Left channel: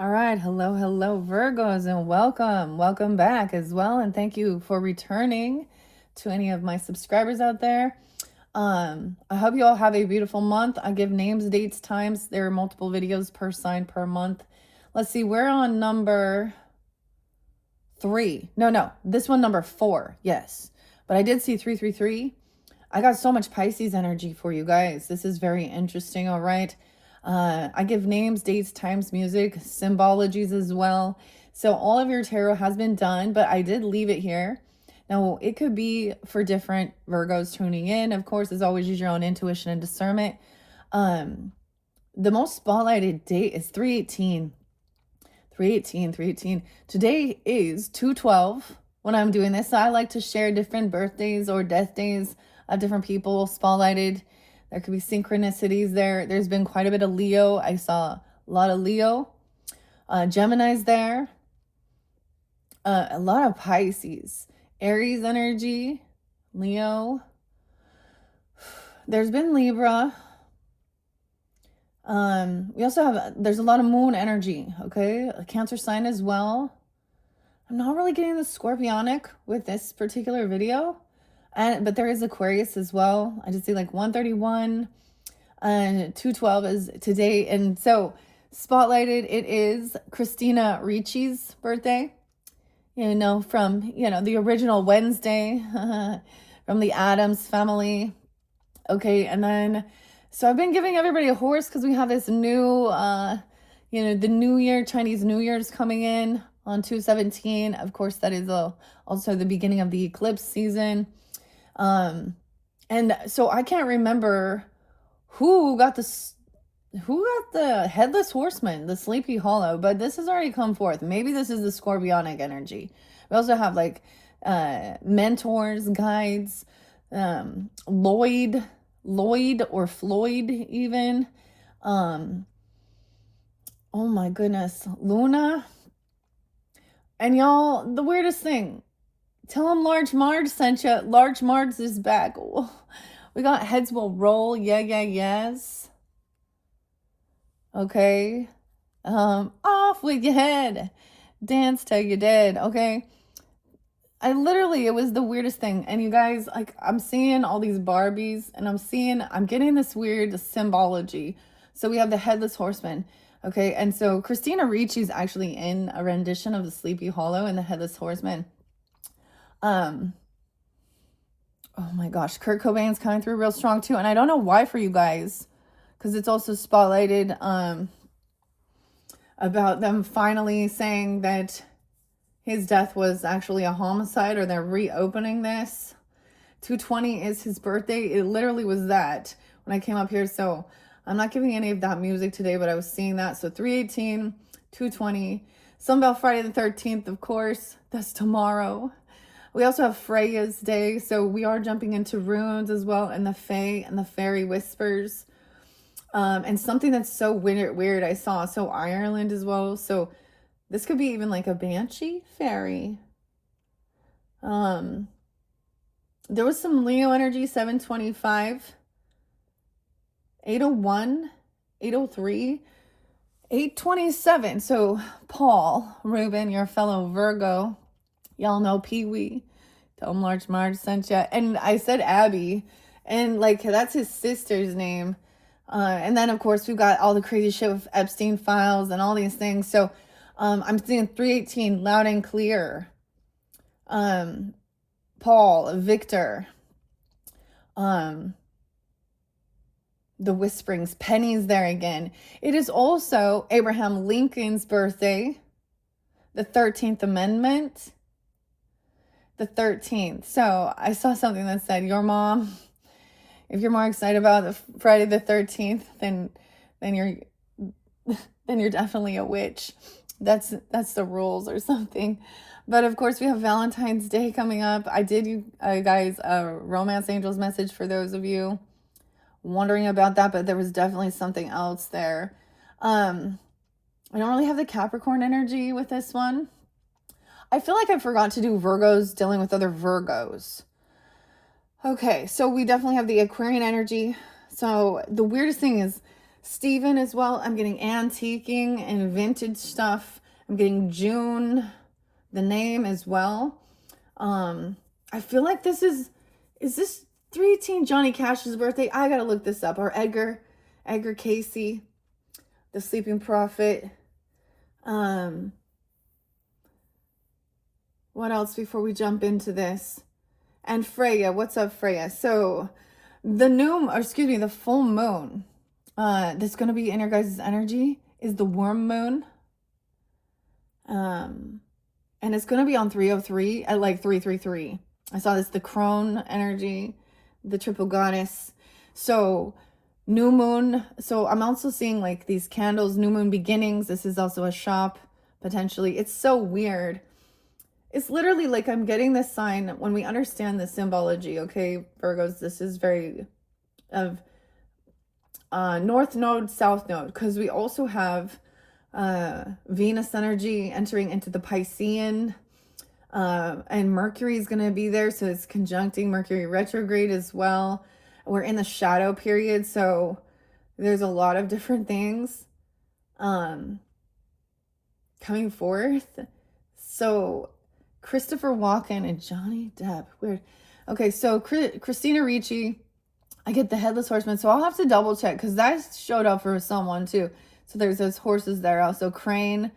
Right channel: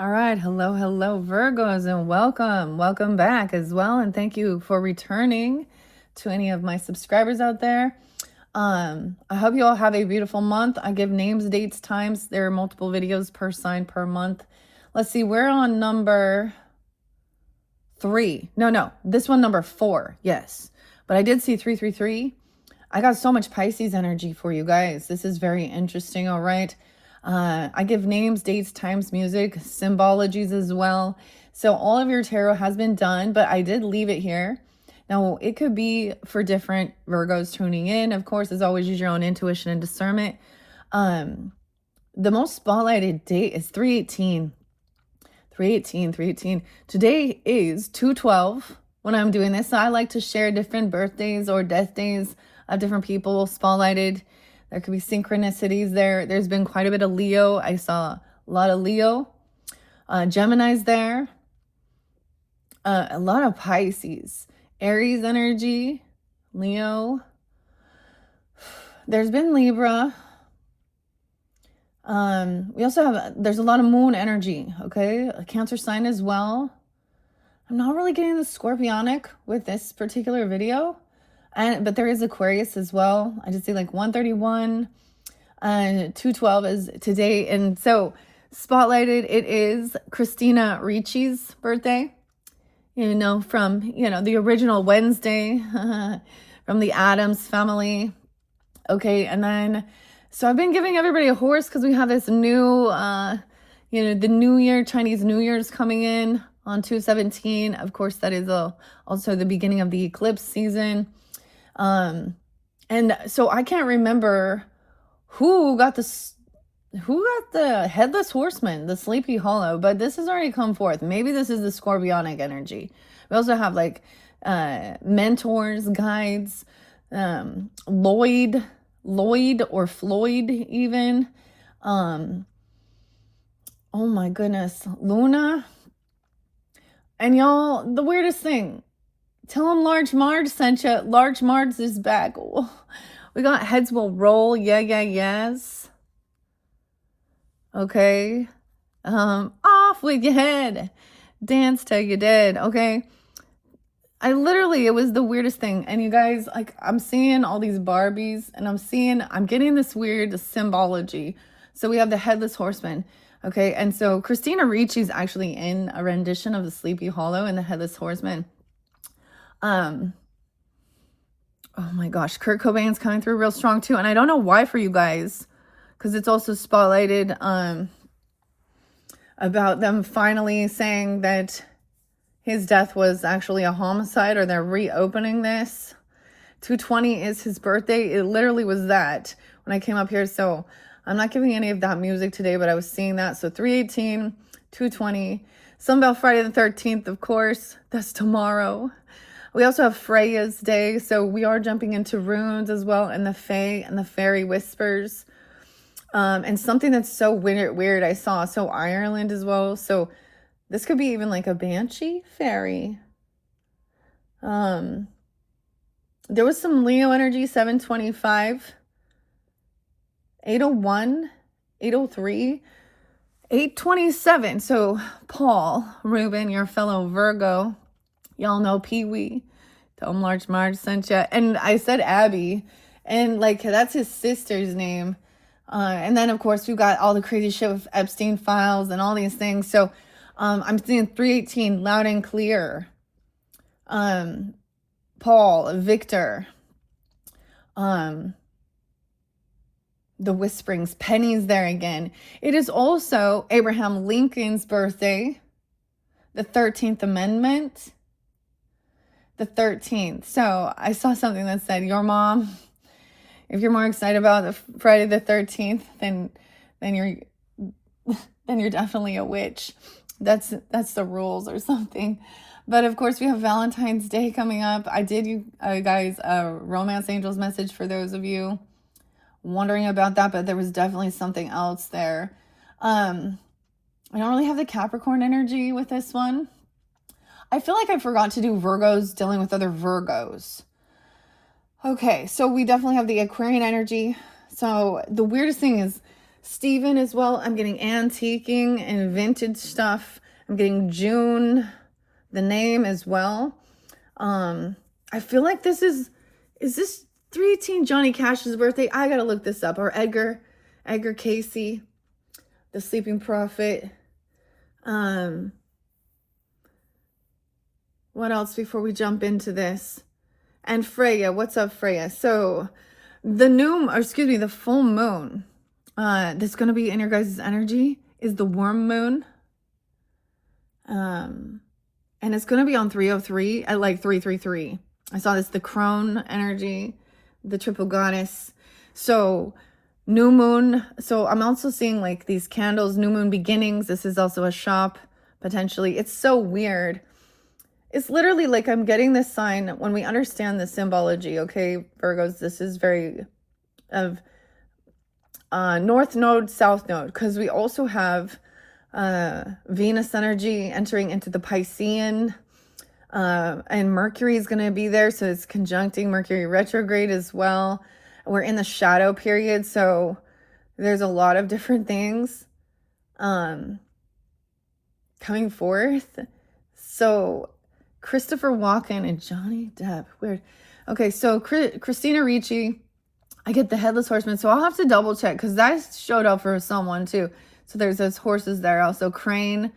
All right. Hello, Virgos, and welcome back as well. And thank you for returning to any of my subscribers out there. I hope you all have a beautiful month. I give names, dates, times. There are multiple videos per sign per month. Let's see, we're on number 3. No, this one number 4. Yes. But I did see 333. I got so much Pisces energy for you guys. This is very interesting, all right? I give names, dates, times, music, symbologies as well. So all of your tarot has been done, but I did leave it here. Now, it could be for different Virgos tuning in. Of course, as always, use your own intuition and discernment. The most spotlighted date is 318. 318. Today is 212 when I'm doing this. So I like to share different birthdays or death days of different people spotlighted. There could be synchronicities there. There's been quite a bit of Leo. I saw a lot of Leo. Gemini's there. A lot of Pisces. Aries energy. Leo. There's been Libra. We also have, there's a lot of moon energy, okay? A Cancer sign as well. I'm not really getting the scorpionic with this particular video. But there is Aquarius as well. I just see like 131 and 212 is today. And so spotlighted, it is Christina Ricci's birthday, from, the original Wednesday, from the Addams family. Okay. And then, so I've been giving everybody a horse because we have this new, the New Year, Chinese New Year's coming in on 2/17. Of course, that is also the beginning of the eclipse season. And so I can't remember who got the headless horseman, the Sleepy Hollow, but this has already come forth. Maybe this is the scorpionic energy. We also have like mentors, guides, Lloyd or Floyd even. Oh my goodness, Luna. And y'all, the weirdest thing, tell them Large Marge sent you. Large Marge is back. We got heads will roll. Yes. Okay. Off with your head. Dance till you're dead. Okay. It was the weirdest thing. And you guys, like, I'm seeing all these Barbies and I'm getting this weird symbology. So we have the headless horseman. Okay. And so Christina Ricci's actually in a rendition of the Sleepy Hollow and the headless horseman. Oh my gosh, Kurt Cobain's coming through real strong too. And I don't know why for you guys, because it's also spotlighted about them finally saying that his death was actually a homicide, or they're reopening this. 220 is his birthday. It literally was that when I came up here. So I'm not giving any of that music today, but I was seeing that. So 318, 220, something about Friday the 13th, of course. That's tomorrow. We also have Freya's day, so we are jumping into runes as well, and the Fae and the Fairy Whispers. And something that's so weird I saw, so Ireland as well. So this could be even like a Banshee fairy. There was some Leo energy, 725, 801, 803, 827. So Paul, Reuben, your fellow Virgo, y'all know Pee-wee. Tell him Large Marge sent ya. And I said Abby. And like, that's his sister's name. And then of course we've got all the crazy shit with Epstein files and all these things. So I'm seeing 318 loud and clear. Paul, Victor. The Whisperings. Penny's there again. It is also Abraham Lincoln's birthday. The 13th Amendment. The 13th. So I saw something that said, your mom, if you're more excited about the Friday the 13th, then you're definitely a witch. That's the rules or something. But of course we have Valentine's Day coming up. I did you guys a Romance Angels message for those of you wondering about that, but there was definitely something else there. I don't really have the Capricorn energy with this one. I feel like I forgot to do Virgos dealing with other Virgos. Okay, so we definitely have the Aquarian energy. So the weirdest thing is Stephen as well. I'm getting antiquing and vintage stuff. I'm getting June, the name as well. I feel like this is this 318 Johnny Cash's birthday? I gotta look this up. Or Edgar Casey, the Sleeping Prophet. What else before we jump into this? And Freya, what's up, Freya? So the full moon that's going to be in your guys' energy is the worm moon. And it's going to be on 303 at like 333. I saw this, the crone energy, the triple goddess. So new moon. So I'm also seeing like these candles, new moon beginnings. This is also a shop potentially. It's so weird. It's literally like I'm getting this sign when we understand the symbology. Okay, Virgos, this is very of North Node, South Node, because we also have Venus energy entering into the Piscean, and Mercury is going to be there, so it's conjuncting Mercury retrograde as well. We're in the shadow period, so there's a lot of different things coming forth. So Christopher Walken and Johnny Depp, weird. Okay, so Christina Ricci, I get the Headless Horseman, so I'll have to double check because that showed up for someone too. So there's those horses there also. Crane,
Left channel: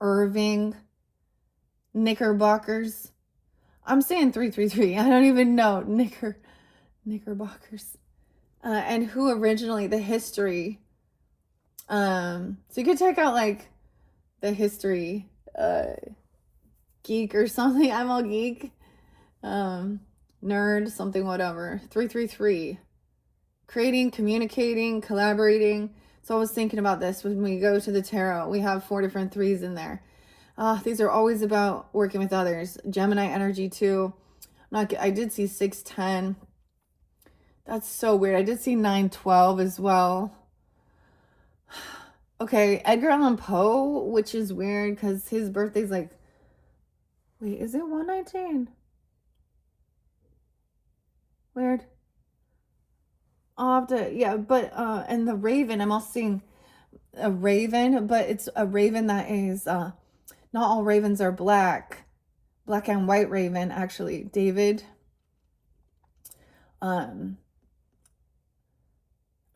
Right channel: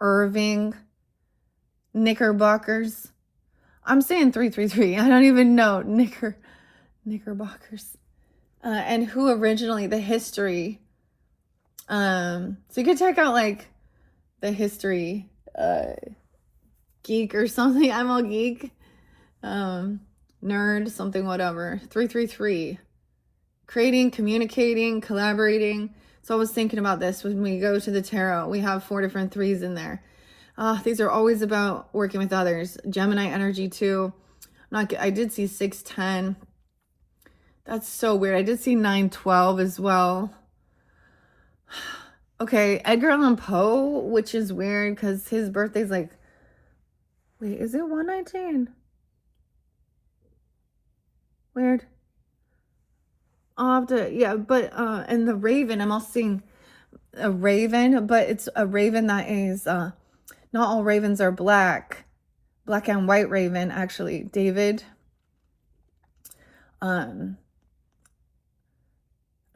Irving, Knickerbockers. I'm saying 333. I don't even know. Knickerbockers. And who originally, the history. So you could check out like the history geek or something. I'm all geek. Nerd, something, whatever. 333. Creating, communicating, collaborating. So I was thinking about this when we go to the tarot. We have 4 different 3s in there. These are always about working with others. Gemini energy too. I did see 610. That's so weird. I did see 912 as well. Okay, Edgar Allan Poe, which is weird because his birthday's like, wait, is it 119? Weird. I'll have to, yeah, but, and the Raven, I'm also seeing a Raven, but it's a Raven that is, not all ravens are black and white Raven, actually. David, I'm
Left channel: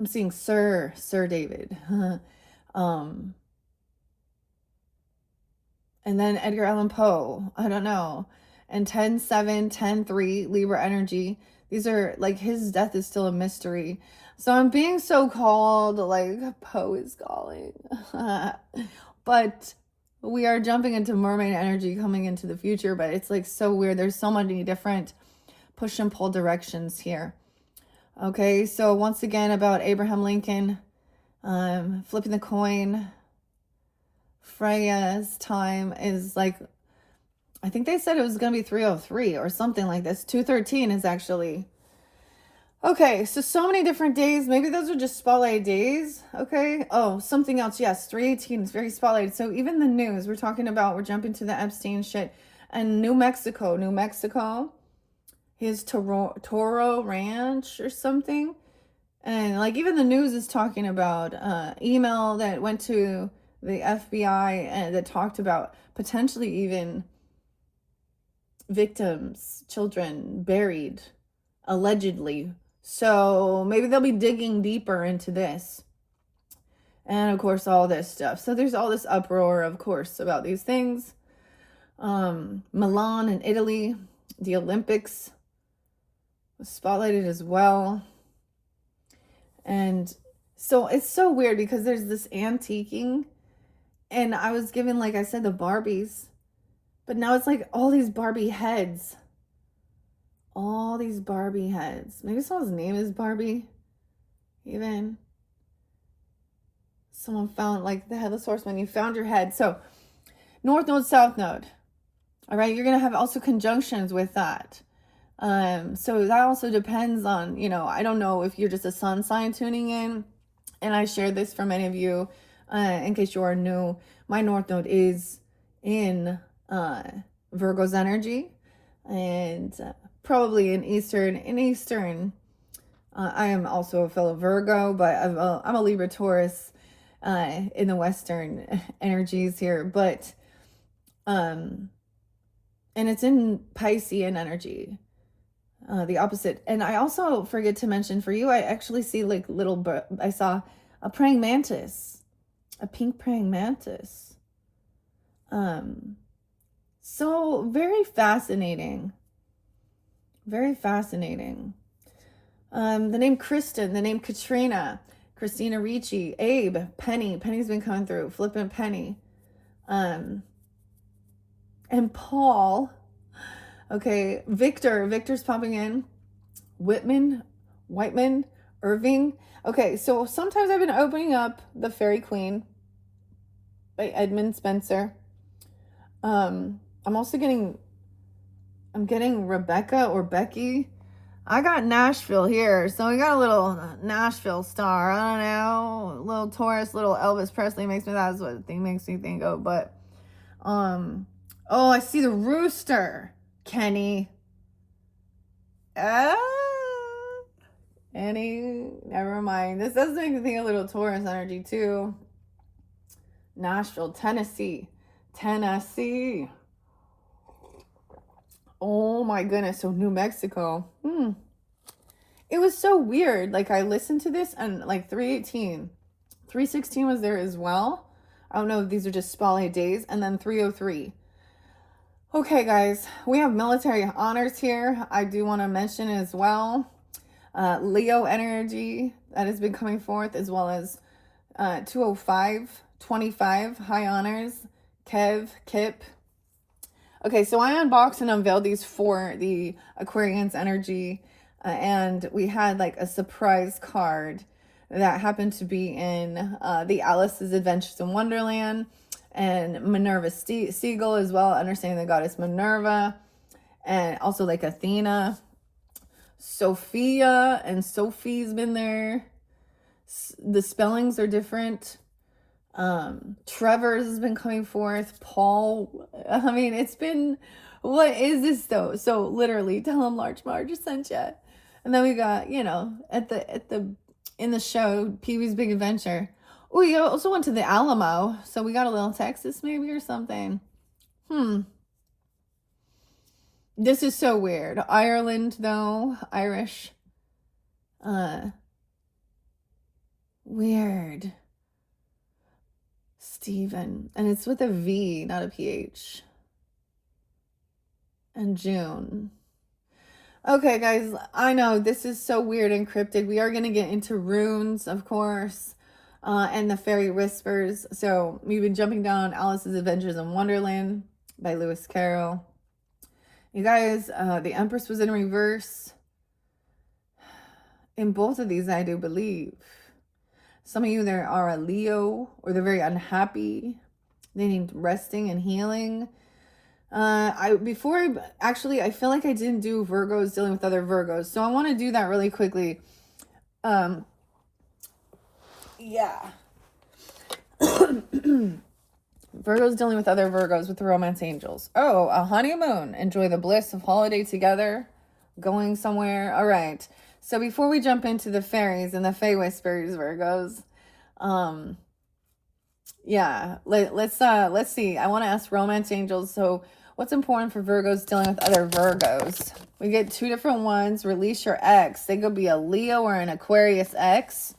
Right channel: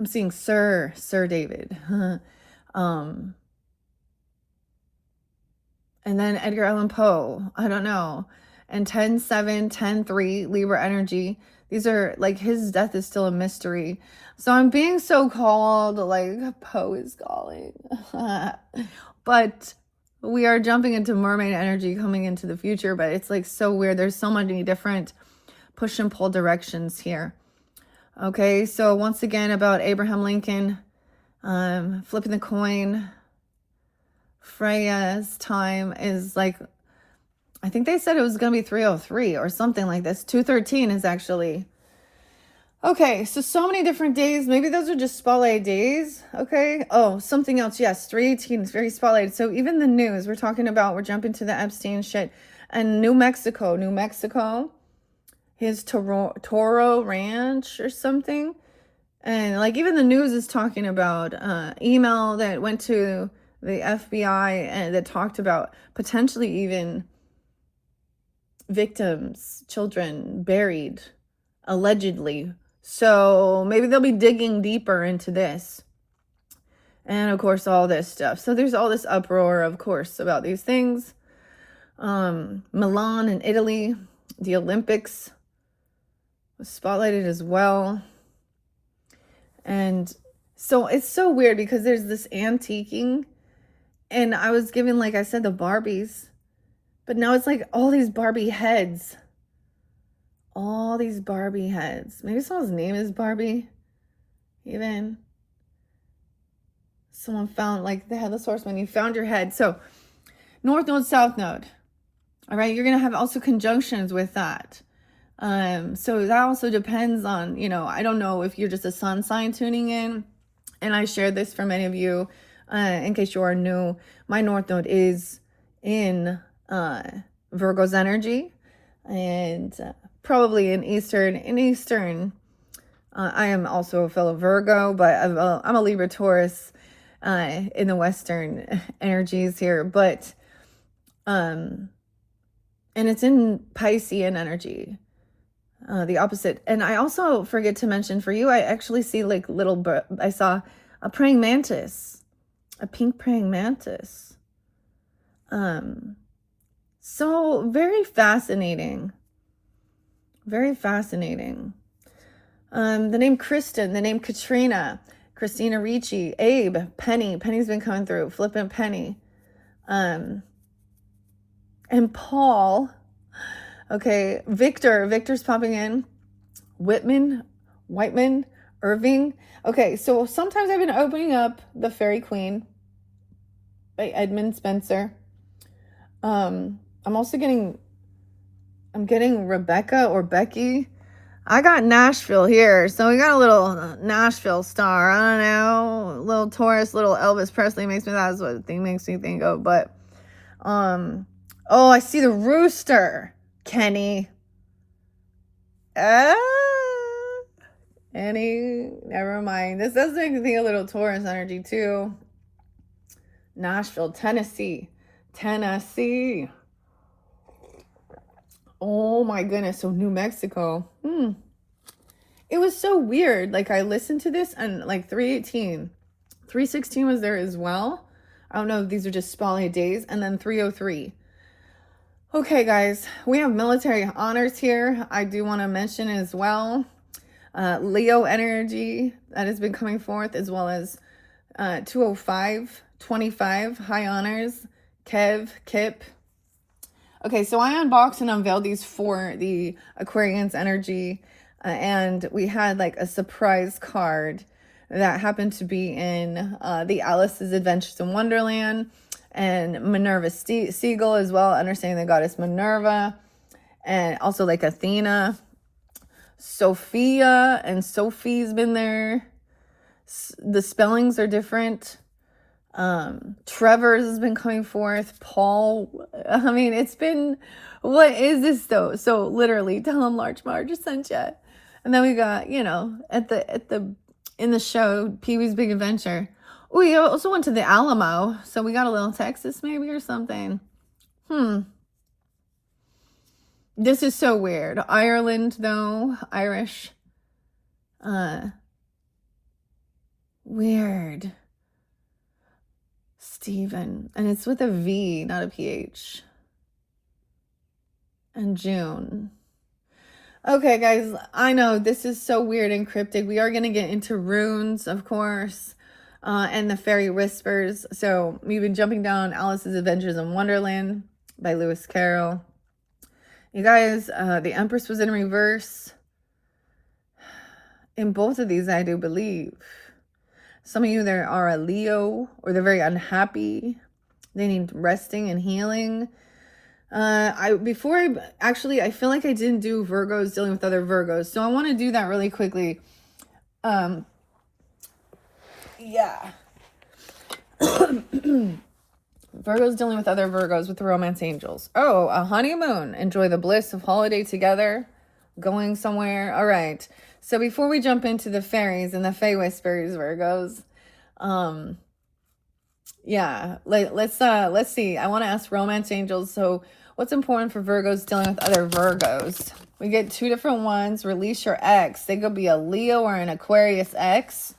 seeing Sir David, and then Edgar Allan Poe, I don't know, and 10-7, 10-3, Libra energy. These are like his death is still a mystery. So I'm being so called, like Poe is calling. But we are jumping into mermaid energy coming into the future, but it's like so weird. There's so many different push and pull directions here. Okay, so once again about Abraham Lincoln, flipping the coin. Freya's time is like, I think they said it was going to be 303 or something like this. 213 is actually. Okay, so many different days. Maybe those are just spotlight days. Okay. Oh, something else. Yes, 318 is very spotlighted. So even the news we're talking about, we're jumping to the Epstein shit. And New Mexico, his Toro Ranch or something. And like even the news is talking about email that went to the FBI and that talked about potentially even victims, children buried, allegedly. So maybe they'll be digging deeper into this. And of course, all this stuff. So there's all this uproar, of course, about these things. Milan in Italy, the Olympics was spotlighted as well. And so it's so weird because there's this antiquing. And I was given, like I said, the Barbies. But now it's like all these Barbie heads. All these Barbie heads. Maybe someone's name is Barbie. Even. Someone found, like, the Headless Horseman. You found your head. So, North Node, South Node. All right. You're going to have also conjunctions with that. So that also depends on, I don't know if you're just a sun sign tuning in. And I shared this for many of you. In case you are new, my North Node is in Virgo's energy, and probably in Eastern I am also a fellow Virgo, but I'm a Libra Taurus in the Western energies here. But, and it's in Piscean energy, the opposite. And I also forget to mention for you, I actually see like I saw a praying mantis, a pink praying mantis. So very fascinating. Very fascinating. The name Kristen, the name Katrina, Christina Ricci, Abe, Penny. Penny's been coming through. Flippant Penny. And Paul. Okay, Victor. Victor's popping in. Whitman, Irving. Okay, so sometimes I've been opening up The Fairy Queen by Edmund Spencer. I'm getting Rebecca or Becky. I got Nashville here. So we got a little Nashville star. I don't know. Little Taurus, little Elvis Presley that's what the thing makes me think of. But, oh, I see the rooster. Kenny. Annie, never mind. This does make me think a little Taurus energy too. Nashville, Tennessee. Oh my goodness. So New Mexico. It was so weird. Like I listened to this and like 318. 316 was there as well. I don't know if these are just spotlight days. And then 303. Okay, guys. We have military honors here. I do want to mention as well. Leo energy that has been coming forth, as well as 205, 25, high honors, Kip. Okay, so I unboxed and unveiled these for the Aquarians energy, and we had like a surprise card that happened to be in the Alice's Adventures in Wonderland, and Minerva Siegel as well, understanding the goddess Minerva, and also like Athena. Sophia and Sophie's been there. The spellings are different. Trevor's has been coming forth. Paul. I mean, it's been, what is this though? So literally, tell him Large Marge sent you. And then we got, in the show, Pee-wee's Big Adventure. We also went to the Alamo, so we got a little Texas maybe or something. This is so weird. Ireland, though. Irish. Weird. Stephen. And it's with a V, not a PH. And June. Okay, guys. I know this is so weird and cryptic. We are going to get into runes, of course. And the Fairy Whispers. So we've been jumping down Alice's Adventures in Wonderland by Lewis Carroll. You guys, the Empress was in reverse. In both of these, I do believe. Some of you there are a Leo, or they're very unhappy. They need resting and healing. I feel like I didn't do Virgos dealing with other Virgos. So I want to do that really quickly. Yeah. Virgos dealing with other Virgos with the romance angels. Oh, a honeymoon. Enjoy the bliss of holiday together. Going somewhere. All right. So before we jump into the fairies and the Fae Whispers, Virgos, let's see. I want to ask romance angels. So what's important for Virgos dealing with other Virgos? We get two different ones. Release your ex. They could be a Leo or an Aquarius ex.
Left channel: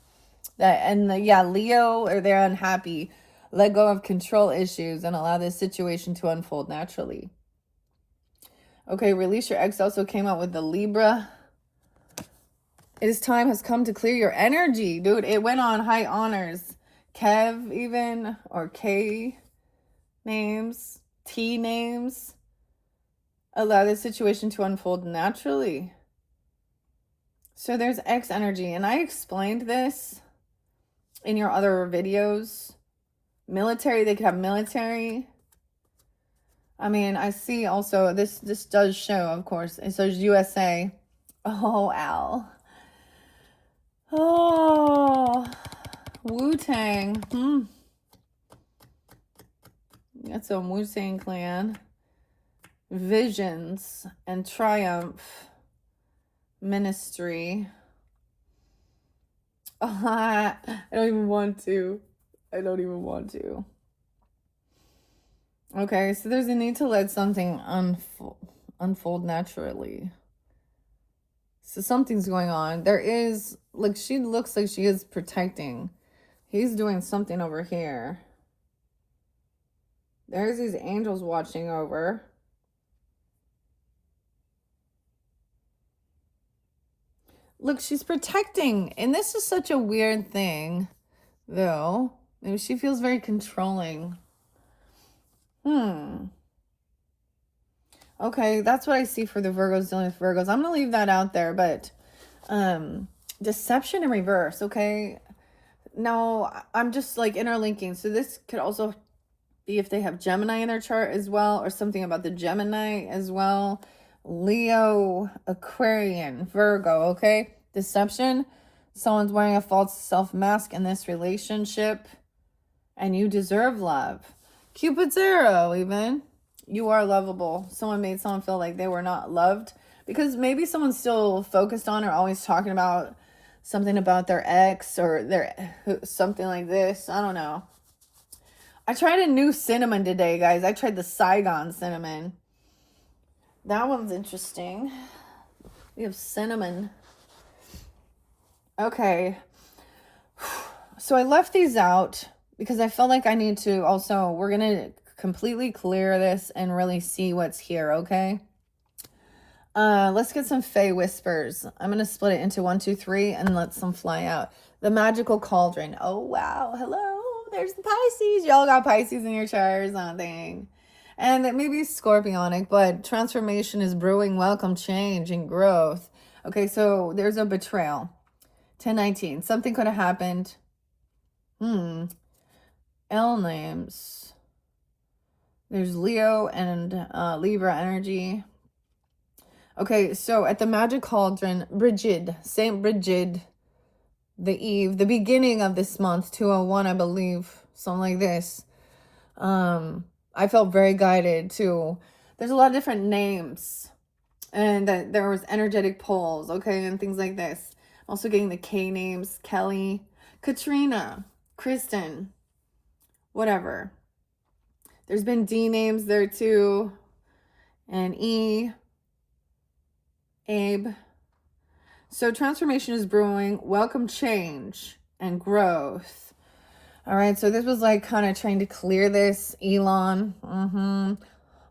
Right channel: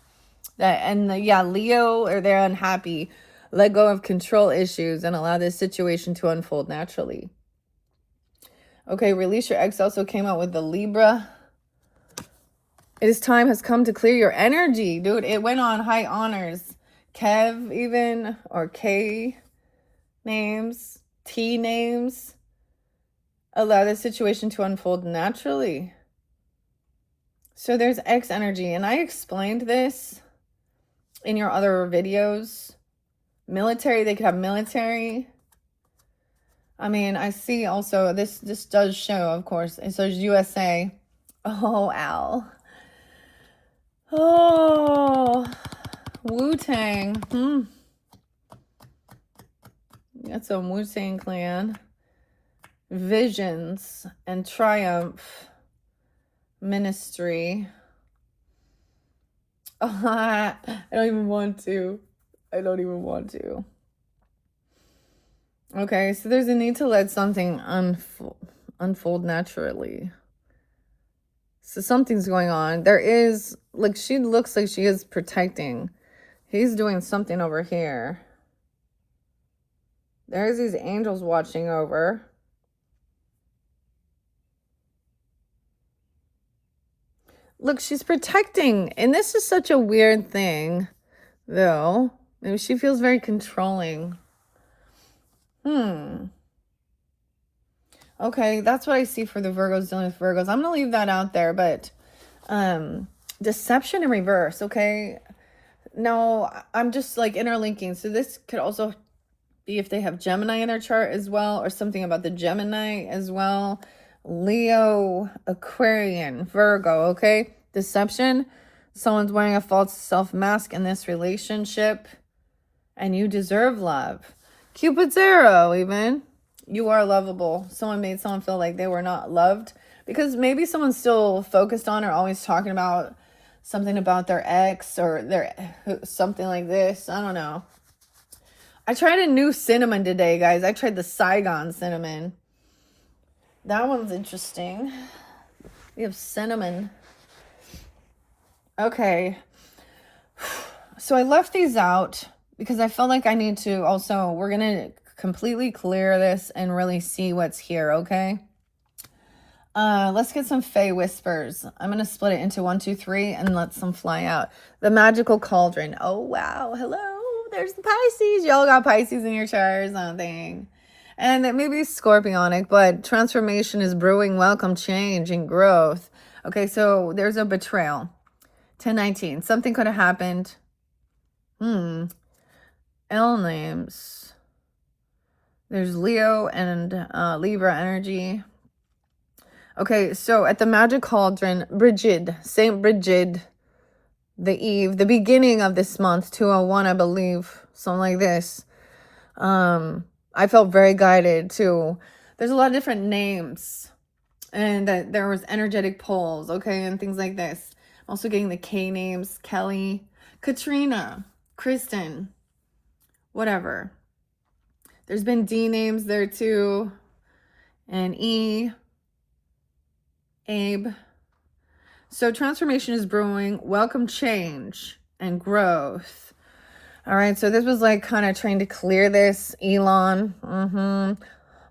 Leo, or they're unhappy. Let go of control issues and allow this situation to unfold naturally. Okay, release your ex also came out with the Libra. Time has come to clear your energy. Dude, it went on high honors. Kev even, or K names, T names. Allow this situation to unfold naturally. So there's X energy, and I explained this in your other videos. Military, they could have military. I mean, I see also, this does show, of course. And so there's USA. Oh, Al. Oh, Wu-Tang. That's a Wu-Tang Clan. Visions and Triumph. Ministry. I don't even want to. I don't even want to. Okay, so there's a need to let something unfold naturally. So something's going on. There is, like, she looks like she is protecting. He's doing something over here. There's these angels watching over. Look, she's protecting. And this is such a weird thing, though. Maybe she feels very controlling. Okay, that's what I see for the Virgos dealing with Virgos. I'm going to leave that out there, but deception in reverse, okay? Now, I'm just like interlinking. So this could also be if they have Gemini in their chart as well, or something about the Gemini as well. Leo, Aquarian, Virgo, okay? Deception. Someone's wearing a false self mask in this relationship, and you deserve love. Cupid's arrow, even. You are lovable. Someone made someone feel like they were not loved because maybe someone's still focused on or always talking about something about their ex or their something like this. I don't know. I tried a new cinnamon today, guys. I tried the Saigon cinnamon. That one's interesting. We have cinnamon. Okay. So I left these out because I felt like I need to also, we're going to completely clear this and really see what's here, okay? Let's get some Fae Whispers. I'm going to split it into 1, 2, 3 and let some fly out. The Magical Cauldron. Oh, wow. Hello. There's the Pisces. Y'all got Pisces in your chart or something. And it may be scorpionic, but transformation is brewing. Welcome change and growth. Okay, so there's a betrayal. 1019. Something could have happened. L names. There's Leo and Libra energy. Okay, so at the Magic Cauldron, Brigid, Saint Brigid, the eve, the beginning of this month, 201, I believe, something like this. I felt very guided to, there's a lot of different names, and that there was energetic pulls, okay, and things like this. I'm also getting the K names, Kelly, Katrina, Kristen, whatever. There's been D names there too, and E, Abe. So transformation is brewing. Welcome change and growth. All right, so this was like kind of trying to clear this. Elon,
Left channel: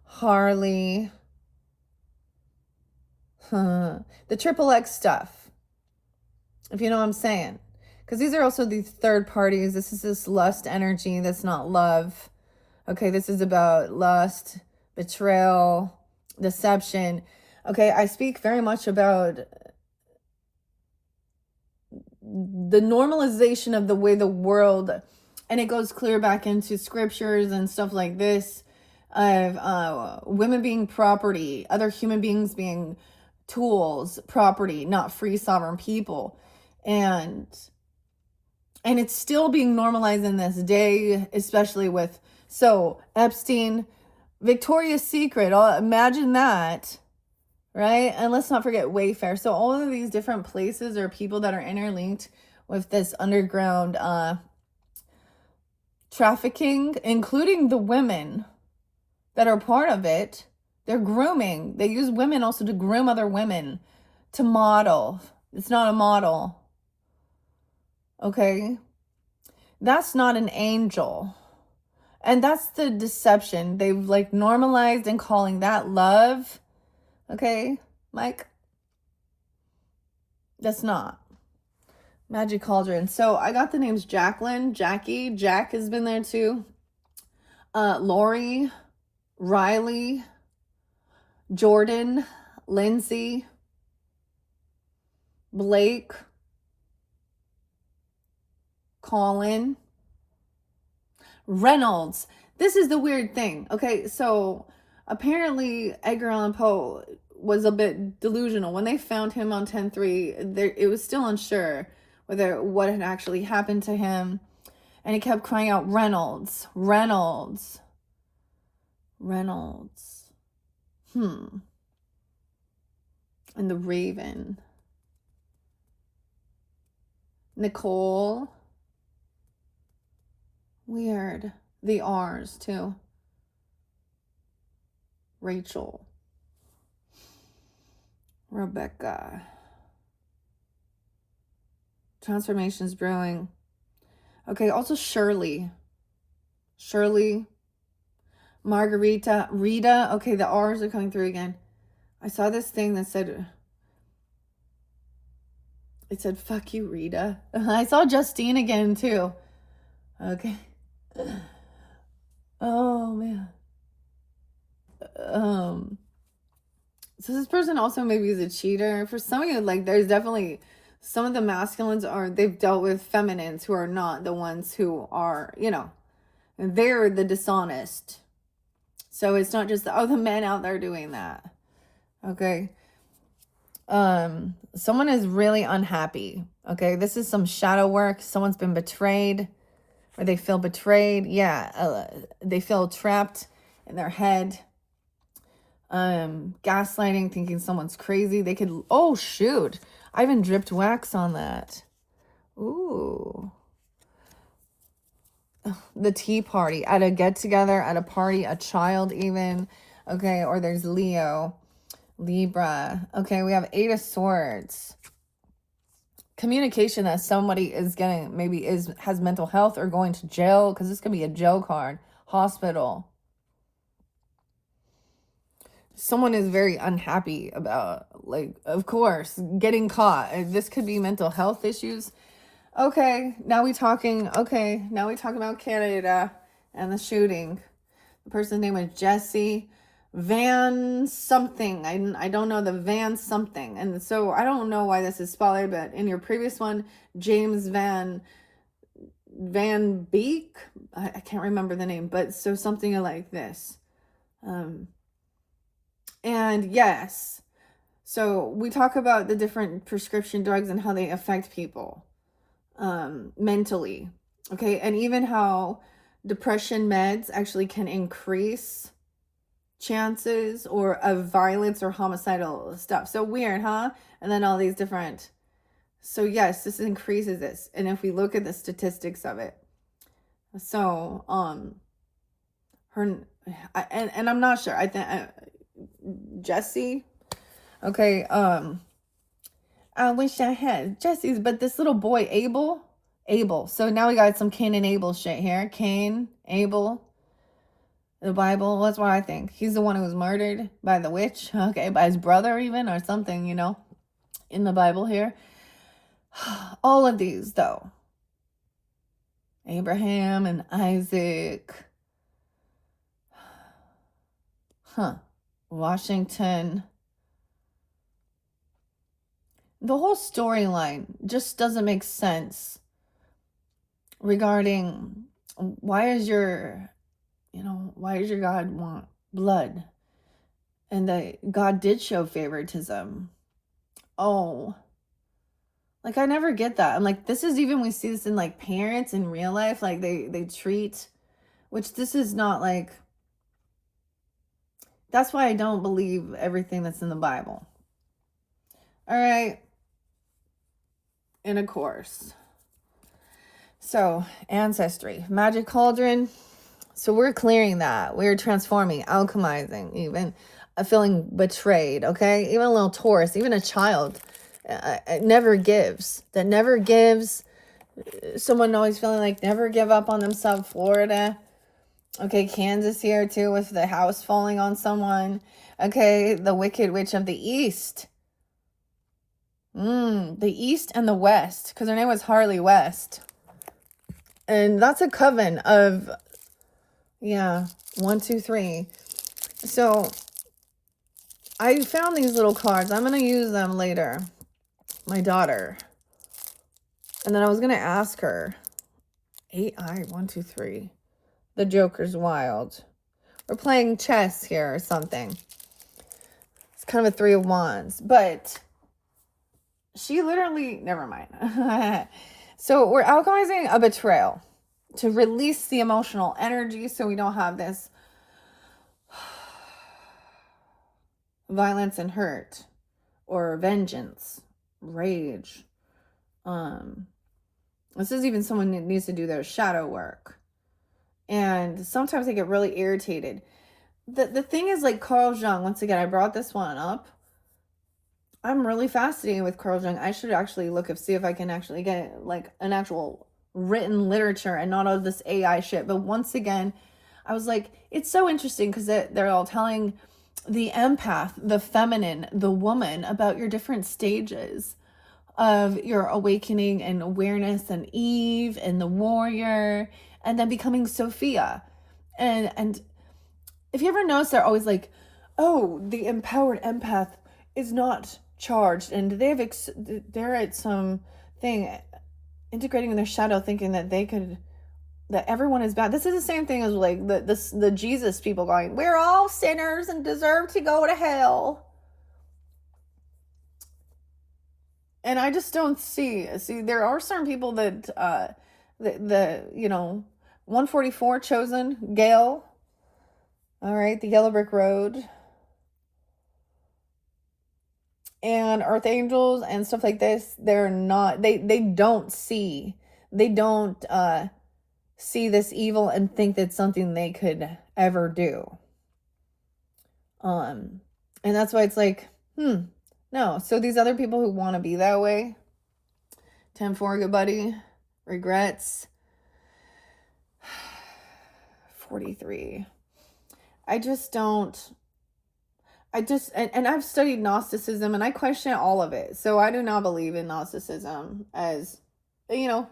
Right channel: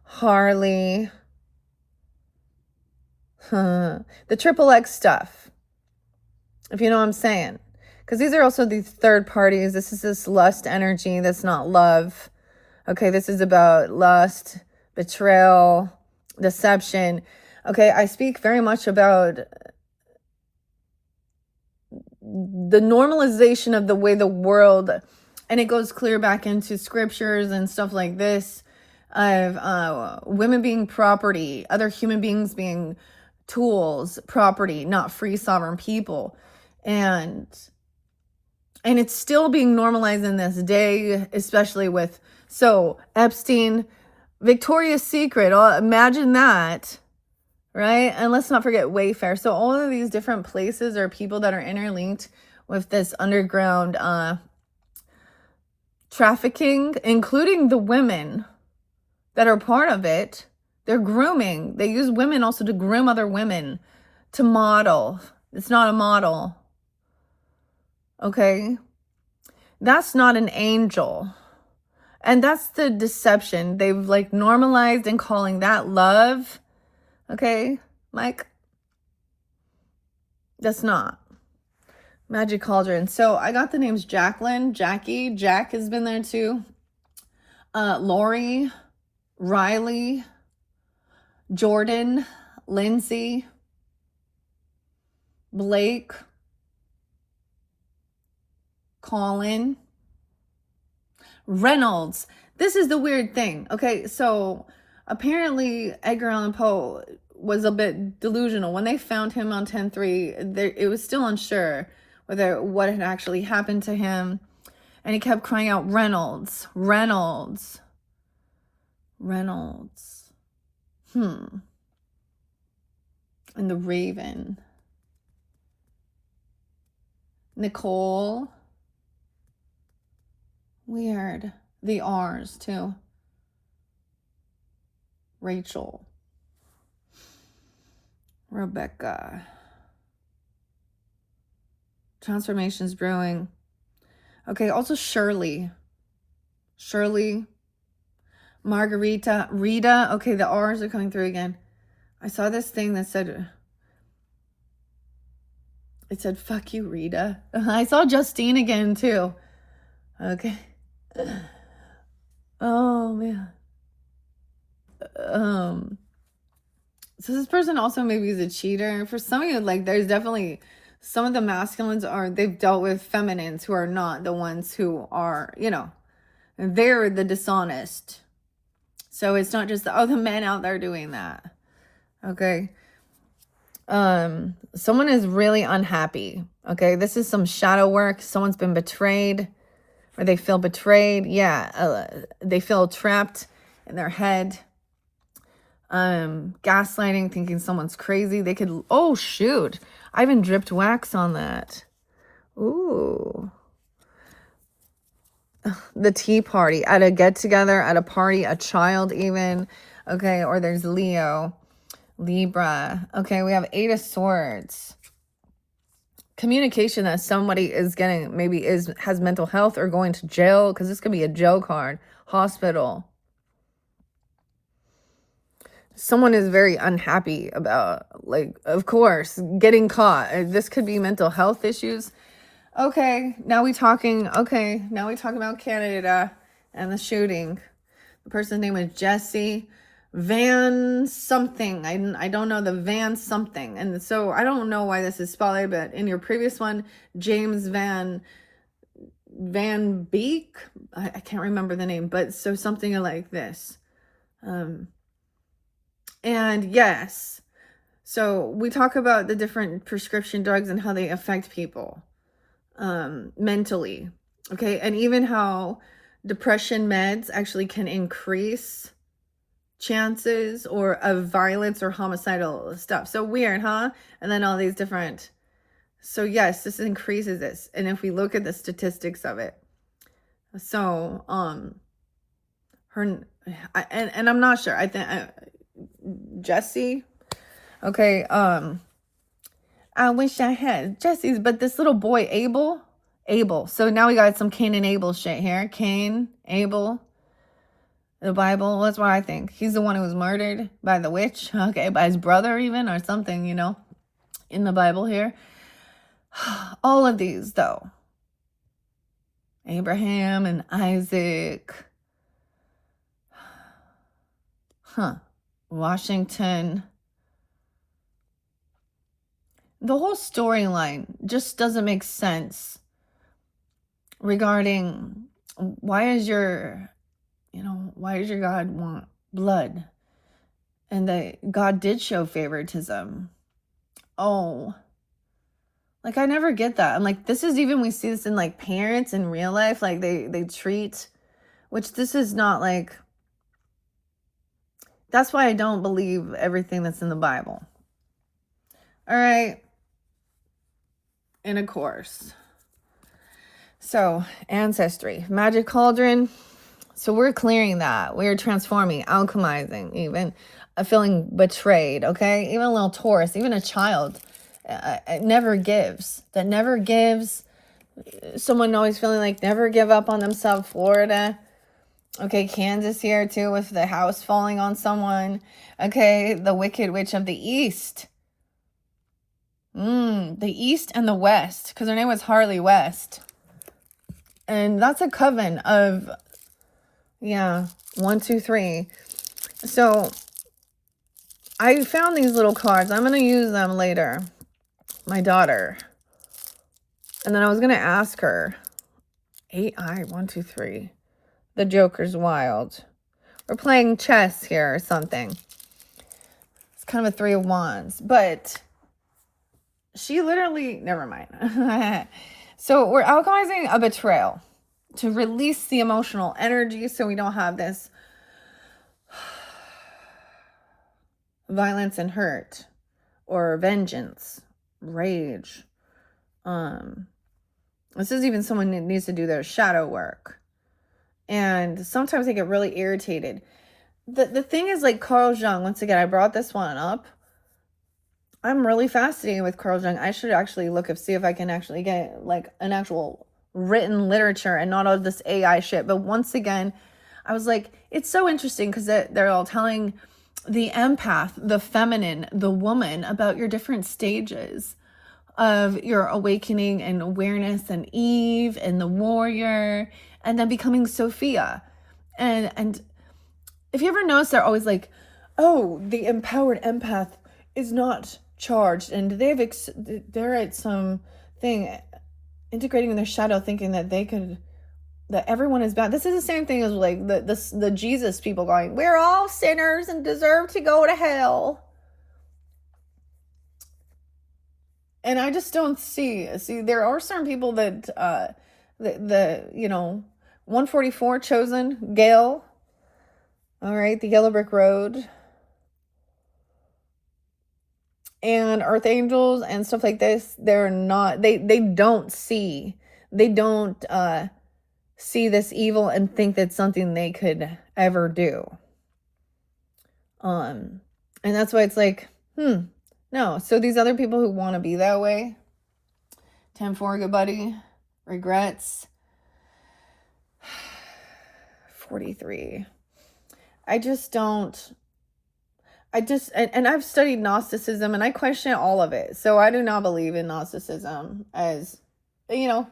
Harley, the triple X stuff, if you know what I'm saying. Because these are also these third parties. This is this lust energy that's not love. Okay, this is about lust, betrayal, deception. Okay, I speak very much about the normalization of the way the world, and it goes clear back into scriptures and stuff like this, of women being property, other human beings being tools, property, not free sovereign people. And it's still being normalized in this day, especially with, so Epstein, Victoria's Secret, imagine that, right? And let's not forget Wayfair. So all of these different places are people that are interlinked with this underground trafficking, including the women that are part of it. They're grooming. They use women also to groom other women to model. It's not a model. Okay? That's not an angel. And that's the deception. They've like normalized and calling that love. Okay, Mike? That's not. Magic Cauldron. So I got the names Jacqueline, Jackie, Jack has been there too. Lori, Riley, Jordan, Lindsay, Blake, Colin, Reynolds. This is the weird thing. Okay, so apparently Edgar Allan Poe was a bit delusional. When they found him on 10-3, it was still unsure whether what had actually happened to him. And he kept crying out, Reynolds, Reynolds, Reynolds. And the Raven. Nicole. Weird. The R's too. Rachel. Rebecca. Transformations brewing. Okay, also Shirley. Shirley. Margarita. Rita. Okay, the R's are coming through again. I saw this thing that said, it said, fuck you, Rita. I saw Justine again, too. Okay. Oh, man. So this person also maybe is a cheater. For some of you, like, there's definitely some of the masculines they've dealt with feminines who are not the ones who are, they're the dishonest. So it's not just the men out there doing that. Okay. Someone is really unhappy. Okay. This is some shadow work. Someone's been betrayed, or they feel betrayed. Yeah. They feel trapped in their head. Gaslighting, thinking someone's crazy. They could, oh shoot, I even dripped wax on that. Ooh. The tea party, at a get together, at a party, a child even. Okay, or there's Leo, Libra. Okay, we have 8 of Swords. Communication that somebody is getting, maybe has mental health or going to jail, because this could be a jail card. Hospital. Someone is very unhappy about, like, of course, getting caught. This could be mental health issues. Okay, now we talking about Canada and the shooting. The person's name is Jesse Van something. I don't know, the Van something. And so I don't know why this is spelled, but in your previous one, James Van Beek, I can't remember the name, but so something like this. And yes, so we talk about the different prescription drugs and how they affect people mentally. Okay, and even how depression meds actually can increase chances of violence or homicidal stuff. So weird, huh? And then all these different. So yes, this increases this. And if we look at the statistics of it, so and I'm not sure. I think Jesse. Okay, I wish I had Jesse's, but this little boy, Abel. So now we got some Cain and Abel shit here. Cain, Abel, the Bible. That's what I think. He's the one who was murdered by the witch. Okay, by his brother even, or something, in the Bible here. All of these, though. Abraham and Isaac. Washington. The whole storyline just doesn't make sense regarding why does your God want blood? And that God did show favoritism. Oh, like, I never get that. And like, this is even, we see this in like parents in real life, like they treat, which this is not like, that's why I don't believe everything that's in the Bible. All right. And of course, so ancestry, magic cauldron. So we're clearing that. We're transforming, alchemizing, even feeling betrayed. Okay. Even a little Taurus, even a child never gives. That never gives. Someone always feeling like never give up on themselves. Florida. Okay, Kansas here too, with the house falling on someone. Okay, the Wicked Witch of the East. The East and the West, because her name was Harley West. And that's a coven of, 1, 2, 3. So I found these little cards. I'm going to use them later. My daughter. And then I was going to ask her. 8I, 1, 2, 3. The Joker's wild. We're playing chess here or something. It's kind of a 3 of Wands. But she literally, never mind. So we're alchemizing a betrayal to release the emotional energy so we don't have this violence and hurt or vengeance, rage. This is even someone that needs to do their shadow work. And sometimes they get really irritated. The thing is, like Carl Jung, once again, I brought this one up. I'm really fascinated with Carl Jung. I should actually see if I can actually get like an actual written literature and not all this AI shit. But once again, I was like, it's so interesting because they're all telling the empath, the feminine, the woman about your different stages of your awakening and awareness, and Eve and the warrior, and then becoming Sophia. And if you ever notice, they're always like, oh, the empowered empath is not charged, and they're at some thing integrating in their shadow, thinking that that everyone is bad. This is the same thing as like the Jesus people going, we're all sinners and deserve to go to hell. And I just don't see there are certain people that the 144 chosen Gail, all right, the Yellow Brick Road, and Earth Angels and stuff like this, they're not, they don't see this evil and think that's something they could ever do. And that's why it's like, no. So these other people who want to be that way, 10-4, good buddy, regrets, 43. And I've studied Gnosticism and I question all of it. So I do not believe in Gnosticism as, and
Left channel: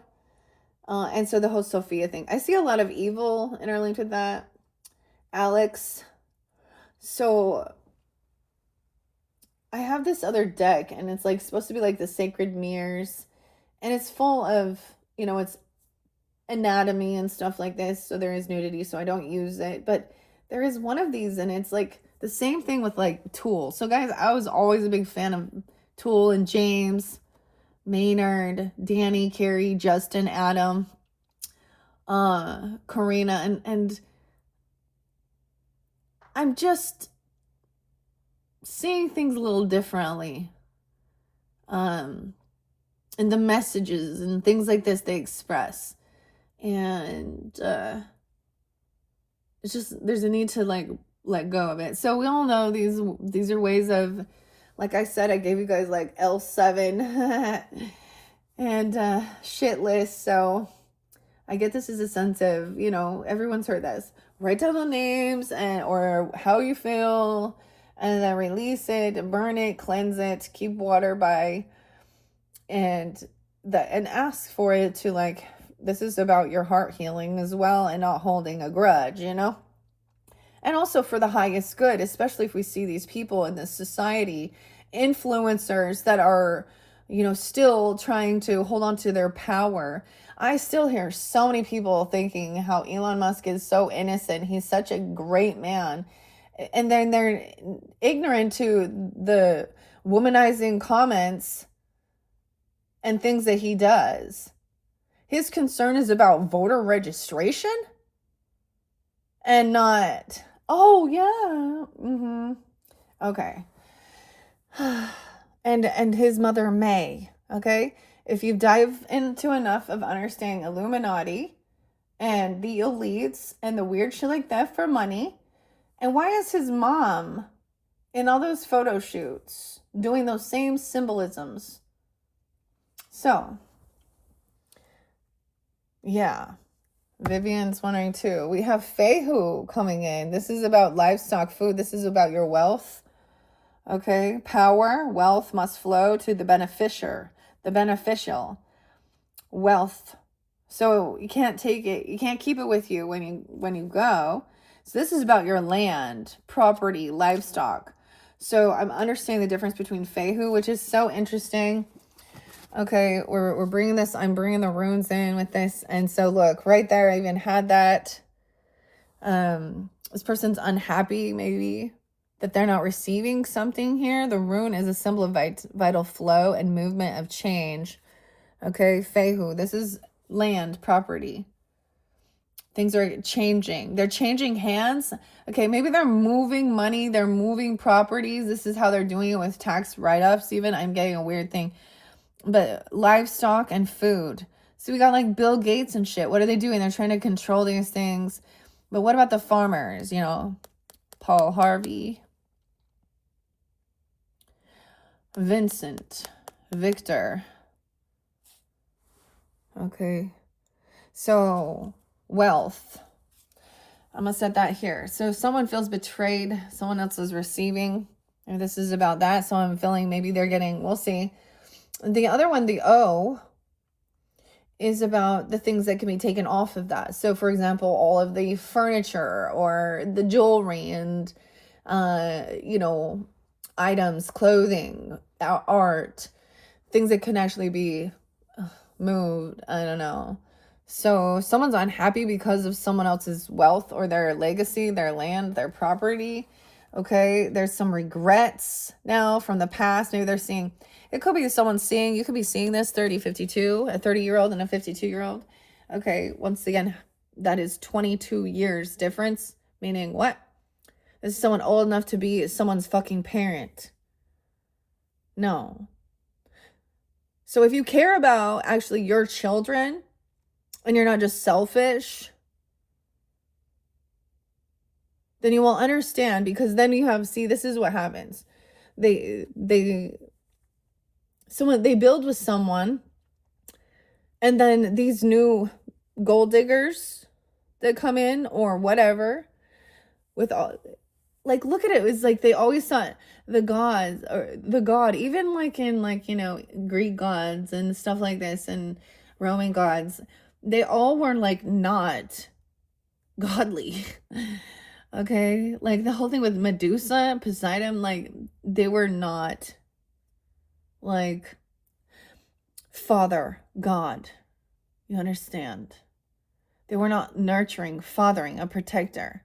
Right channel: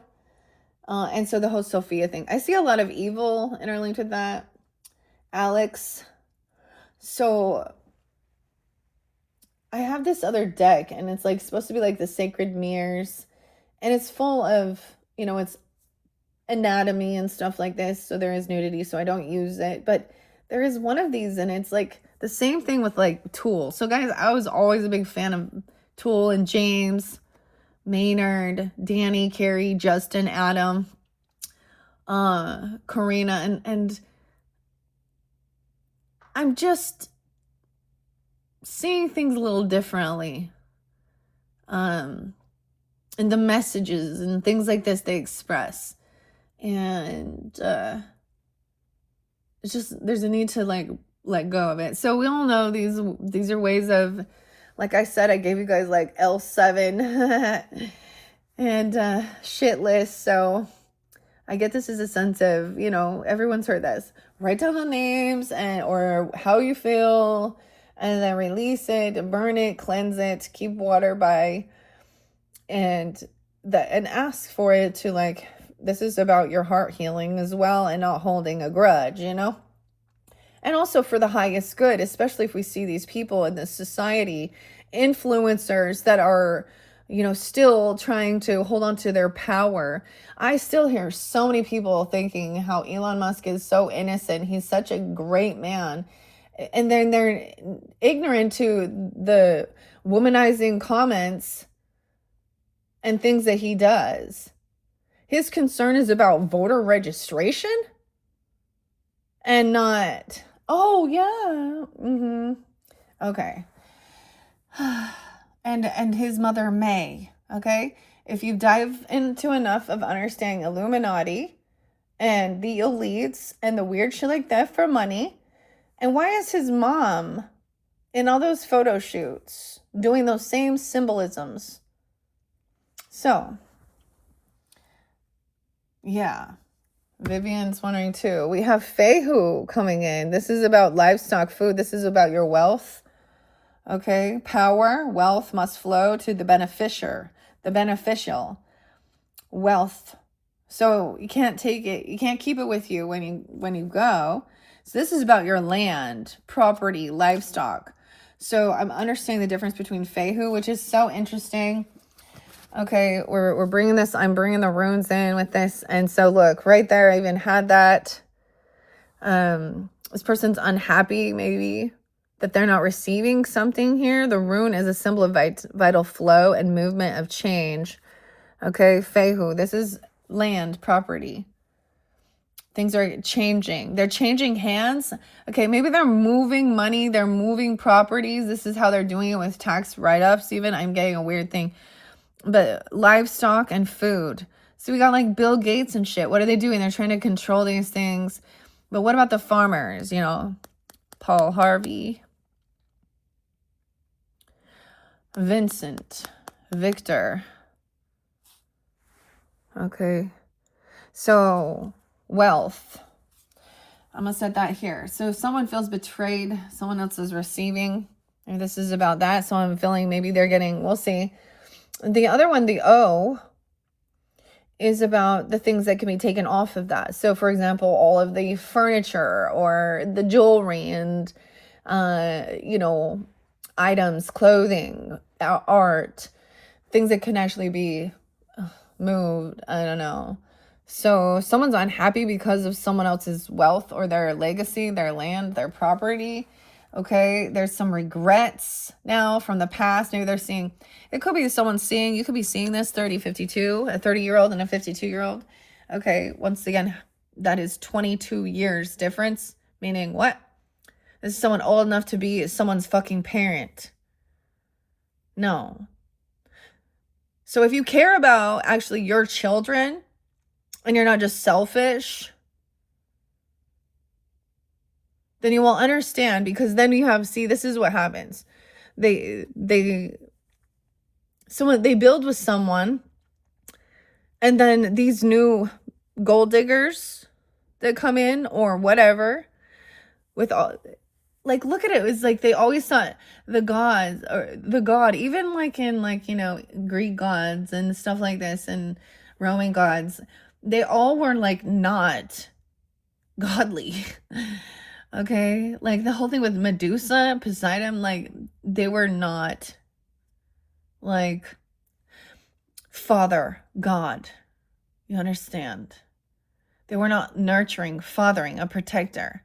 so the whole Sophia thing, I see a lot of evil interlinked with that. Alex. So I have this other deck and it's like supposed to be like the sacred mirrors, and it's full of, it's anatomy and stuff like this. So there is nudity, so I don't use it, but there is one of these and it's like the same thing with like Tool. So guys, I was always a big fan of Tool and James, Maynard, Danny, Carrie, Justin, Adam, Karina, and I'm just seeing things a little differently. And the messages and things like this they express. And it's just, there's a need to like let go of it. So we all know these are ways of, like I said, I gave you guys like L7 and shit list. So I get this as a sense of, everyone's heard this. Write down the names or how you feel, and then release it, burn it, cleanse it, keep water by, and ask for it to like, this is about your heart healing as well and not holding a grudge, and also for the highest good, especially if we see these people in this society, influencers that are, still trying to hold on to their power. I still hear so many people thinking how Elon Musk is so innocent. He's such a great man. And then they're ignorant to the womanizing comments and things that he does. His concern is about voter registration and not, oh yeah, okay. And his mother May, okay? If you dive into enough of understanding Illuminati and the elites and the weird shit like that for money, and why is his mom in all those photo shoots doing those same symbolisms? So, yeah. Vivian's wondering too. We have Fehu coming in. This is about livestock food. This is about your wealth. Okay. Power, wealth must flow to the beneficial wealth. So you can't take it. You can't keep it with you when you go. So this is about your land, property, livestock. So I'm understanding the difference between Fehu, which is so interesting. Okay, we're bringing this, I'm bringing the runes in with this. And so look, right there, I even had that. This person's unhappy, maybe, that they're not receiving something here. The rune is a symbol of vital flow and movement of change. Okay, Fehu, this is land, property. Things are changing. They're changing hands. Okay, maybe they're moving money. They're moving properties. This is how they're doing it with tax write-ups even. I'm getting a weird thing. But livestock and food. So we got like Bill Gates and shit. What are they doing? They're trying to control these things. But what about the farmers? You know, Paul Harvey, Vincent, Victor. Okay. So wealth. I'm going to set that here. So if someone feels betrayed, someone else is receiving. And this is about that. So I'm feeling maybe they're getting, we'll see. The other one, the O, is about the things that can be taken off of that. So for example, all of the furniture or the jewelry and, you know, items, clothing, art, things that can actually be moved. I don't know. So someone's unhappy because of someone else's wealth or their legacy, their land, their property. Okay, there's some regrets now from the past. Maybe they're seeing, it could be someone seeing, you could be seeing this 30, 52, a 30-year-old and a 52-year-old. Okay, once again, that is 22 years difference, meaning what? This is someone old enough to be someone's fucking parent. No. So if you care about actually your children and you're not just selfish, then you will understand, because then you have, see, this is what happens. They build with someone, and then these new gold diggers that come in or whatever with all, like, look at it. It's like they always thought the gods or the god, even like in like, you know, Greek gods and stuff like this and Roman gods, they all were like not godly. Okay, like the whole thing with Medusa, Poseidon, like they were not like father God. You understand? They were not nurturing, fathering, a protector.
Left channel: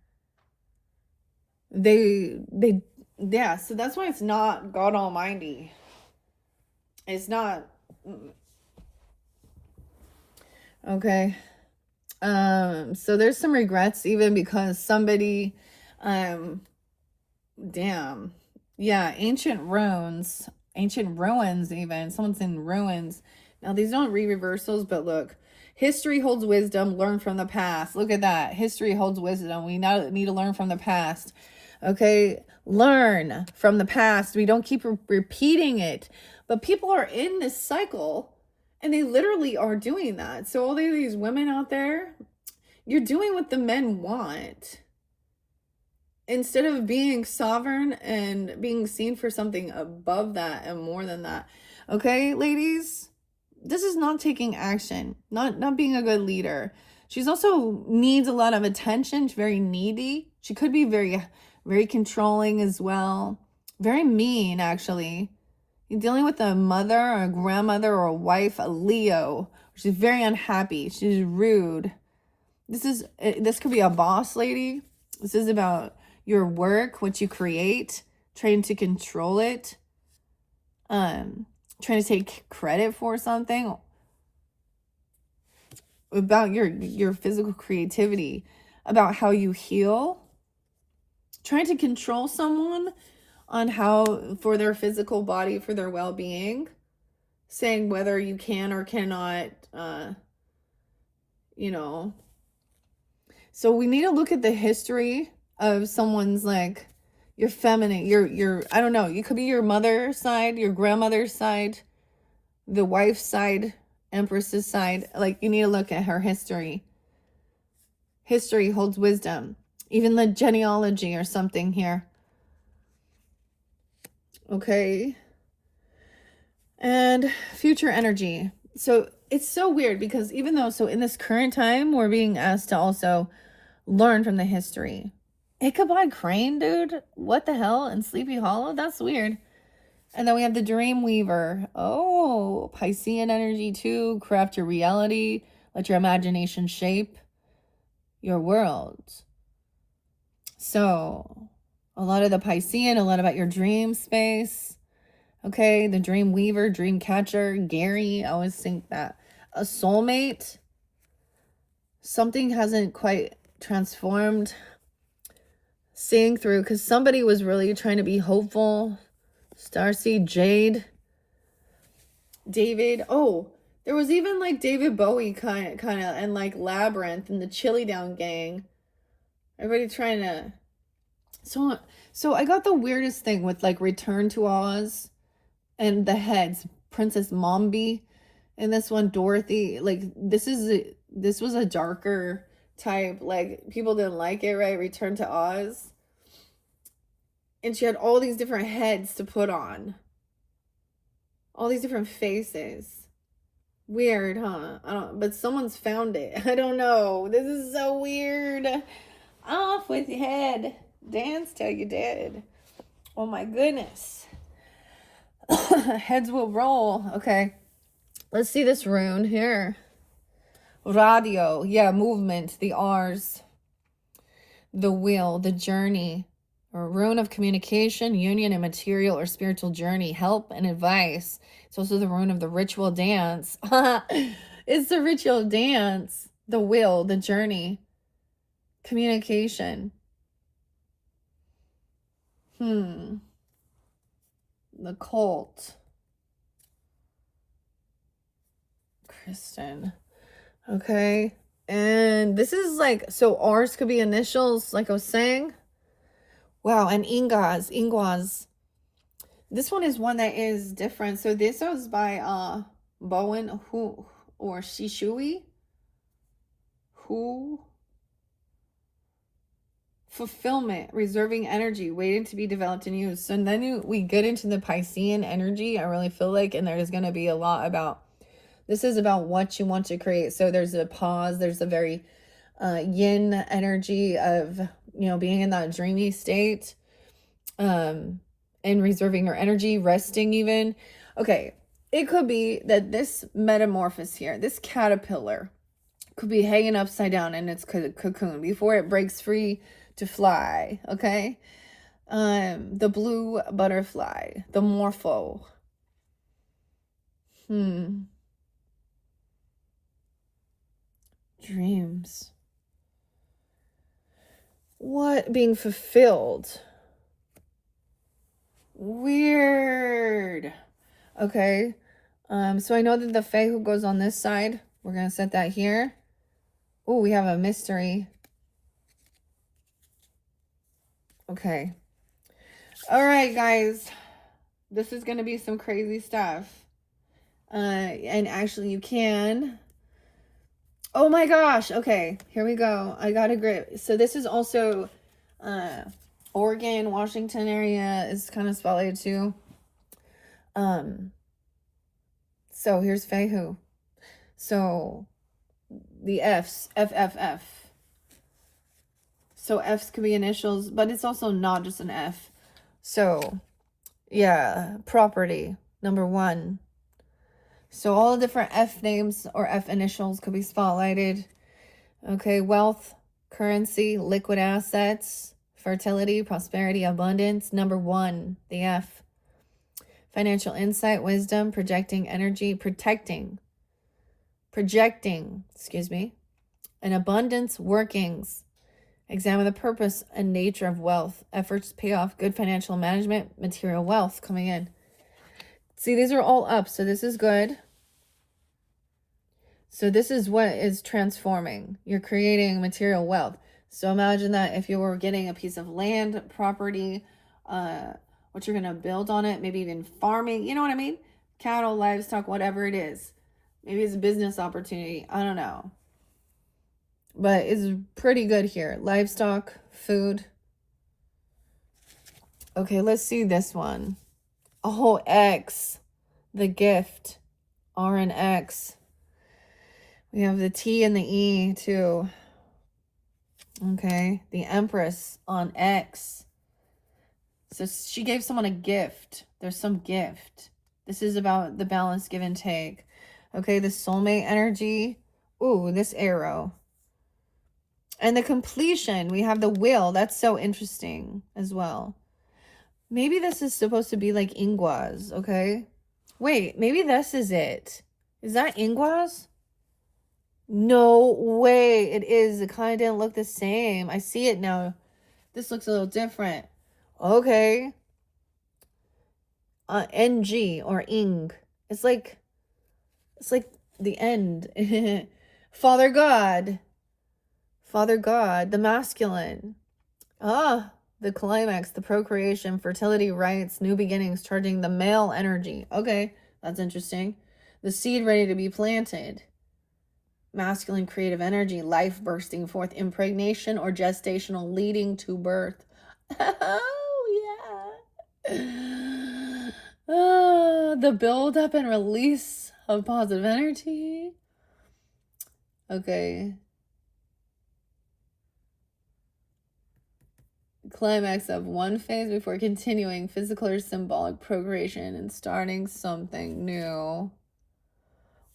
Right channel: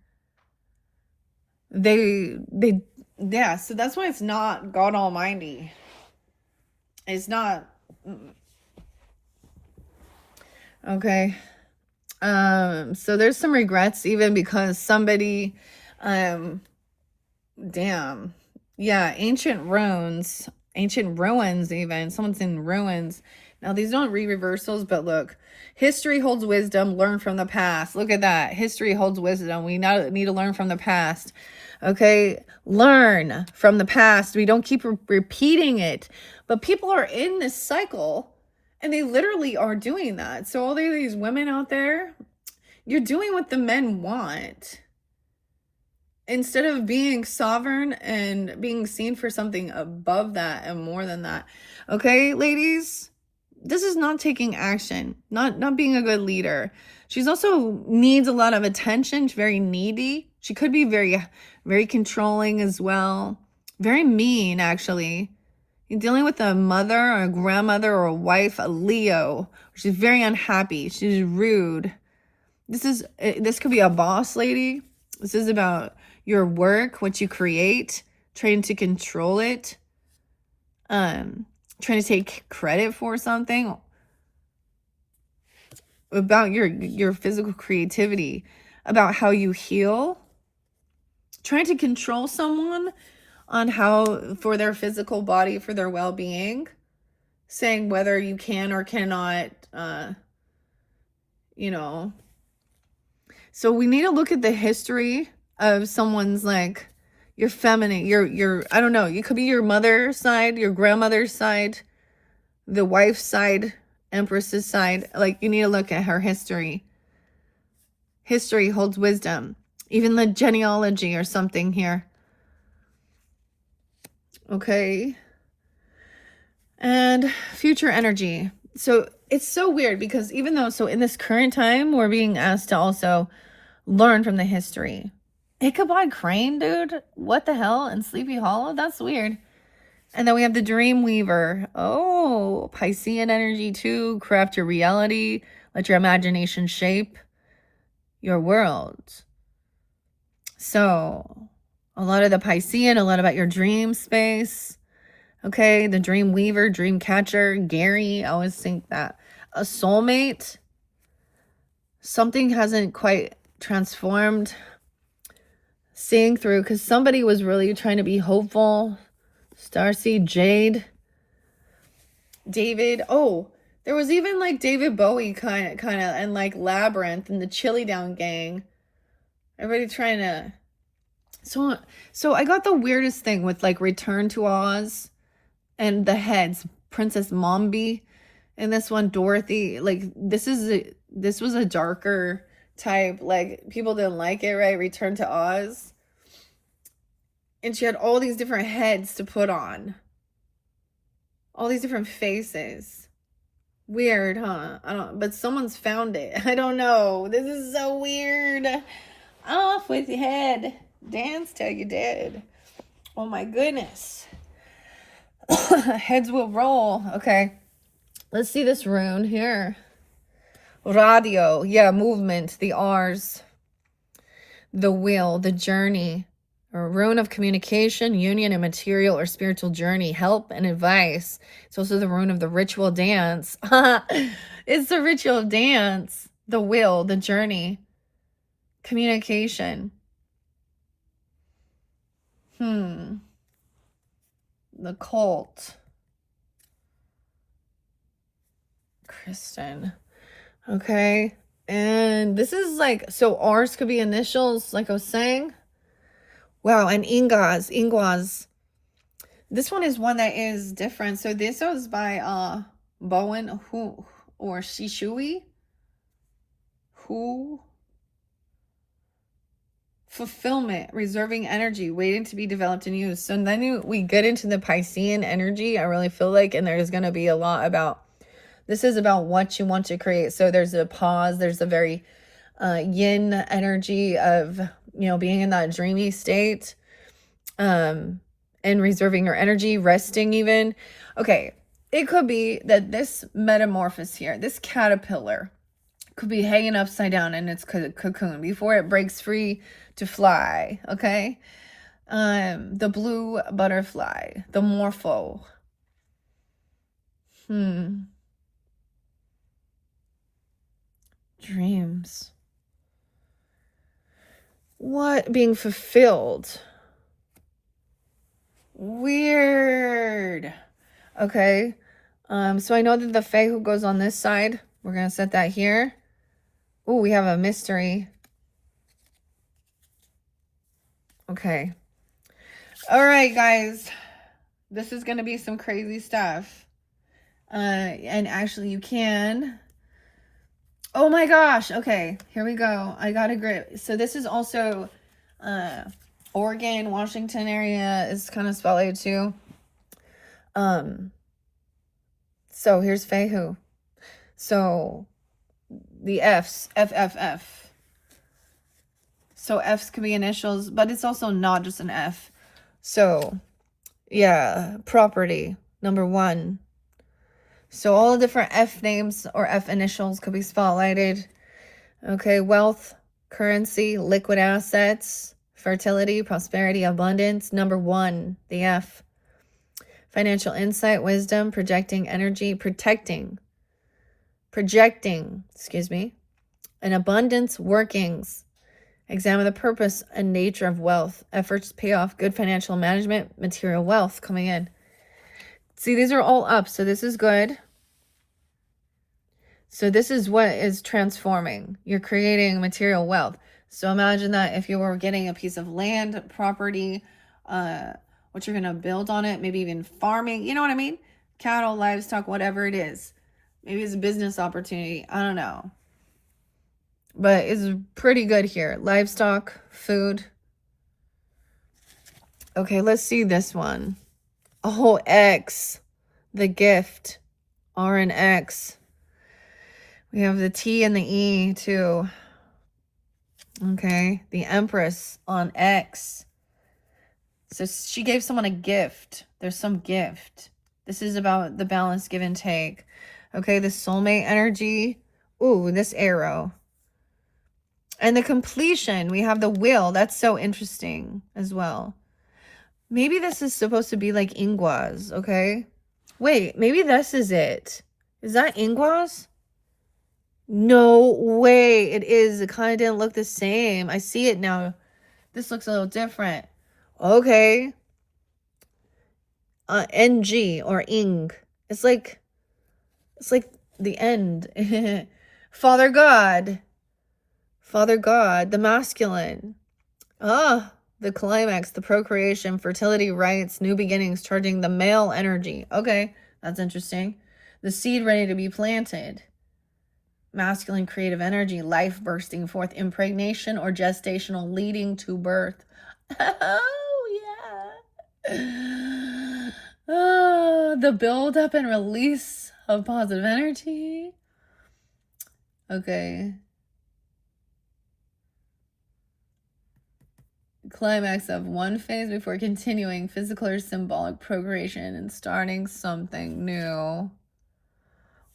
Yeah, so that's why it's not God Almighty. It's not. Okay. So there's some regrets even because somebody, damn. Yeah, ancient ruins even. Someone's in ruins. Now these don't read reversals, but look. History holds wisdom, learn from the past. Look at that. History holds wisdom. We now need to learn from the past. Okay? Learn from the past. We don't keep repeating it. But people are in this cycle and they literally are doing that. So all these women out there, you're doing what the men want. Instead of being sovereign and being seen for something above that and more than that. Okay, ladies? This is not taking action, not being a good leader. She's also needs a lot of attention. She's very needy. She could be very, very controlling as well. Very mean, actually. You're dealing with a mother or a grandmother or a wife, a Leo. She's very unhappy. She's rude. This could be a boss lady. This is about your work, what you create, trying to control it. Trying to take credit for something, about your physical creativity, about how you heal, trying to control someone on how, for their physical body, for their well-being, saying whether you can or cannot, you know. So we need to look at the history of someone's, like, your feminine, your I don't know, you could be your mother's side, your grandmother's side, the wife's side, empress's side. Like, you need to look at her history. History holds wisdom. Even the genealogy or something here. Okay. And future energy. So it's so weird because even though, so in this current time, we're being asked to also learn from the history. Ichabod Crane, dude. What the hell? And Sleepy Hollow? That's weird. And then we have the Dream Weaver. Oh, Piscean energy too. Craft your reality. Let your imagination shape your world. So, a lot of the Piscean, a lot about your dream space. Okay, the Dream Weaver, Dream Catcher, Gary. I always think that. A soulmate. Something hasn't quite transformed. Seeing through, because somebody was really trying to be hopeful. Starseed, Jade, David. Oh, There was even like David Bowie kind of, and like Labyrinth and the Chili Down Gang. Everybody trying to. So I got the weirdest thing with like Return to Oz and the heads, Princess Mombi, and this one Dorothy. Like this was a darker type. Like people didn't like it, right? Return to Oz, and she had all these different heads to put on, all these different faces. Weird, huh? I don't. But someone's found it. I don't know. This is so weird. Off with your head. Dance till you're dead. Oh my goodness. Heads will roll. Okay. Let's see this rune here. Radio. Yeah, movement. The R's. The will. The journey. A rune of communication, union, and material or spiritual journey. Help and advice. It's also the rune of the ritual dance. It's the ritual dance. The will. The journey. Communication. The cult. Kristen. Okay. And this is like, so R's could be initials, like I was saying. Wow. And Ingwas. This one is one that is different. So this was by Bowen who or Shishui. Who? Fulfillment, reserving energy, waiting to be developed and used. So then we get into the Piscean energy, I really feel like, and there's going to be a lot about, this is about what you want to create. So there's a pause, there's a very yin energy of, being in that dreamy state, and reserving your energy, resting even. Okay, it could be that this metamorphosis here, this caterpillar, could be hanging upside down in its cocoon before it breaks free to fly. Okay. The blue butterfly, the morpho. Dreams. What? Being fulfilled. Weird. Okay. So I know that the Fae who goes on this side, we're going to set that here. Oh, we have a mystery. Okay. All right, guys. This is going to be some crazy stuff. And actually you can. Oh my gosh. Okay, here we go. I got a grip. So this is also Oregon, Washington area is kind of spotlighted too. So here's Fehu. So the F's, FFF. So F's could be initials, but it's also not just an F. So yeah, property, number 1. So all the different F names or F initials could be spotlighted. Okay, wealth, currency, liquid assets, fertility, prosperity, abundance. Number 1, the F. Financial insight, wisdom, projecting energy, projecting, an abundance, workings. Examine the purpose and nature of wealth. Efforts pay off, good financial management, material wealth coming in. See, these are all up, so this is good. So this is what is transforming. You're creating material wealth. So imagine that if you were getting a piece of land, property, what you're going to build on it, maybe even farming, you know what I mean? Cattle, livestock, whatever it is. Maybe it's a business opportunity. I don't know. But it's pretty good here. Livestock, food. Okay, let's see this one. Oh, X. The gift. R and X. We have the T and the E too. Okay, the Empress on X. So she gave someone a gift. There's some gift. This is about the balance, give and take. Okay, the soulmate energy. Ooh, this arrow. And the completion, we have the will. That's so interesting as well. Maybe this is supposed to be like Ingwas, okay? Wait, maybe this is it. Is that Ingwas? No way. It is. It kind of didn't look the same. I see it now. This looks a little different. Okay. NG or Ing. It's like the end. Father God. Father God, the masculine. Ah, the climax, the procreation, fertility, rights, new beginnings, charging the male energy. Okay, that's interesting. The seed ready to be planted. Masculine creative energy, life bursting forth, impregnation or gestational leading to birth. Oh, yeah. The build up and release of positive energy. Okay. Climax of one phase before continuing physical or symbolic procreation and starting something new.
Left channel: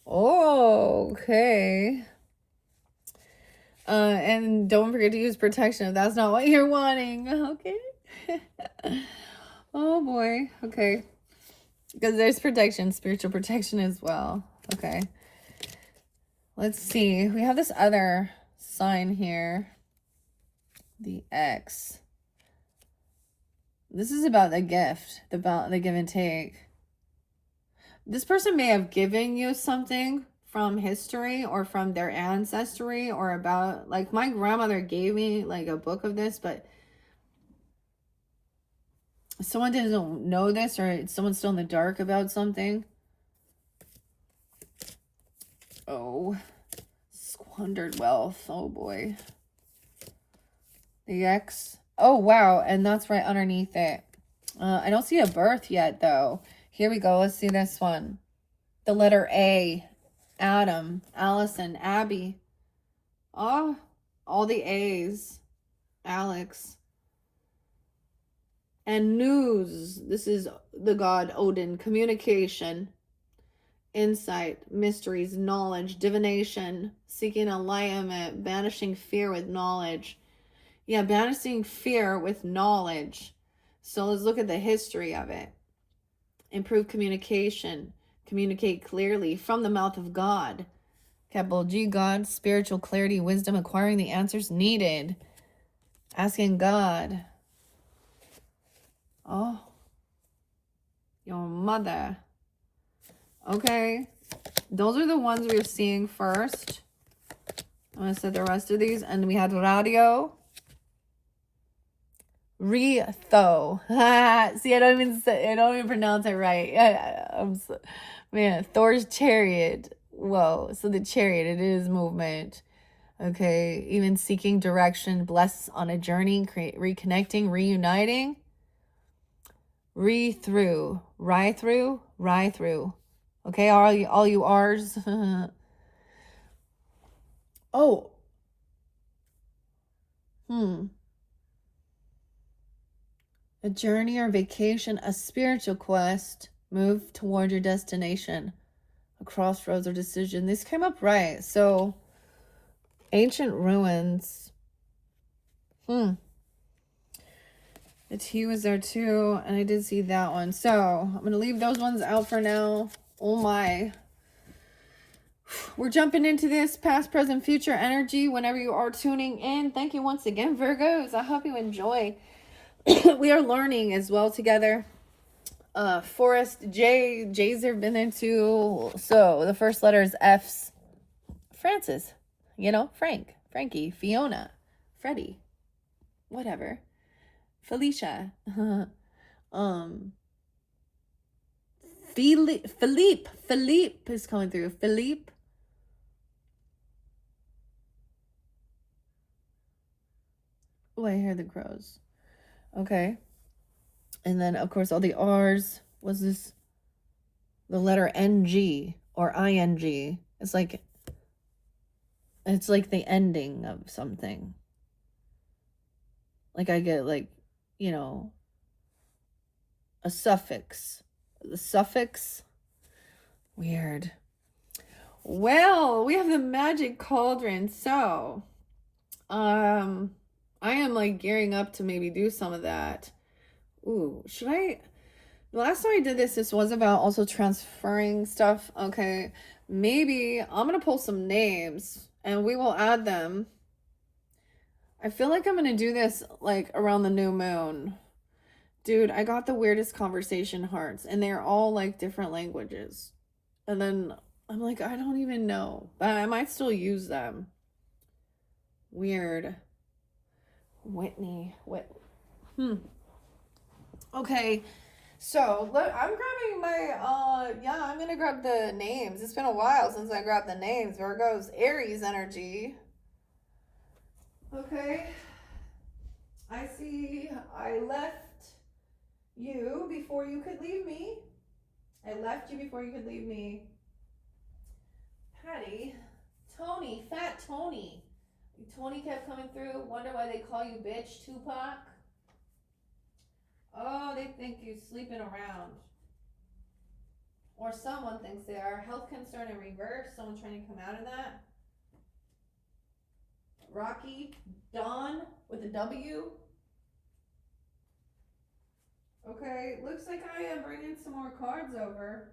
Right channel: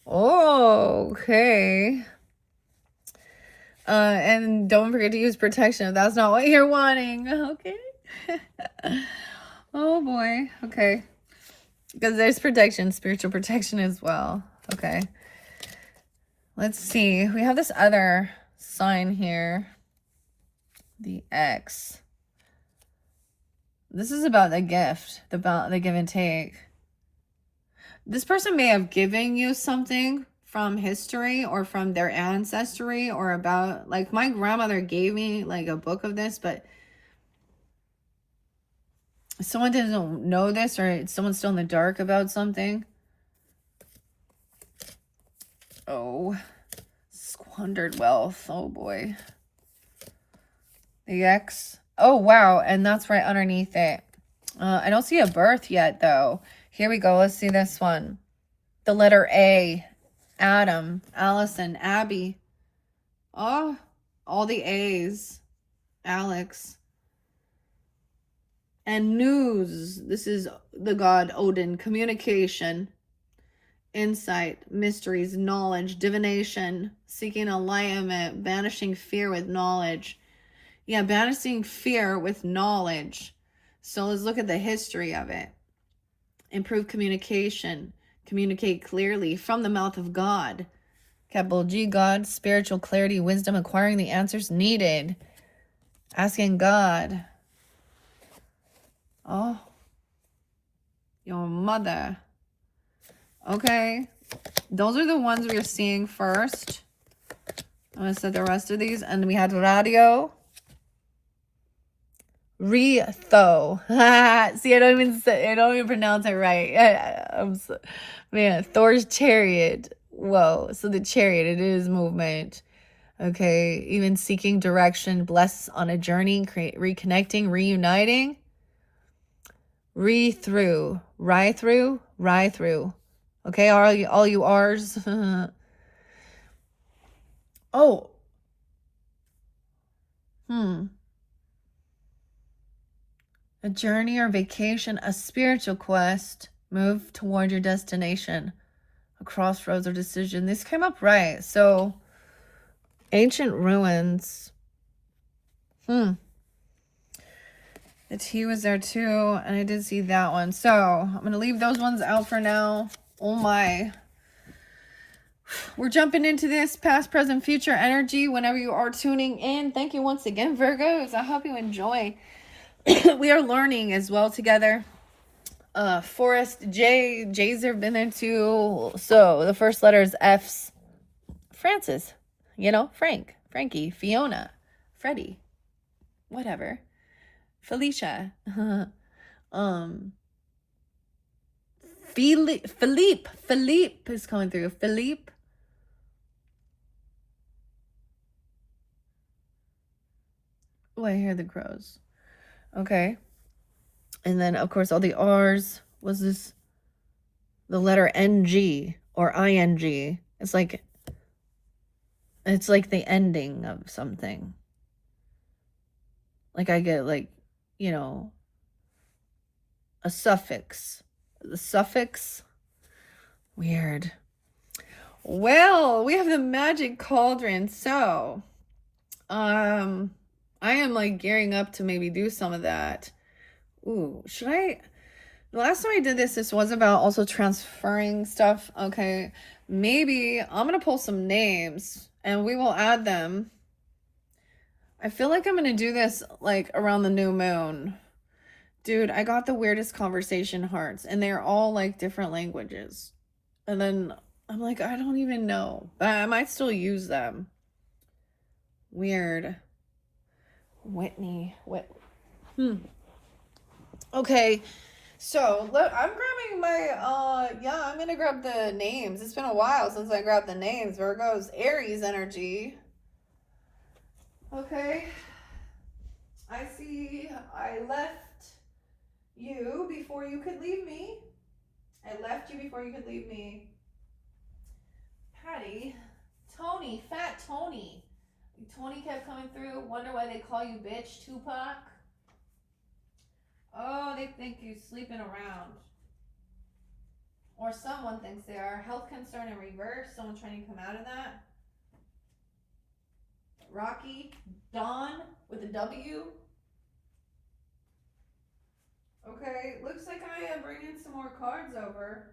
Oh, okay. And don't forget to use protection if that's not what you're wanting. Okay. Oh boy. Okay. Because there's protection, spiritual protection as well. Okay. Let's see. We have this other sign here. The X. This is about the gift, about the give and take. This person may have given you something from history or from their ancestry, or about, like, my grandmother gave me like a book of this, but someone doesn't know this, or someone's still in the dark about something. Oh, squandered wealth. Oh boy. The X. Oh wow, and that's right underneath it. I don't see a birth yet though. Here we go. Let's see this one. The letter A. Adam, Allison, Abby. Oh, all the A's. Alex. And news. This is the god Odin. Communication. Insight. Mysteries. Knowledge. Divination. Seeking alignment. Banishing fear with knowledge. Yeah, banishing fear with knowledge. So let's look at the history of it. Improve communication. Communicate clearly from the mouth of God. Capital G, God. Spiritual clarity, wisdom, acquiring the answers needed. Asking God. Oh. Your mother. Okay. Those are the ones we're seeing first. I'm going to set the rest of these. And we had radio. Retho. See, I don't even pronounce it right. Man, Thor's chariot. Whoa. So the chariot, it is movement. Okay. Even seeking direction, bless on a journey, reconnecting, reuniting. Through. Okay, all you R's. Oh. A journey or vacation, a spiritual quest, move toward your destination, a crossroads or decision. This came up right. So, ancient ruins. The T was there too, and I did see that one. So, I'm going to leave those ones out for now. Oh my. We're jumping into this past, present, future energy whenever you are tuning in. Thank you once again, Virgos. I hope you enjoy. We are learning as well together. Forrest, J's have been there too. So the first letter is F's. Francis, Frank, Frankie, Fiona, Freddie, whatever. Felicia. Philippe is coming through. Philippe. Oh, I hear the crows. Okay. And then, of course, all the R's. Was this the letter NG or ING? It's like the ending of something. Like I get a suffix. The suffix. Weird. Well, we have the magic cauldron. So, I am gearing up to maybe do some of that. Ooh, should I? The last time I did this was about also transferring stuff. Okay, maybe I'm going to pull some names and we will add them. I feel like I'm going to do this around the new moon. Dude, I got the weirdest conversation hearts and they're all different languages. And then I'm like, I don't even know. But I might still use them. Weird. Whitney. Okay. So, look, I'm grabbing my, yeah, I'm going to grab the names. It's been a while since I grabbed the names. Virgo's Aries energy. Okay. I see I left you before you could leave me. I left you before you could leave me. Patty. Tony. Fat Tony. Tony kept coming through. Wonder why they call you bitch, Tupac. Oh, they think you're sleeping around. Or someone thinks they are. Health concern in reverse. Someone trying to come out of that. Rocky. Dawn with a W. Okay, looks like I am bringing some more cards over.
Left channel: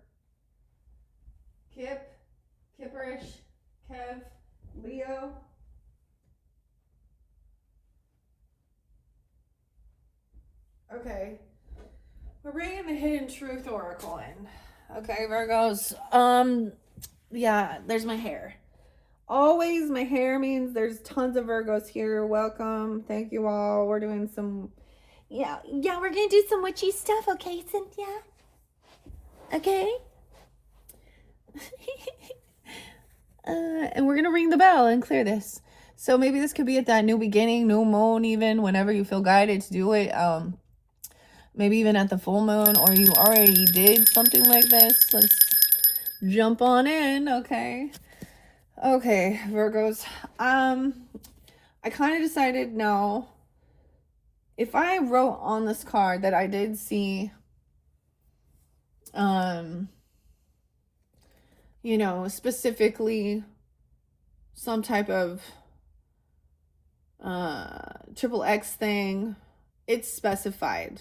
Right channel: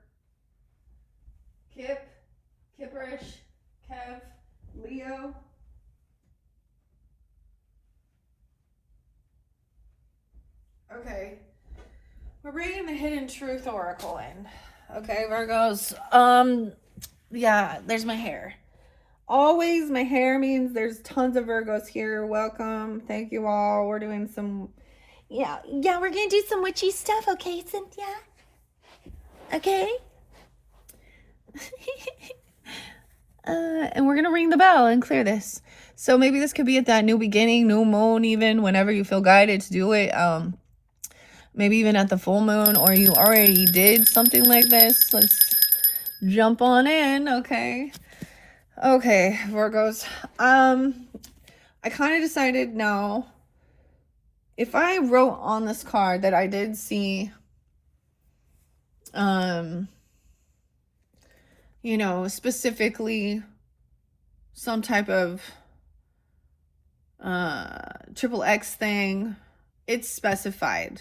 Kip. Kipperish. Kev. Leo. Okay. We're bringing the Hidden Truth Oracle in. Okay, Virgos. Yeah, there's my hair. Always my hair means there's tons of Virgos here. Welcome. Thank you all. We're doing some, yeah, we're gonna do some witchy stuff, okay, Cynthia? Okay? And we're gonna ring the bell and clear this. So maybe this could be at that new beginning, new moon, even whenever you feel guided to do it. Maybe even at the full moon, or you already did something like this. Let's jump on in, okay? Okay, Virgos. I kind of decided now, if I wrote on this card that I did see, you know, specifically some type of triple X thing, it's specified.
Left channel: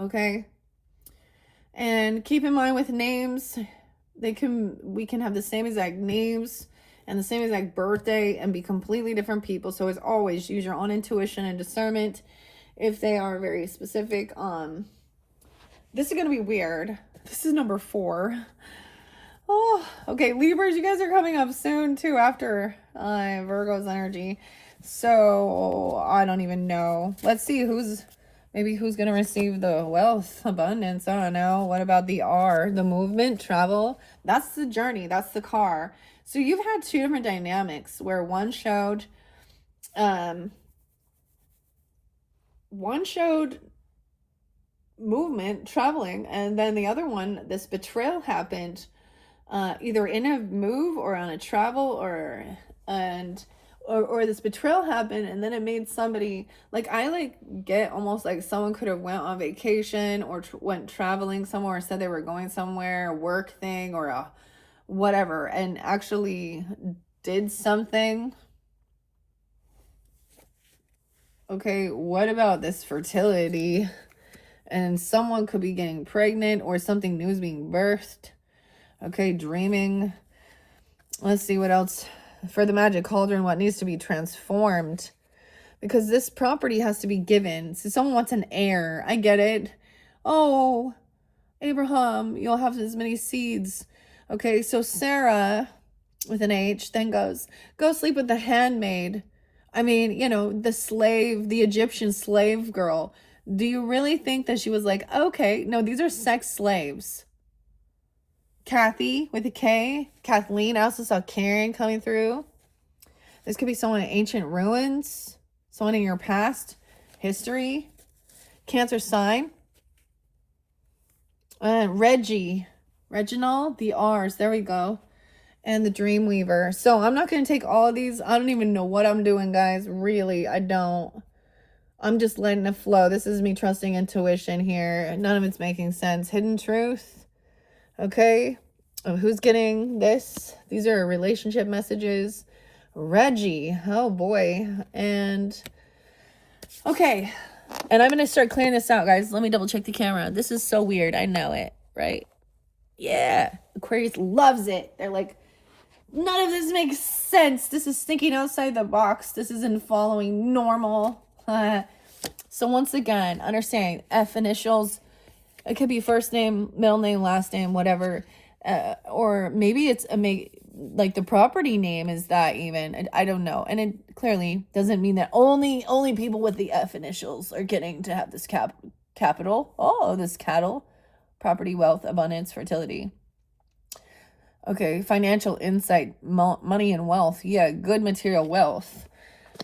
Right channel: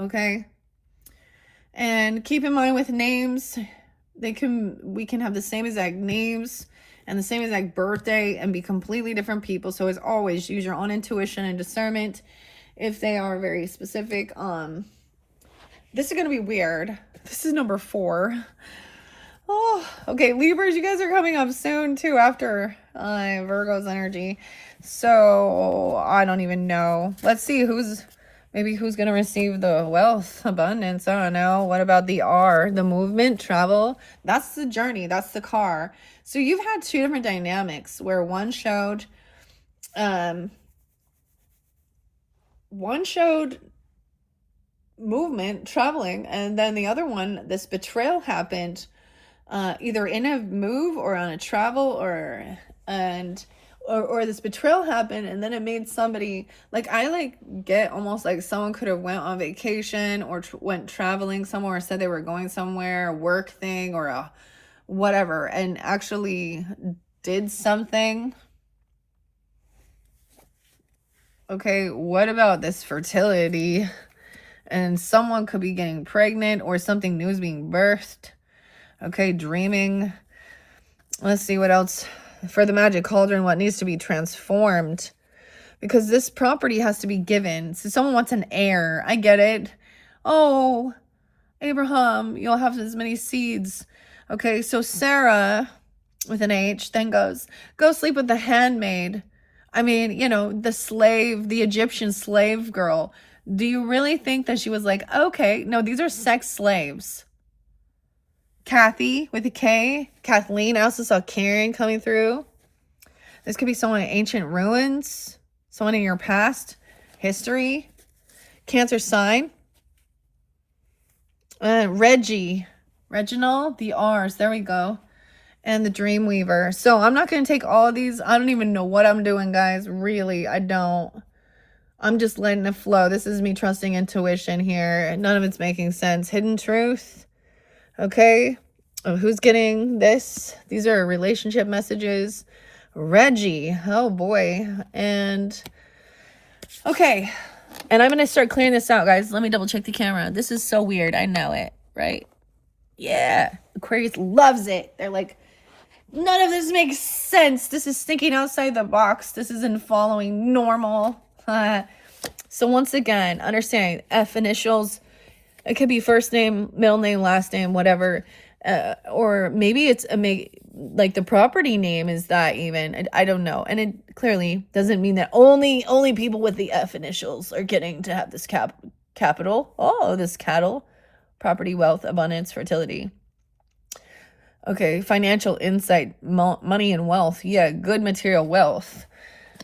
Okay. And keep in mind with names, we can have the same exact names and the same exact birthday and be completely different people. So as always, use your own intuition and discernment if they are very specific. This is gonna be weird. This is number 4. Oh, okay, Libras, you guys are coming up soon too after Virgo's energy. So I don't even know. Let's see who's gonna receive the wealth, abundance. I don't know. What about the R, the movement, travel? That's the journey. That's the car. So you've had 2 different dynamics where one showed movement, traveling, and then the other one, this betrayal happened either in a move or on a travel, or this betrayal happened, and then it made somebody, like, I like get almost like someone could have went on vacation or went traveling somewhere, or said they were going somewhere, a work thing or a whatever, and actually did something. Okay, what about this fertility? And someone could be getting pregnant, or something new is being birthed. Okay, dreaming. Let's see what else. For the magic cauldron, what needs to be transformed? Because this property has to be given. So someone wants an heir. I get it. Oh, Abraham, you'll have as many seeds. Okay, so Sarah, with an H, then goes, go sleep with the handmaid. I mean, you know, the slave, the Egyptian slave girl. Do you really think that she was like, okay, no, these are sex slaves? Kathy with a K. Kathleen. I also saw Karen coming through. This could be someone in ancient ruins. Someone in your past history. Cancer sign. Reggie. Reginald. The R's. There we go. And the Dream Weaver. So I'm not going to take all of these. I don't even know what I'm doing, guys. Really, I don't. I'm just letting it flow. This is me trusting intuition here. None of it's making sense. Hidden truth. Okay. Oh, who's getting this? These are relationship messages. Reggie. Oh boy. And okay. And I'm going to start clearing this out, guys. Let me double check the camera. This is so weird. I know it, right? Yeah. Aquarius loves it. They're like, none of this makes sense. This is thinking outside the box. This isn't following normal. So once again, understanding F initials. It could be first name, middle name, last name, whatever. Or maybe it's like the property name is that even. I don't know. And it clearly doesn't mean that only people with the F initials are getting to have this capital. Oh, this cattle, property, wealth, abundance, fertility. Okay, financial insight, money and wealth. Yeah, good material wealth.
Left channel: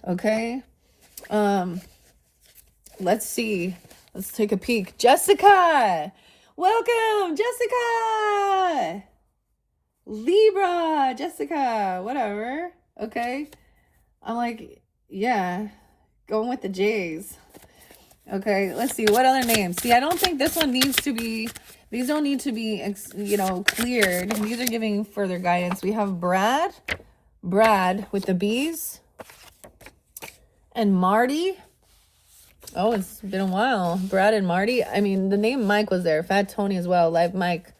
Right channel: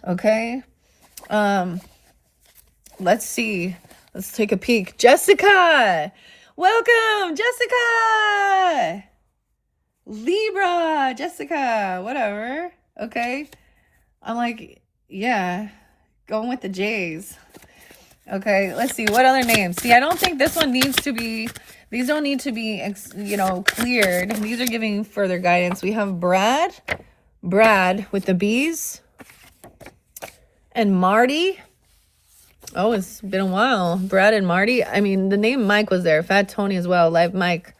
Okay. Let's see. Let's take a peek. Jessica! Welcome, Jessica! Libra, Jessica, whatever. Okay. I'm like, yeah, going with the J's. Okay, let's see. What other names? See, I don't think this one needs to be, these don't need to be, you know, cleared. These are giving further guidance. We have Brad with the B's. And Marty. Oh, it's been a while. Brad and Marty. I mean, the name Mike was there. Fat Tony as well. Live Mike.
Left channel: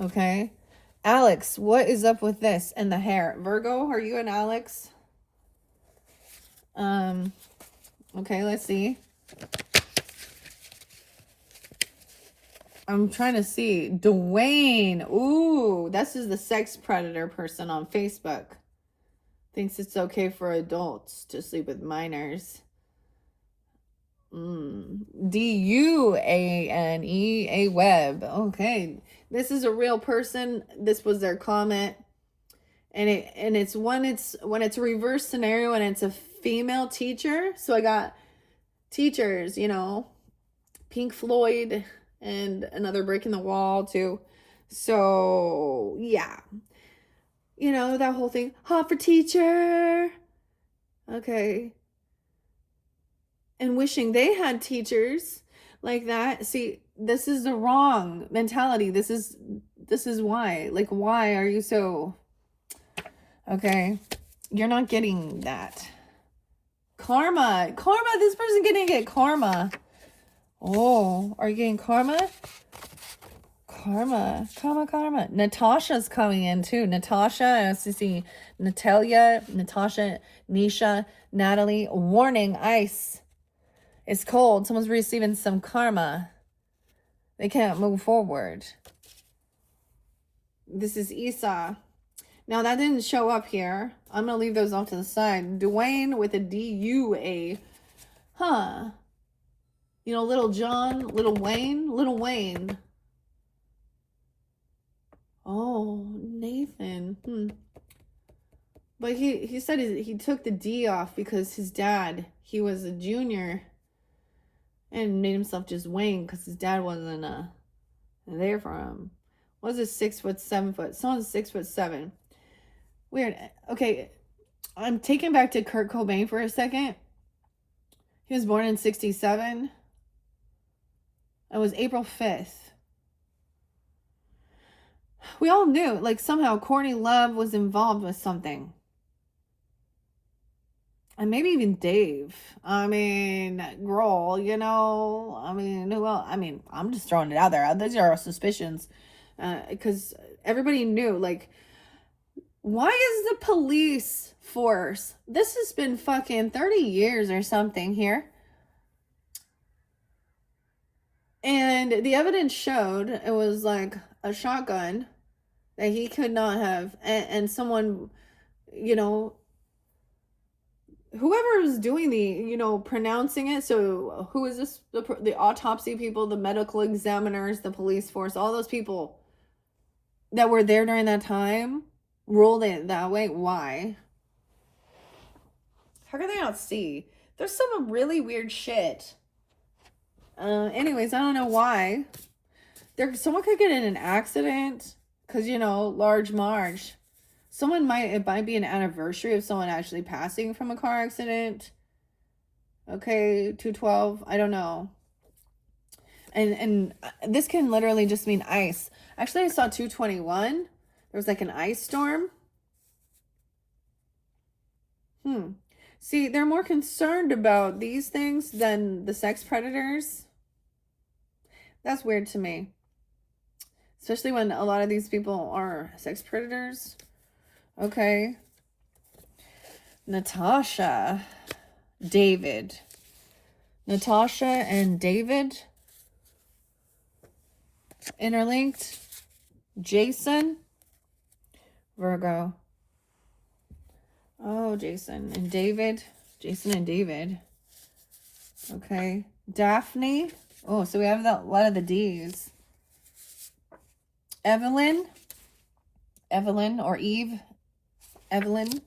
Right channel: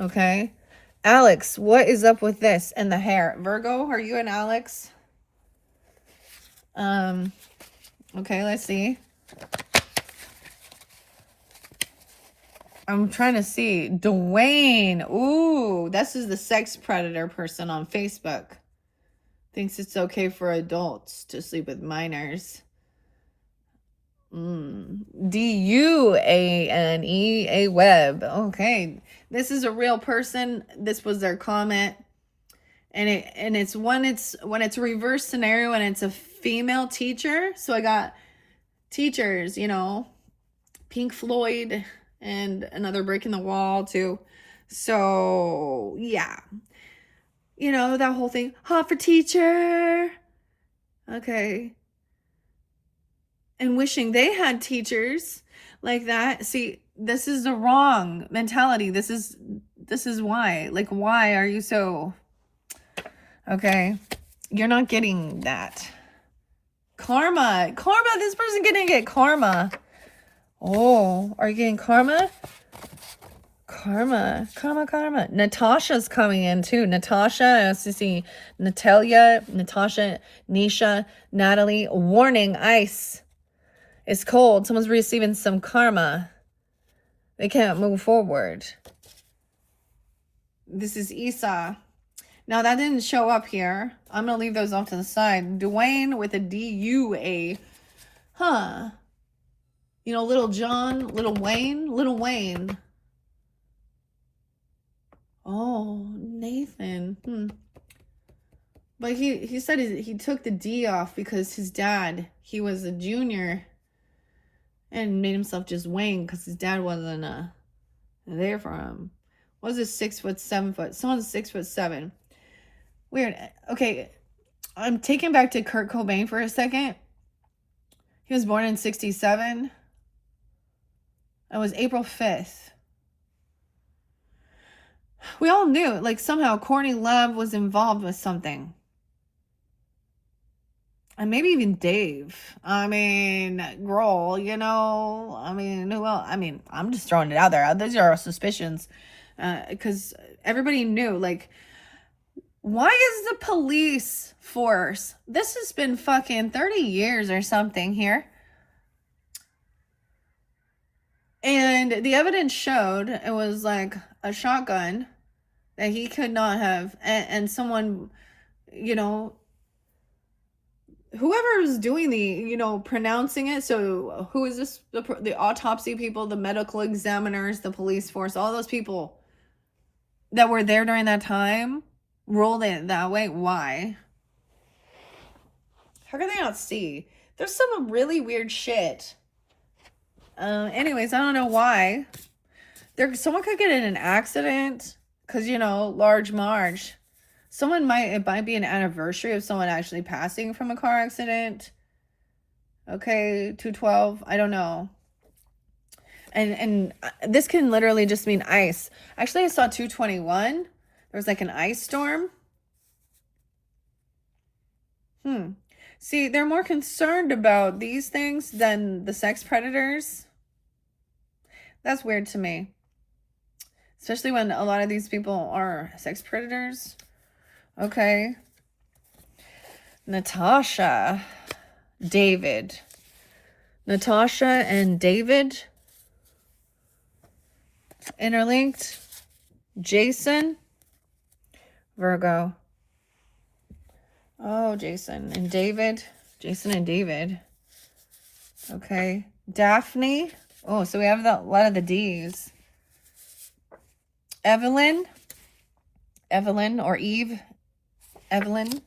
Okay. Alex, what is up with this and the hair? Virgo, are you and Alex? Okay, let's see. I'm trying to see. Dwayne. Ooh, this is the sex predator person on Facebook. Thinks it's okay for adults to sleep with minors. D-U-A-N-E, a web. Okay. This is a real person. This was their comment. And it's when it's a reverse scenario and it's a female teacher. So I got teachers, you know, Pink Floyd and another Brick in the Wall too. So yeah. You know, that whole thing. Hot for teacher. Okay. And wishing they had teachers like that. See, this is the wrong mentality. This is why. Like, why are you so... Okay. You're not getting that. Karma. Karma. This person gonna get karma. Oh, are you getting karma? Karma. Natasha's coming in too. Natasha, I also see Natalia, Natasha, Nisha, Natalie. Warning, ice. It's cold. Someone's receiving some karma. They can't move forward. This is Esau. Now, that didn't show up here. I'm going to leave those off to the side. Dwayne with a D-U-A. Huh. You know, Little John, Little Wayne. Oh, Nathan. But he said he took the D off because his dad, he was a junior and made himself just Wayne because his dad wasn't there for him. Was it 6 foot, 7 foot? Someone's 6 foot 7. Weird. Okay, I'm taken back to Kurt Cobain for a second. He was born in 1967. It was April 5th. We all knew, like, somehow Courtney Love was involved with something. And maybe even Dave. I mean, Grohl, you know. I mean, who else? I mean, I'm just throwing it out there. These are our suspicions. Because everybody knew, like, why is the police force? This has been fucking 30 years or something here. And the evidence showed it was like a shotgun that he could not have. And someone, you know, whoever is doing the, you know, pronouncing it. So who is this? The autopsy people, the medical examiners, the police force, all those people that were there during that time ruled it that way. Why? How can they not see? There's some really weird shit. Anyways, I don't know why. Someone could get in an accident because, you know, large Marge. It might be an anniversary of someone actually passing from a car accident. Okay, 212. I don't know. And this can literally just mean ice. Actually, I saw 221. There was like an ice storm. See, they're more concerned about these things than the sex predators. That's weird to me. Especially when a lot of these people are sex predators. Okay. Natasha. David. Natasha and David. interlinked. Jason, Virgo. Oh, Jason and David. Jason and David. Okay. Daphne. Oh, so we have a lot of the D's. Evelyn. Evelyn or Eve. Evelyn.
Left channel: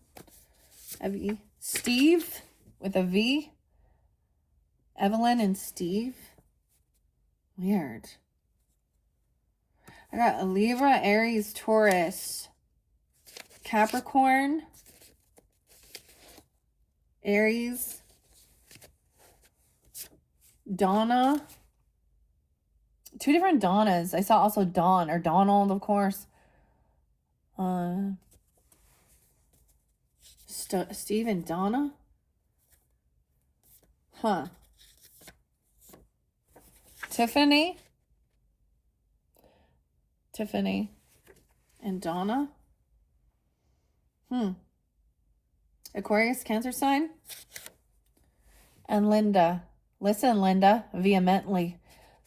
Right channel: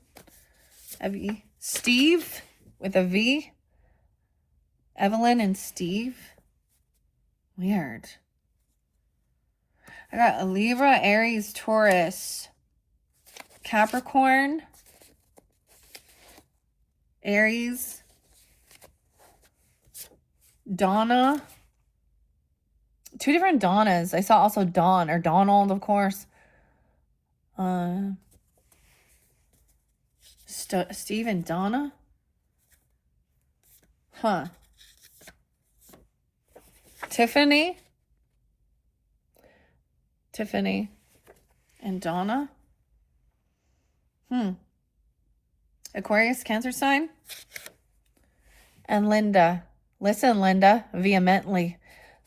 Evie. Steve with a V. Evelyn and Steve. Weird. I got a Libra, Aries, Taurus, Capricorn, Aries, Donna. Two different Donnas. I saw also Don or Donald, of course. Steve and Donna. Huh. Tiffany and Donna. Aquarius, Cancer sign. And Linda. Listen, Linda, vehemently.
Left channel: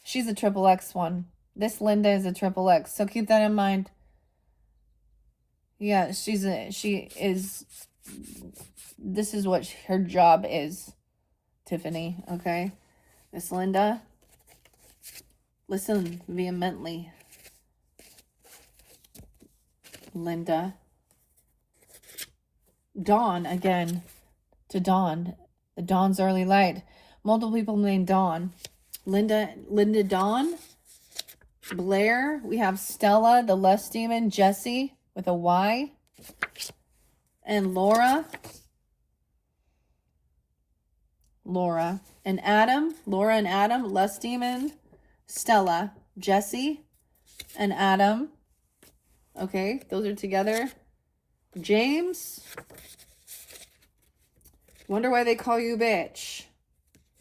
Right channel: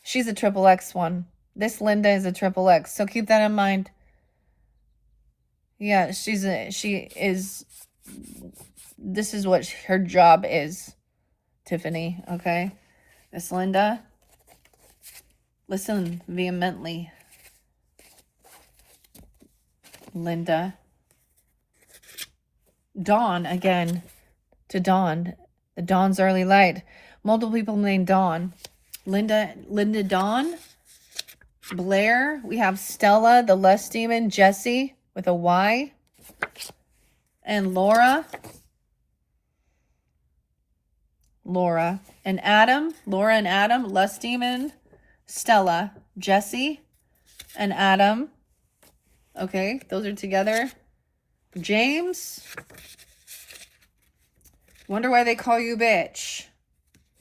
She's a triple X one. This Linda is a triple X. So keep that in mind. Yeah, she is, this is what her job is, Tiffany, okay? This Linda. Listen vehemently. Linda. Dawn, again, to Dawn. The Dawn's early light. Multiple people named Dawn. Linda Dawn. Blair. We have Stella, the Lust Demon. Jessie with a Y. And Laura. And Adam. Laura and Adam. Lust Demon. Stella. Jessie. And Adam. Okay, those are together. James. Wonder why they call you bitch.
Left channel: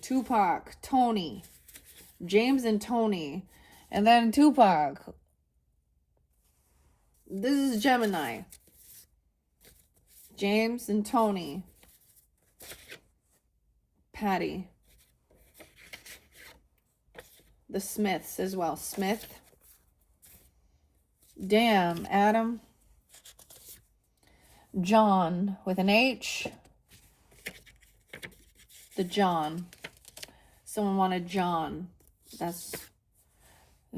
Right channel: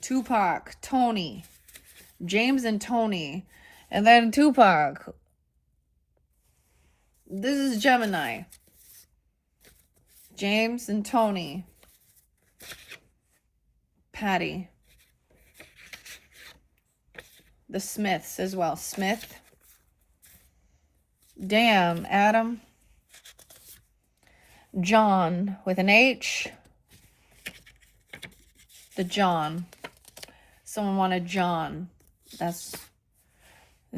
Tupac. Tony. James and Tony. And then Tupac. This is Gemini. James and Tony. Patty. The Smiths as well. Smith. Damn, Adam. John with an H. The John. Someone wanted John. That's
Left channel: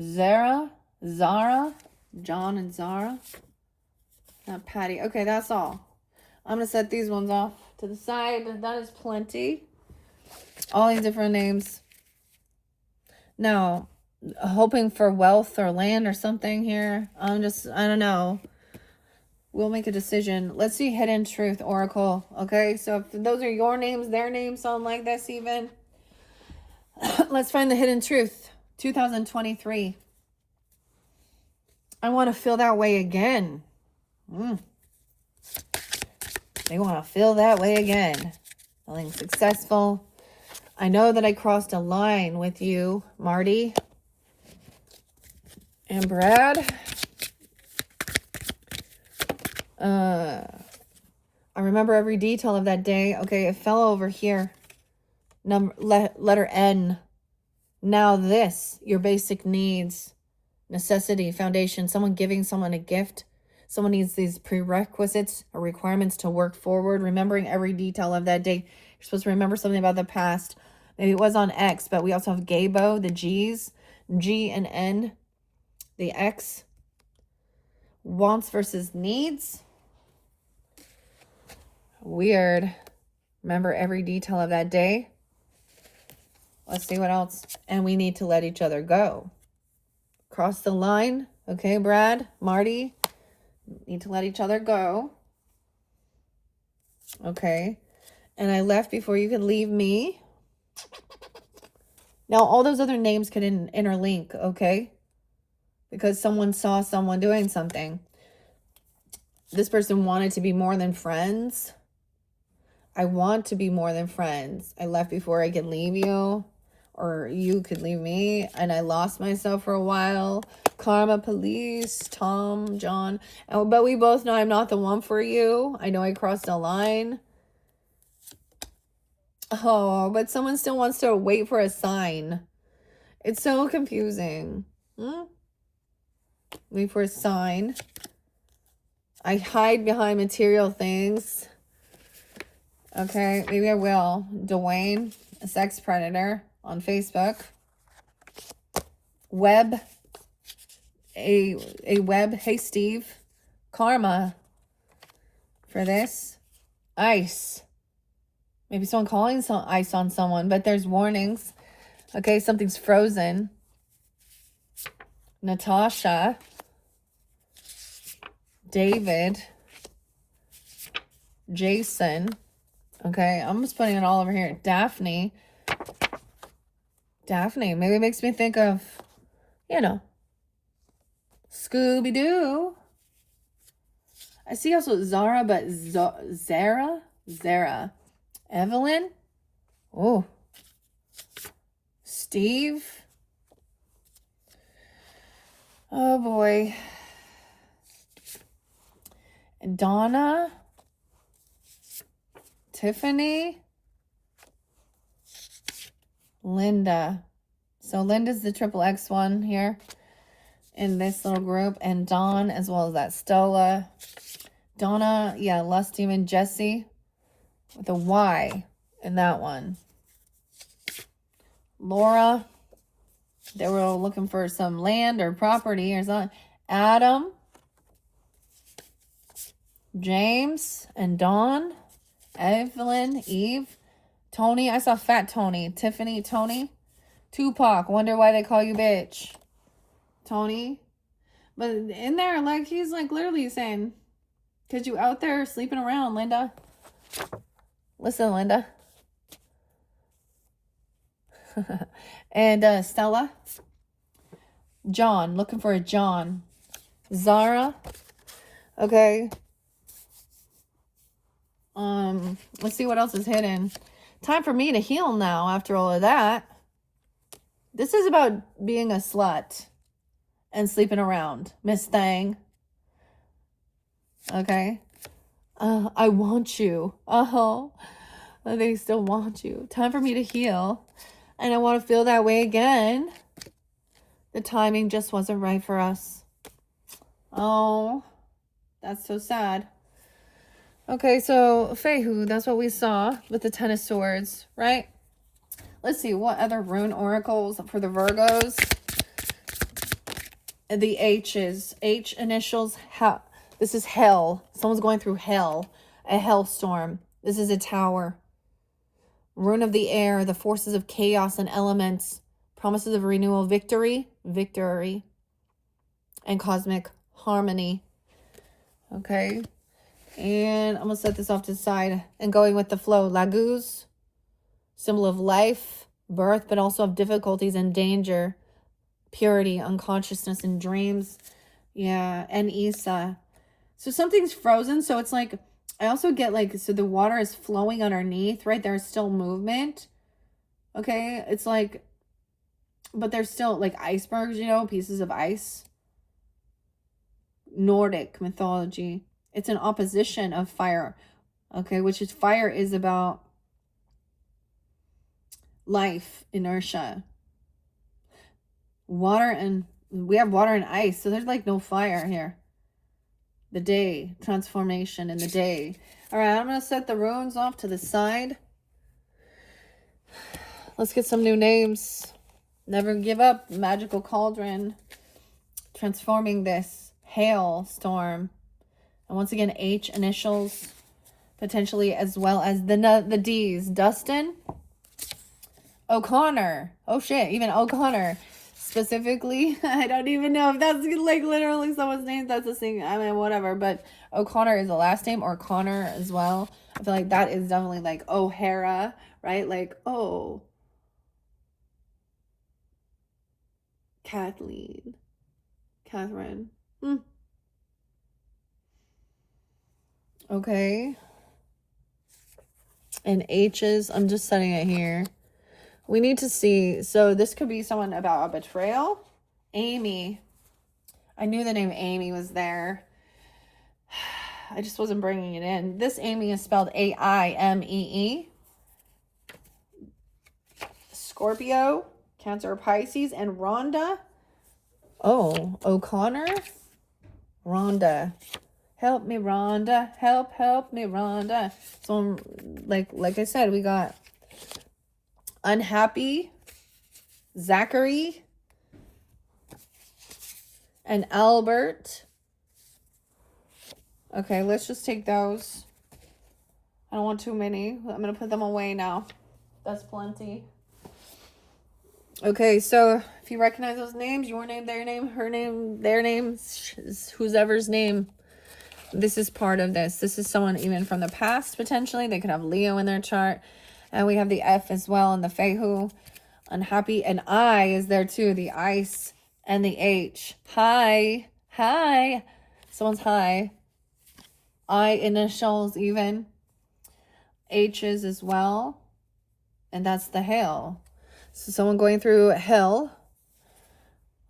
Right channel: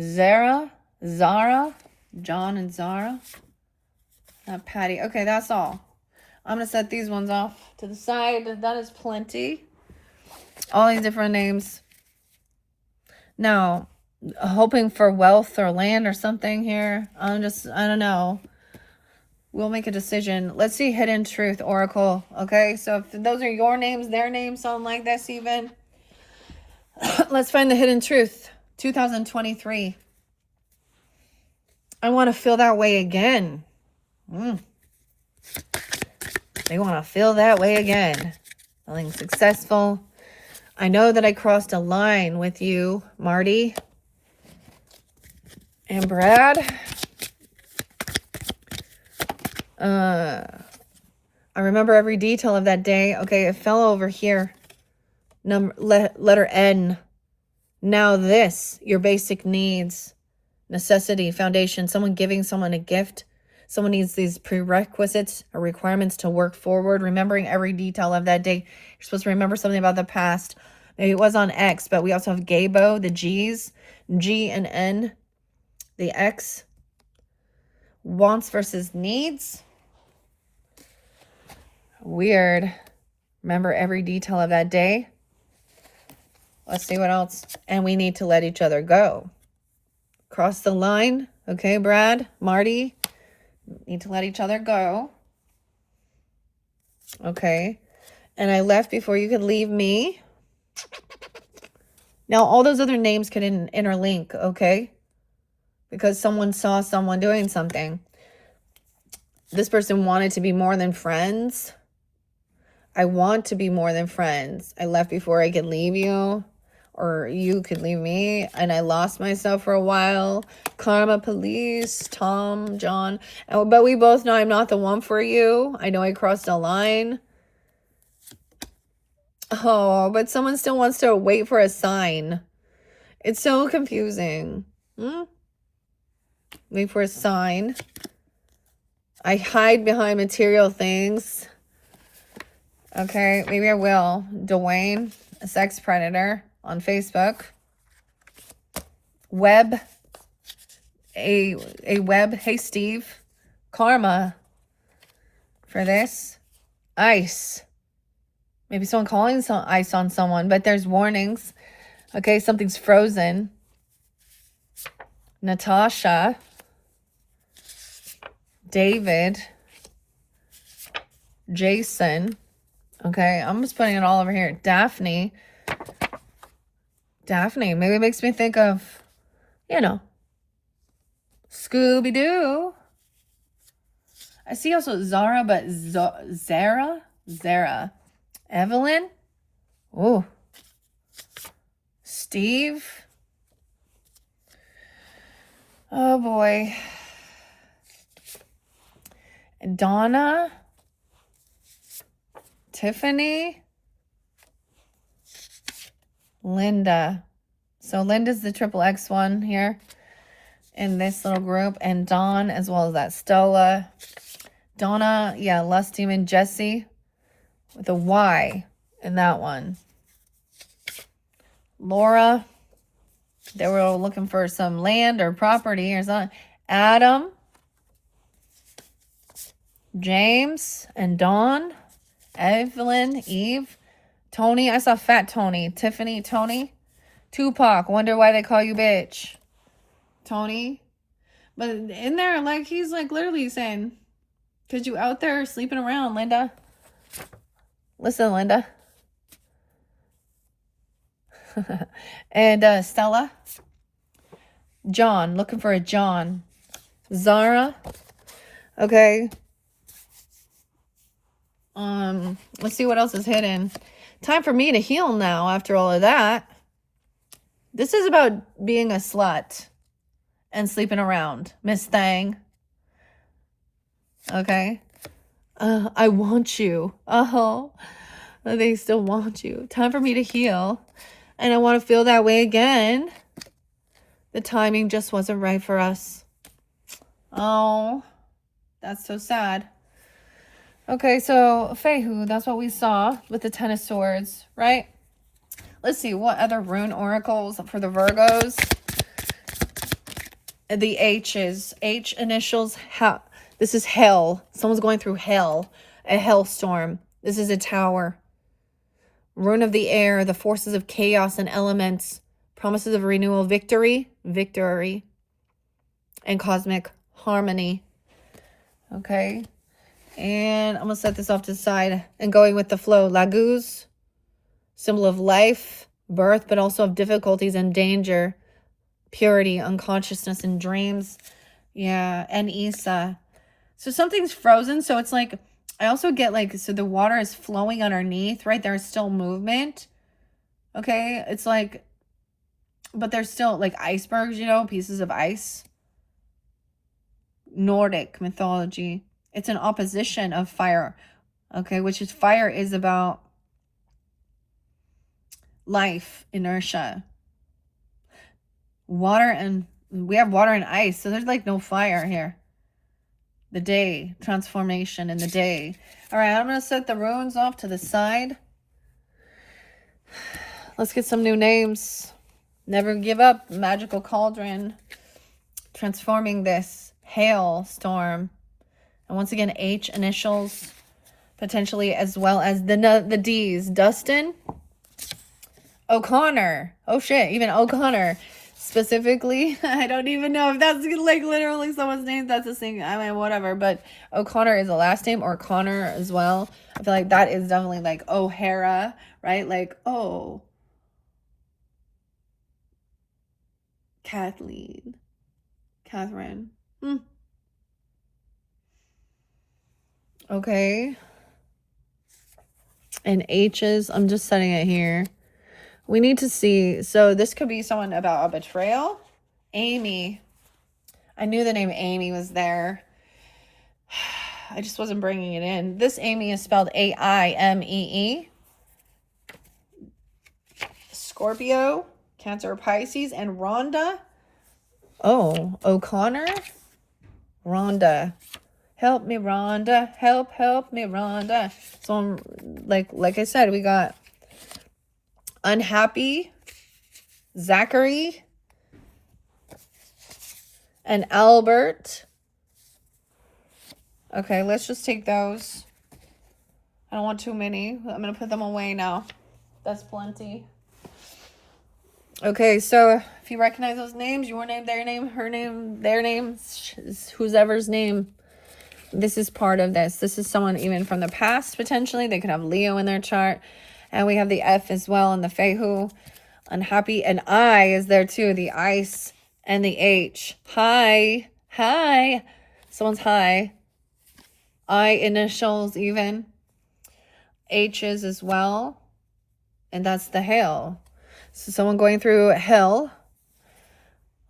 Zara. John and Zara. Not Patty. Okay, that's all. I'm going to set these ones off to the side. That is plenty. All these different names. Now, hoping for wealth or land or something here. I don't know. We'll make a decision. Let's see Hidden Truth Oracle. Okay, so if those are your names, their names, something like this even. Let's find the Hidden Truth. 2023. I want to feel that way again. They want to feel that way again. Feeling successful. I know that I crossed a line with you, Marty. And Brad. I remember every detail of that day. Okay, it fell over here. Letter N. Now this, your basic needs. Necessity, foundation, someone giving someone a gift. Someone needs these prerequisites or requirements to work forward. Remembering every detail of that day. You're supposed to remember something about the past. Maybe it was on X, but we also have Gabo, the G's. G and N, the X. Wants versus needs. Weird. Remember every detail of that day. Let's see what else. And we need to let each other go. Cross the line. Okay, Brad, Marty. Need to let each other go. Okay. And I left before you could leave me. Now, all those other names could interlink, okay? Because someone saw someone doing something. This person wanted to be more than friends. I want to be more than friends. I left before I could leave you. Or you could leave me. And I lost myself for a while. Karma police, Tom, John. But we both know I'm not the one for you. I know I crossed a line. Oh, but someone still wants to wait for a sign. It's so confusing. Wait for a sign. I hide behind material things. Okay, maybe I will. Dwayne, a sex predator on Facebook. Web, a web. Hey, Steve. Karma for this. Ice. Maybe someone calling some ice on someone, but there's warnings. Okay, something's frozen. Natasha. David. Jason. Okay, I'm just putting it all over here. Daphne. Daphne. Maybe it makes me think of, you know, Scooby-Doo. I see also Zara, but Zara? Zara. Evelyn. Ooh. Steve. Oh, boy. Donna. Tiffany. Linda. So Linda's the triple X one here in this little group. And Dawn as well as that Stola. Donna, yeah, Lust Demon. Jesse with a Y in that one. Laura. They were looking for some land or property or something. Adam. James and Dawn. Evelyn, Eve, Tony. I saw Fat Tony. Tiffany, Tony. Tupac. Wonder why they call you bitch. Tony. But in there, like, he's like literally saying, because you out there sleeping around, Linda. Listen, Linda. And Stella. John. Looking for a John. Zara. Okay. Let's see what else is hidden. Time for me to heal now after all of that. This is about being a slut and sleeping around, Miss Thang. Okay. I want you. Oh, they still want you. Time for me to heal. And I want to feel that way again. The timing just wasn't right for us. Oh, that's so sad. Okay, so Fehu, that's what we saw with the Ten of Swords, right? Let's see, what other rune oracles for the Virgos? The H's. H initials. This is hell. Someone's going through hell. A hellstorm. This is a tower. Rune of the air. The forces of chaos and elements. Promises of renewal. Victory. Victory. And cosmic harmony. Okay. And I'm going to set this off to the side and going with the flow. Laguz, symbol of life, birth, but also of difficulties and danger. Purity, unconsciousness, and dreams. Yeah, and Isa. So something's frozen. So it's like, I also get like, so the water is flowing underneath, right? There's still movement. Okay, it's like, but there's still like icebergs, you know, pieces of ice. Nordic mythology. It's an opposition of fire, okay, which is fire is about life, inertia. Water and we have water and ice, so there's like no fire here. The day, transformation in the day. All right, I'm going to set the runes off to the side. Let's get some new names. Never give up. Magical cauldron. Transforming this. Hailstorm. And once again, H initials, potentially, as well as the D's. Dustin. O'Connor. Oh, shit. Even O'Connor. Specifically, I don't even know if that's like literally someone's name. That's a thing. I mean, whatever. But O'Connor is a last name, or Connor as well. I feel like that is definitely like O'Hara, right? Like, oh. Catherine. Okay. And H's, I'm just setting it here. We need to see, so this could be someone about a betrayal. Amy. I knew the name Amy was there. I just wasn't bringing it in. This Amy is spelled A-I-M-E-E. Scorpio, Cancer, Pisces, and Rhonda. Oh, O'Connor? Rhonda. Help me, Rhonda. Help me, Rhonda. So, like I said, we got unhappy, Zachary, and Albert. Okay, let's just take those. I don't want too many. I'm going to put them away now. That's plenty. Okay, so if you recognize those names, your name, their name, her name, their name, whoever's name, this is part of this. This is someone even from the past, potentially. They could have Leo in their chart. And we have the F as well in the Fehu. Unhappy. And I is there too. The ice and the H. Hi. Hi. Someone's hi. I initials even. H's as well. And that's the hail. So someone going through hell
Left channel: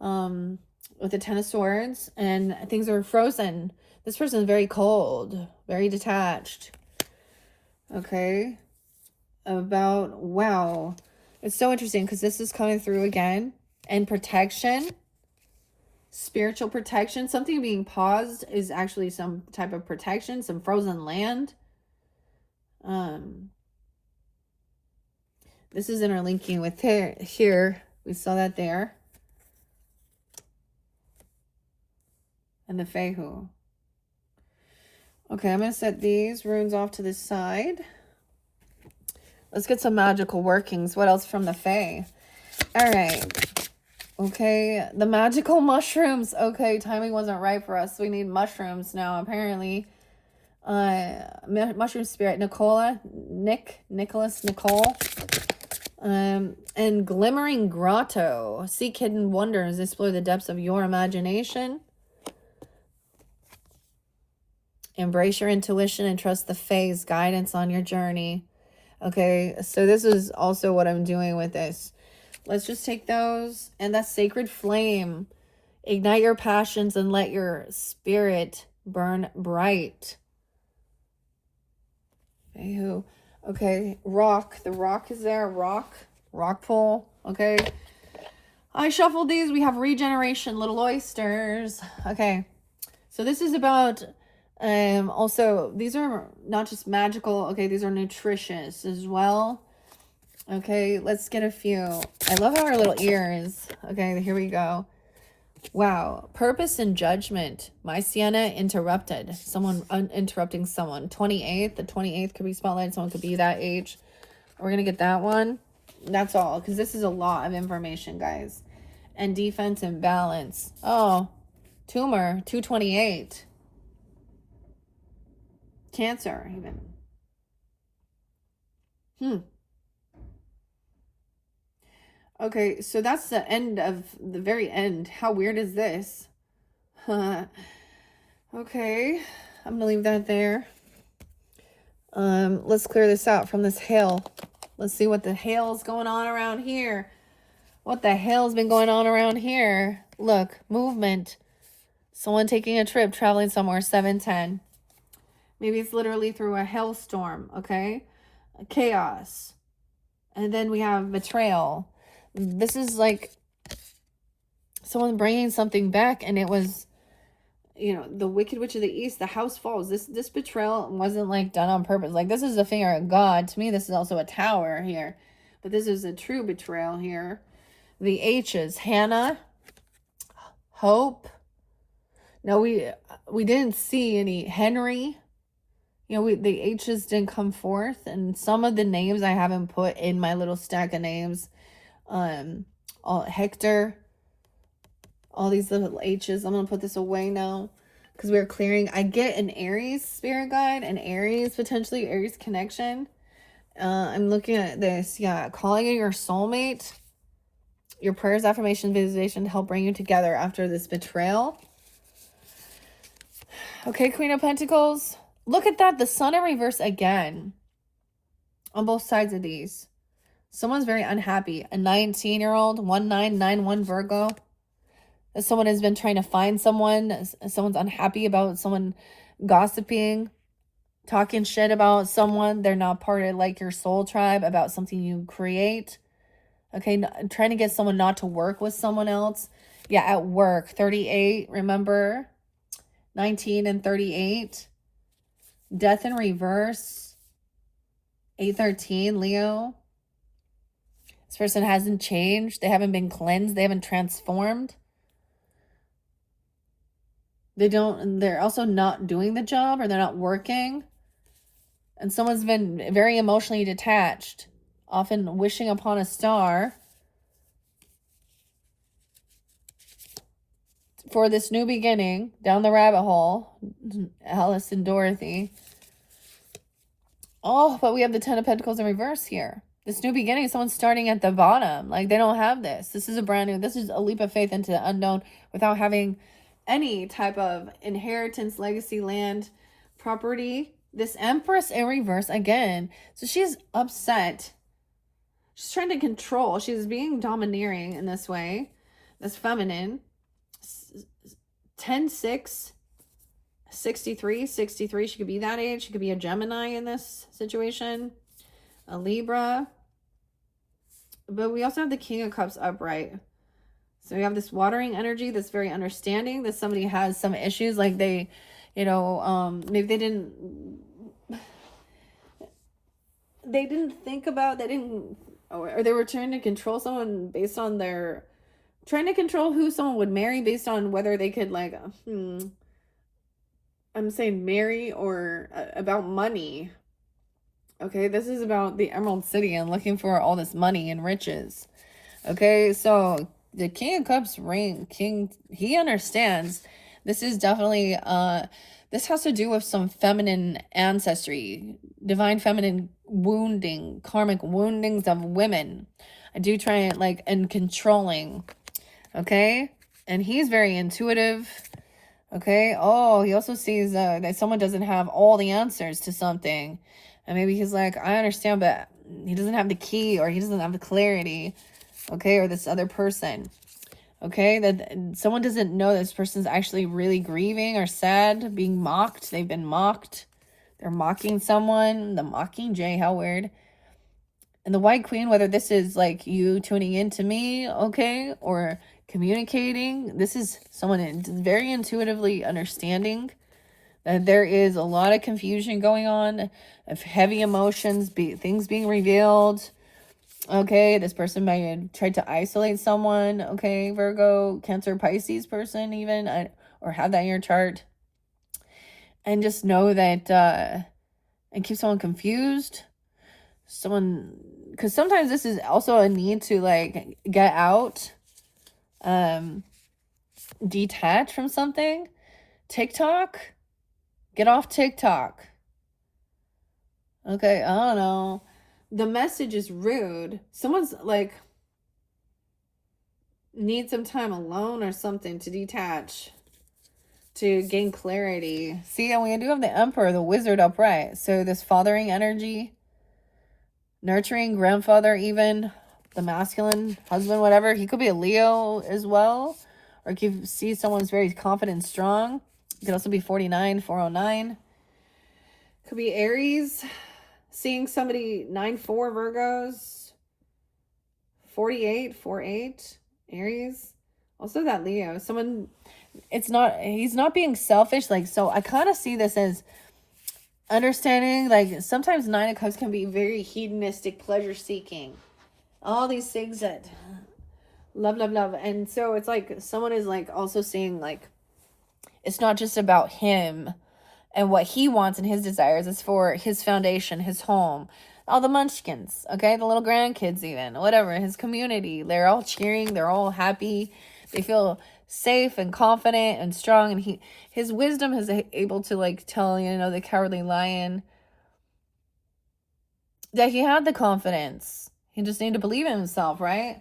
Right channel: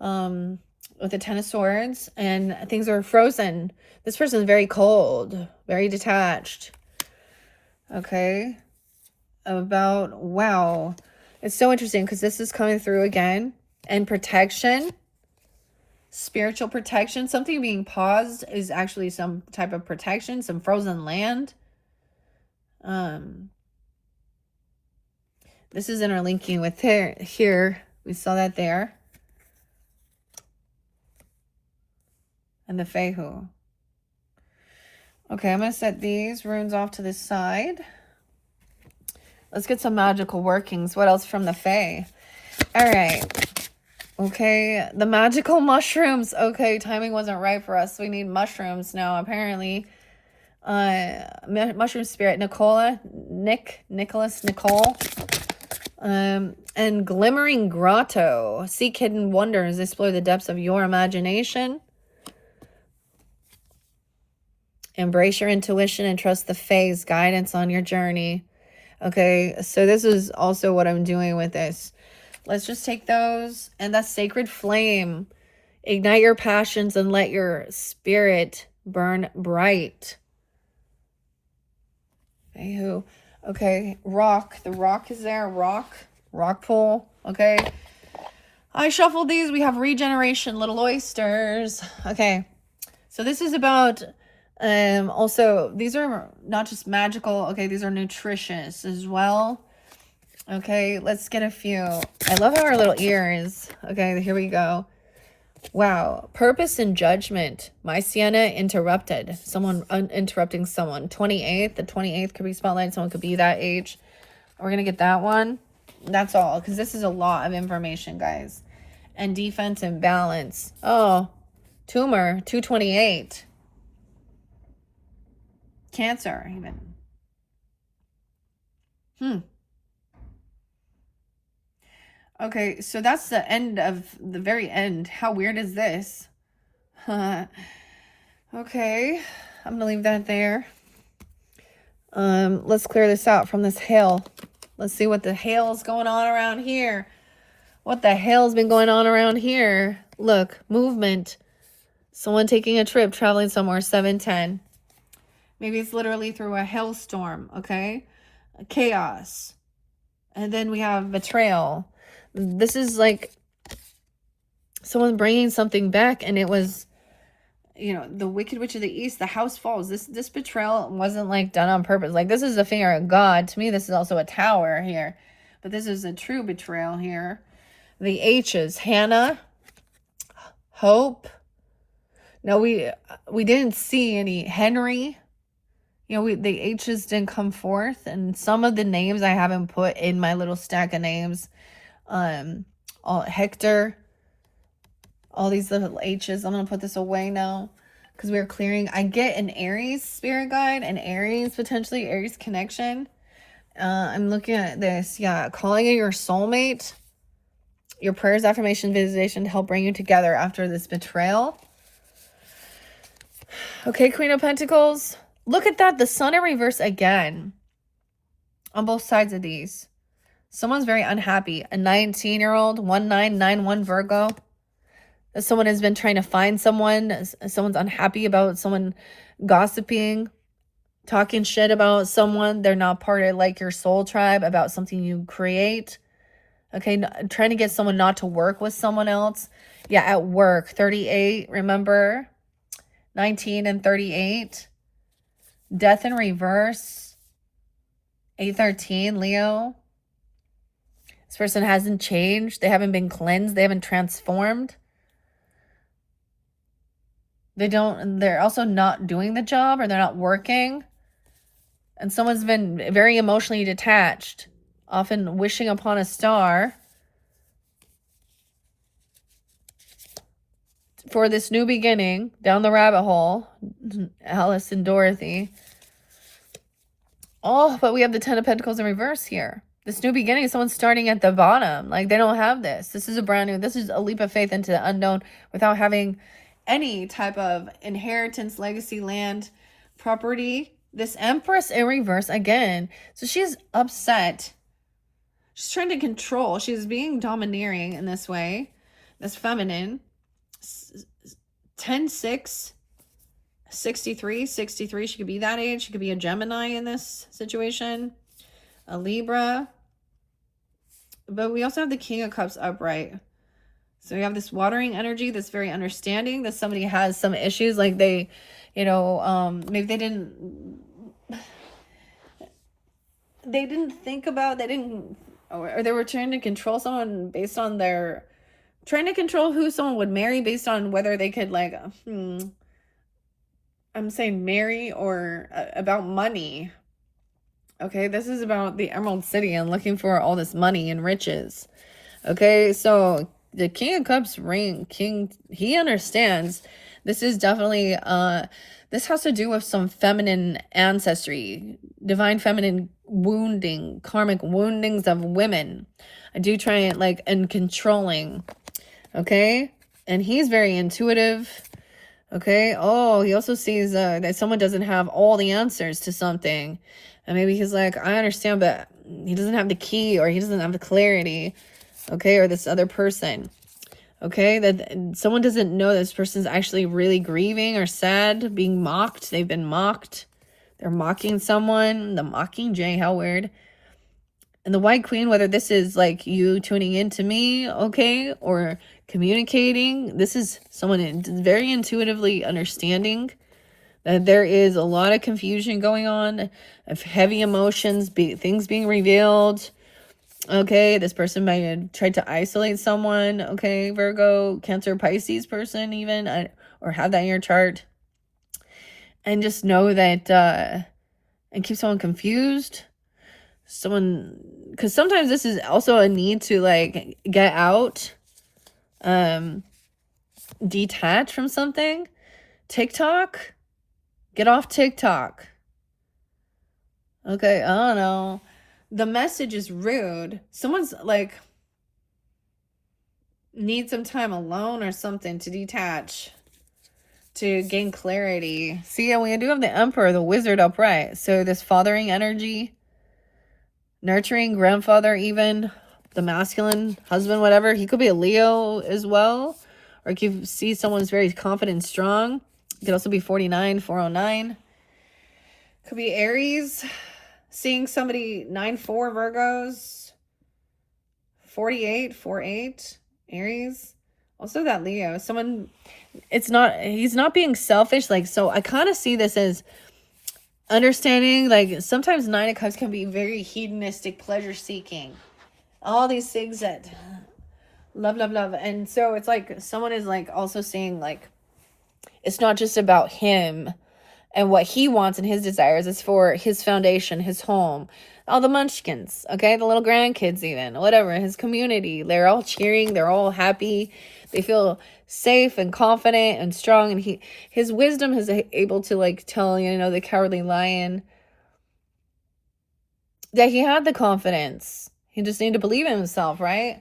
with the Ten of Swords, and things are frozen. This person is very cold, very detached. Okay. Wow. It's so interesting because this is coming through again. And protection, spiritual protection. Something being paused is actually some type of protection, some frozen land. This is interlinking with here. We saw that there. And the Fehu. Okay, I'm going to set these runes off to the side. Let's get some magical workings. What else from the Fae? All right. Okay, the magical mushrooms. Okay, timing wasn't right for us. We need mushrooms now, apparently. Mushroom spirit, Nicole. And glimmering grotto. Seek hidden wonders. Explore the depths of your imagination. Embrace your intuition and trust the Fae's guidance on your journey. Okay, so this is also what I'm doing with this. Let's just take those. And the sacred flame. Ignite your passions and let your spirit burn bright. Okay, rock. The rock is there. Rock pool. Okay. I shuffled these. We have regeneration, little oysters. Okay. So this is about, also, these are not just magical. Okay, these are nutritious as well. Okay, let's get a few. I love how our little ears. Okay, here we go. Wow. Purpose and judgment. My Sienna interrupted. Someone interrupting someone. 28th. The 28th could be spotlight. Someone could be that age. We're going to get that one. That's all. Because this is a lot of information, guys. And defense and balance. Oh. Tumor. 228. Cancer, even. Okay, so that's the end of the very end. How weird is this? Okay, I'm gonna leave that there. Let's clear this out from this hail. Let's see what the hell's going on around here. What the hell's been going on around here? Look, movement. Someone taking a trip, traveling somewhere, 710. Maybe it's literally through a hailstorm, okay? Chaos. And then we have betrayal. This is like someone bringing something back, and it was, you know, the Wicked Witch of the East, the house falls. This betrayal wasn't like done on purpose. Like, this is a finger of God. To me, this is also a tower here. But this is a true betrayal here. The H's, Hannah, Hope. No, we didn't see any Henry. You know, the H's didn't come forth. And some of the names I haven't put in my little stack of names. Hector, all these little H's. I'm gonna put this away now because we're clearing. I get an Aries spirit guide, an Aries, potentially Aries connection. I'm looking at this. Yeah, calling in your soulmate, your prayers, affirmation, visualization to help bring you together after this betrayal. Okay, Queen of Pentacles. Look at that, the sun in reverse again on both sides of these. Someone's very unhappy. A 19-year-old, 1991 Virgo. Someone has been trying to find someone. Someone's unhappy about someone gossiping, talking shit about someone. They're not part of like your soul tribe, about something you create. Okay, trying to get someone not to work with someone else. Yeah, at work, 38, remember? 19 and 38. Death in reverse, 813, Leo. This person hasn't changed. They haven't been cleansed. They haven't transformed. They're also not doing the job, or they're not working. And someone's been very emotionally detached, often wishing upon a star for this new beginning down the rabbit hole. Alice and Dorothy. Oh, but we have the Ten of Pentacles in reverse here. This new beginning, someone's starting at the bottom. Like, they don't have this. This is a brand new, this is a leap of faith into the unknown without having any type of inheritance, legacy, land, property. This Empress in reverse again. So she's upset. She's trying to control. She's being domineering in this way. This feminine. 10-6, 63, 63. She could be that age. She could be a Gemini in this situation. A Libra. But we also have the King of Cups upright. So we have this watering energy that's very understanding, that somebody has some issues, like they, you know, maybe they didn't think about, or they were trying to control someone based on trying to control who someone would marry based on whether they could, like, I'm saying marry, or about money. Okay, this is about the Emerald City and looking for all this money and riches. Okay, so the King of Cups he understands. This is definitely, this has to do with some feminine ancestry, divine feminine wounding, karmic woundings of women. I do try and, like, and controlling. Okay, and he's very intuitive. Okay, oh, he also sees that someone doesn't have all the answers to something. And maybe he's like, I understand, but he doesn't have the key, or he doesn't have the clarity. Okay, or this other person. Okay, that someone doesn't know this person's actually really grieving or sad, being mocked. They've been mocked. They're mocking someone. The Mockingjay, how weird. And the White Queen, whether this is like you tuning into me, okay, or communicating, this is someone very intuitively understanding that there is a lot of confusion going on, of heavy emotions, things being revealed. Okay, this person might have tried to isolate someone. Okay, Virgo, Cancer, Pisces person even, or have that in your chart. And just know that, and keep someone confused. Because sometimes this is also a need to, like, get out, detach from something. TikTok, get off TikTok. Okay, I don't know. The message is rude. Someone's like, need some time alone or something to detach, to gain clarity. See, we do have the Emperor, the Wizard upright. So this fathering energy, nurturing grandfather, even the masculine husband, whatever. He could be a Leo as well. Or if you see someone's very confident and strong. It could also be 49, 409. Could be Aries. Seeing somebody 9-4 Virgos, 48, 4-8 Aries. Also that Leo. Someone, he's not being selfish. Like, so I kind of see this as understanding, like, sometimes Nine of Cups can be very hedonistic, pleasure seeking. All these things that love. And so it's like someone is, like, also seeing, like, it's not just about him and what he wants and his desires. Is for his foundation, his home, all the munchkins, okay, the little grandkids, even, whatever, his community. They're all cheering, they're all happy, they feel safe and confident and strong. And his wisdom is able to, like, tell, you know, the Cowardly Lion that he had the confidence. He just needed to believe in himself, right?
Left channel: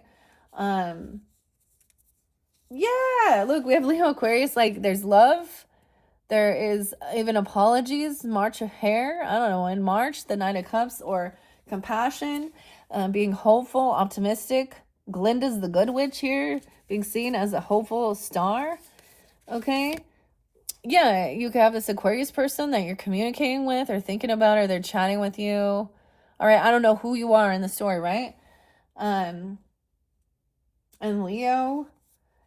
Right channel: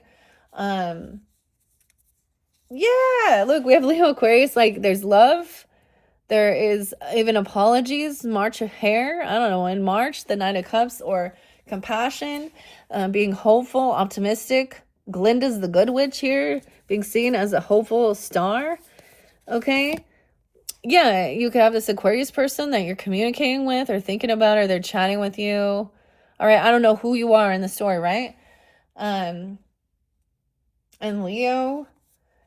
Yeah, look, we have Leo, Aquarius. Like, there's love. There is even apologies, March of Hair. I don't know, in March, the Nine of Cups, or compassion, being hopeful, optimistic. Glinda's the Good Witch here, being seen as a hopeful star. Okay. Yeah, you could have this Aquarius person that you're communicating with or thinking about, or they're chatting with you. All right, I don't know who you are in the story, right? And Leo,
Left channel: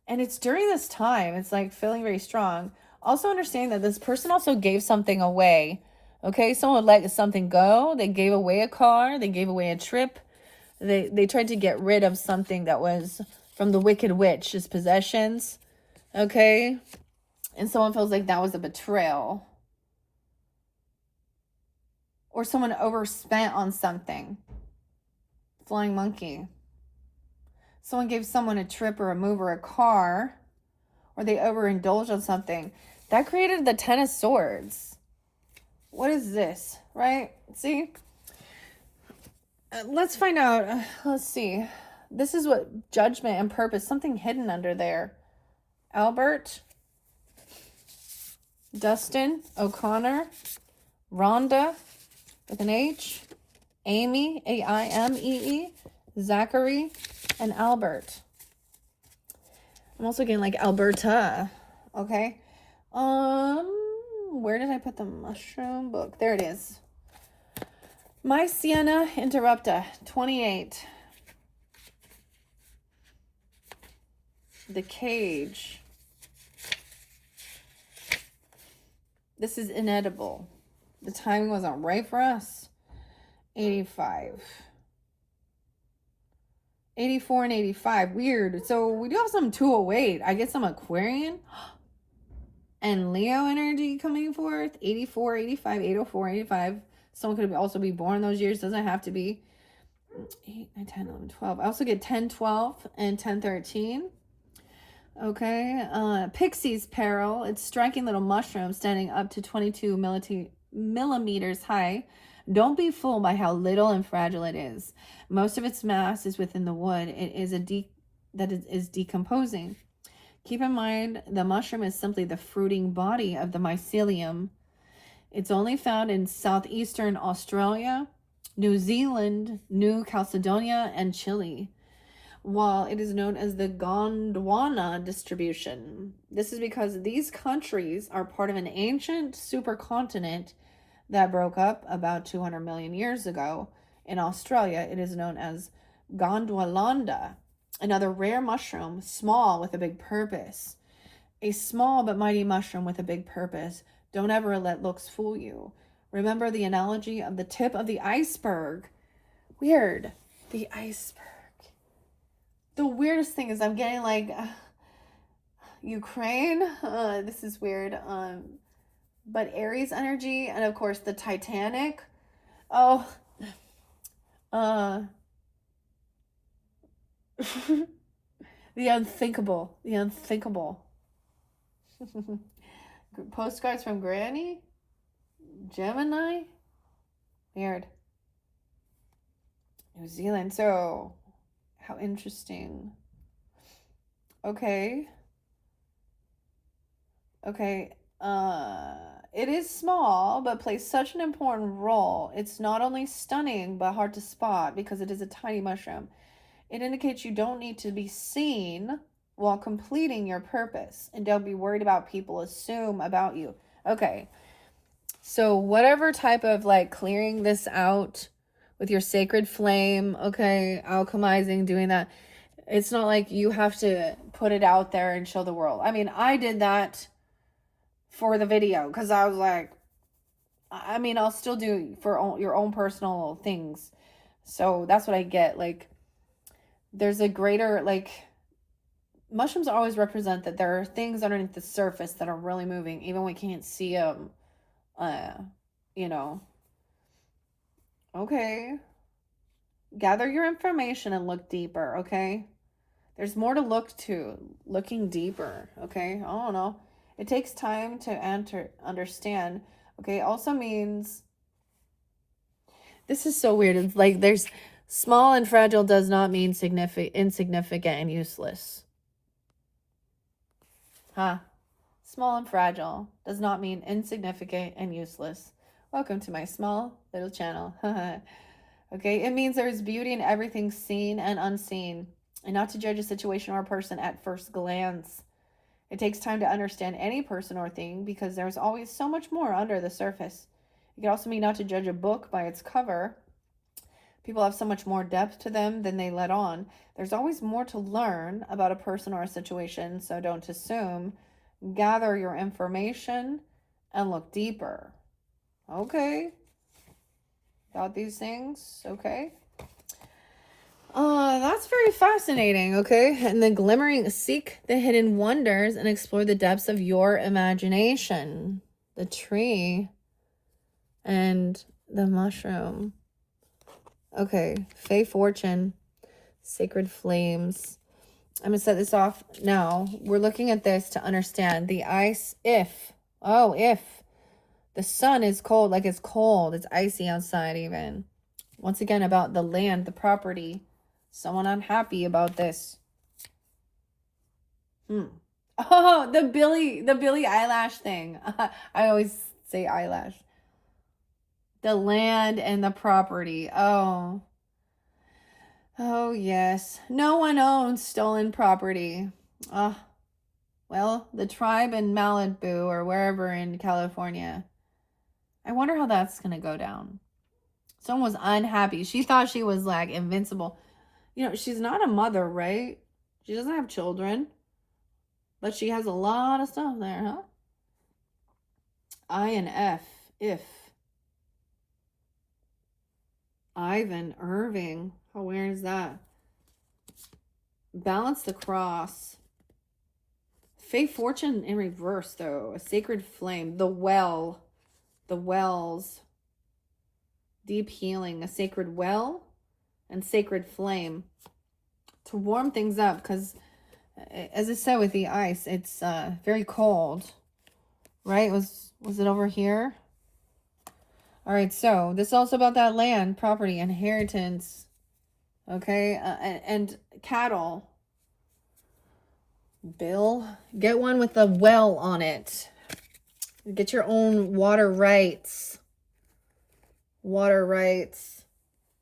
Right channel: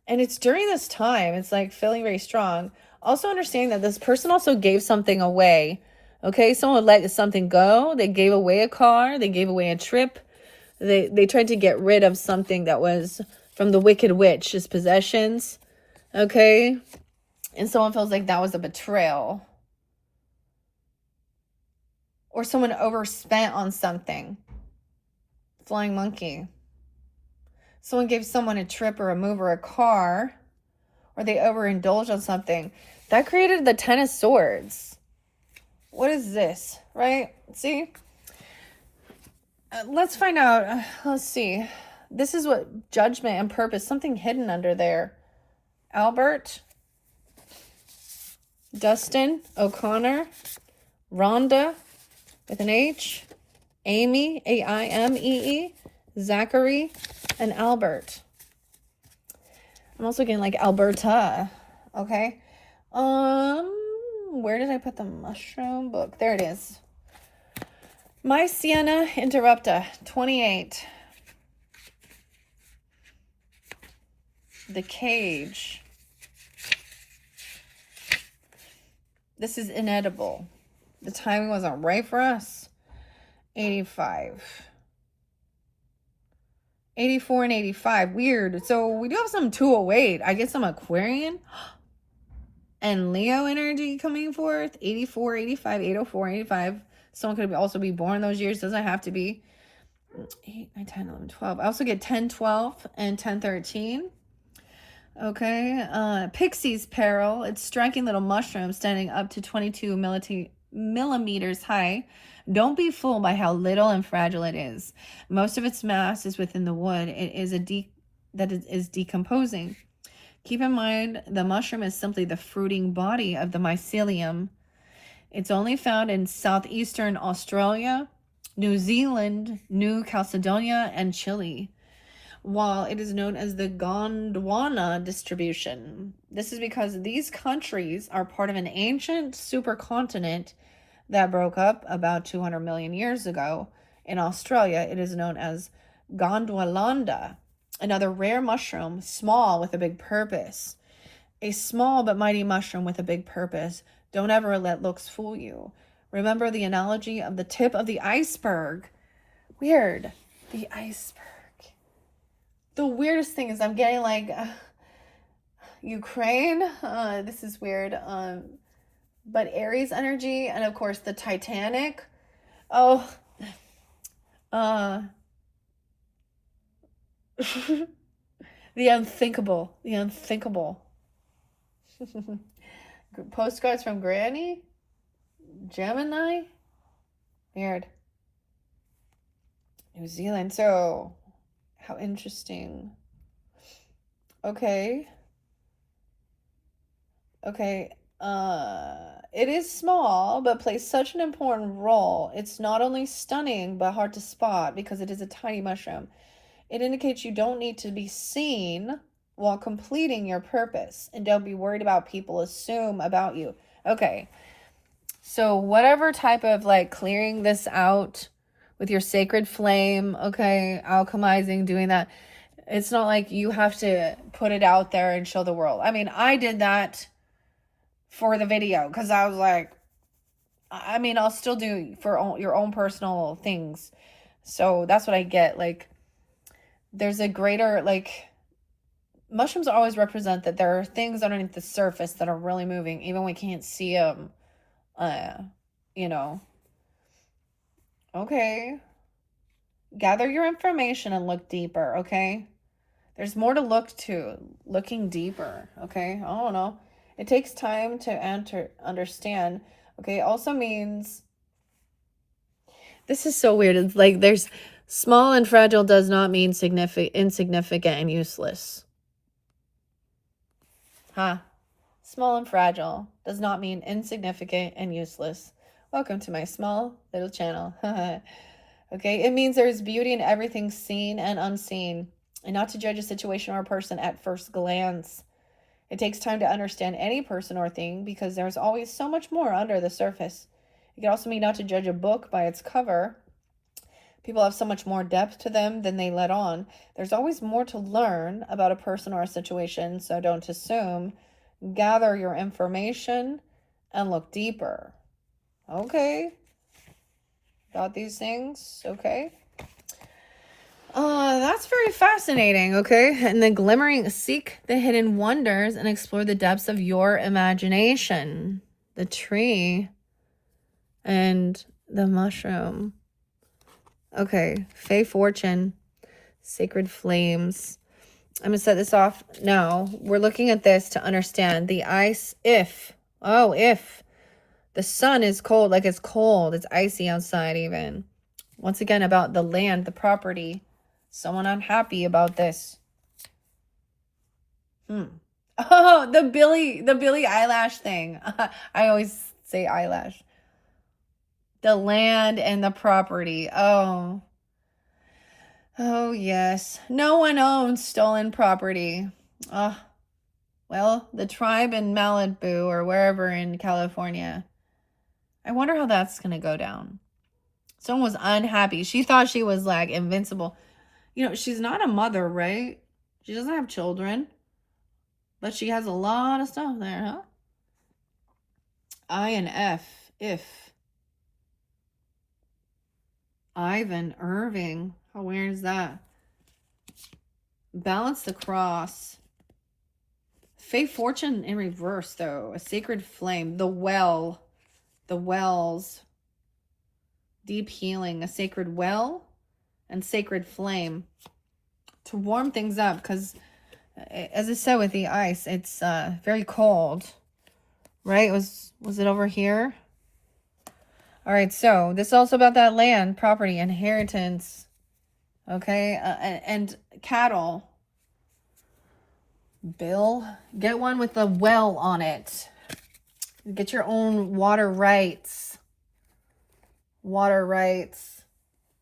And it's during this time, it's like feeling very strong. Also understanding that this person also gave something away. Okay, someone let something go. They gave away a car. They gave away a trip. They tried to get rid of something that was from the Wicked Witch, his possessions. Okay, and someone feels like that was a betrayal. Or someone overspent on something. Flying monkey. Someone gave someone a trip or a move or a car, or they overindulged on something. That created the Ten of Swords. What is this, right? See? Let's find out. Let's see. This is what judgment and purpose, something hidden under there. Albert, Dustin, O'Connor, Rhonda with an H, Amy, Aimee, Zachary, and Albert. I'm also getting like Alberta. Okay. Where did I put the mushroom book? There it is. My Sienna Interrupta, 28. The Cage. This is inedible. The timing wasn't right for us. 85. 84 and 85. Weird. So we do have some 208. I get some Aquarian and Leo energy coming forth. 84, 85, 804, 85. Someone could also be born those years. Doesn't have to be. 8, 9, 10, 11, 12. I also get 10, 12 and 10, 13. Okay. Pixie's Peril. It's striking little mushroom standing up to 22 millimeters high. Don't be fooled by how little and fragile it is. Most of its mass is within the wood. It is that is decomposing. Keep in mind, the mushroom is simply the fruiting body of the mycelium. It's only found in southeastern Australia, New Zealand, New Caledonia, and Chile, while it is known as the Gondwana distribution. This is because these countries are part of an ancient supercontinent that broke up about 200 million years ago. In Australia, it is known as Gondwanaland, another rare mushroom, small with a big purpose. A small but mighty mushroom with a big purpose. Don't ever let looks fool you. Remember the analogy of the tip of the iceberg. Weird. The iceberg. The weirdest thing is I'm getting like Ukraine. This is weird. But Aries energy, and of course the Titanic. Oh, the unthinkable, the unthinkable. Postcards from Granny, Gemini, weird. New Zealand. So, how interesting. Okay. It is small, but plays such an important role. It's not only stunning, but hard to spot because it is a tiny mushroom. It indicates you don't need to be seen while completing your purpose, and don't be worried about people assume about you. Okay, so whatever type of like clearing this out with your sacred flame, okay, alchemizing, doing that, it's not like you have to put it out there and show the world. I mean, I did that for the video because I was like, I mean, I'll still do for your own personal things. So that's what I get. Like, there's a greater, like, mushrooms always represent that there are things underneath the surface that are really moving, even when we can't see them. You know. Okay. Gather your information and look deeper, okay? There's more to look to. Looking deeper, okay? I don't know. It takes time to understand. Okay, also means, this is so weird. It's like there's small and fragile does not mean insignificant and useless. Huh? Small and fragile does not mean insignificant and useless. Welcome to my small little channel. Okay, it means there is beauty in everything seen and unseen, and not to judge a situation or a person at first glance. It takes time to understand any person or thing because there's always so much more under the surface. It can also mean not to judge a book by its cover, People have so much more depth to them than they let on. There's always more to learn about a person or a situation, so don't assume. Gather your information and look deeper. Okay. Got these things? Okay. That's very fascinating, okay? And the glimmering, seek the hidden wonders and explore the depths of your imagination. The tree and the mushroom. Okay, Fey Fortune, Sacred Flames. I'm going to set this off now. We're looking at this to understand the ice. If the sun is cold, like it's cold, it's icy outside even. Once again, about the land, the property. Someone unhappy about this. Oh, the Billie eyelash thing. I always say eyelash. The land and the property. Oh, yes. No one owns stolen property. Well, the tribe in Malibu or wherever in California. I wonder how that's going to go down. Someone was unhappy. She thought she was like invincible. You know, she's not a mother, right? She doesn't have children. But she has a lot of stuff there, huh? I and F. If. Ivan Irving. How weird is that? Balance the cross. Fey Fortune in reverse, though. A sacred flame. The well. The wells. Deep healing. A sacred well and sacred flame. To warm things up, because as I said with the ice, it's very cold. Right? Was it over here? All right, so this is also about that land, property, inheritance, okay, and cattle. Bill, get one with a well on it. Get your own water rights. Water rights.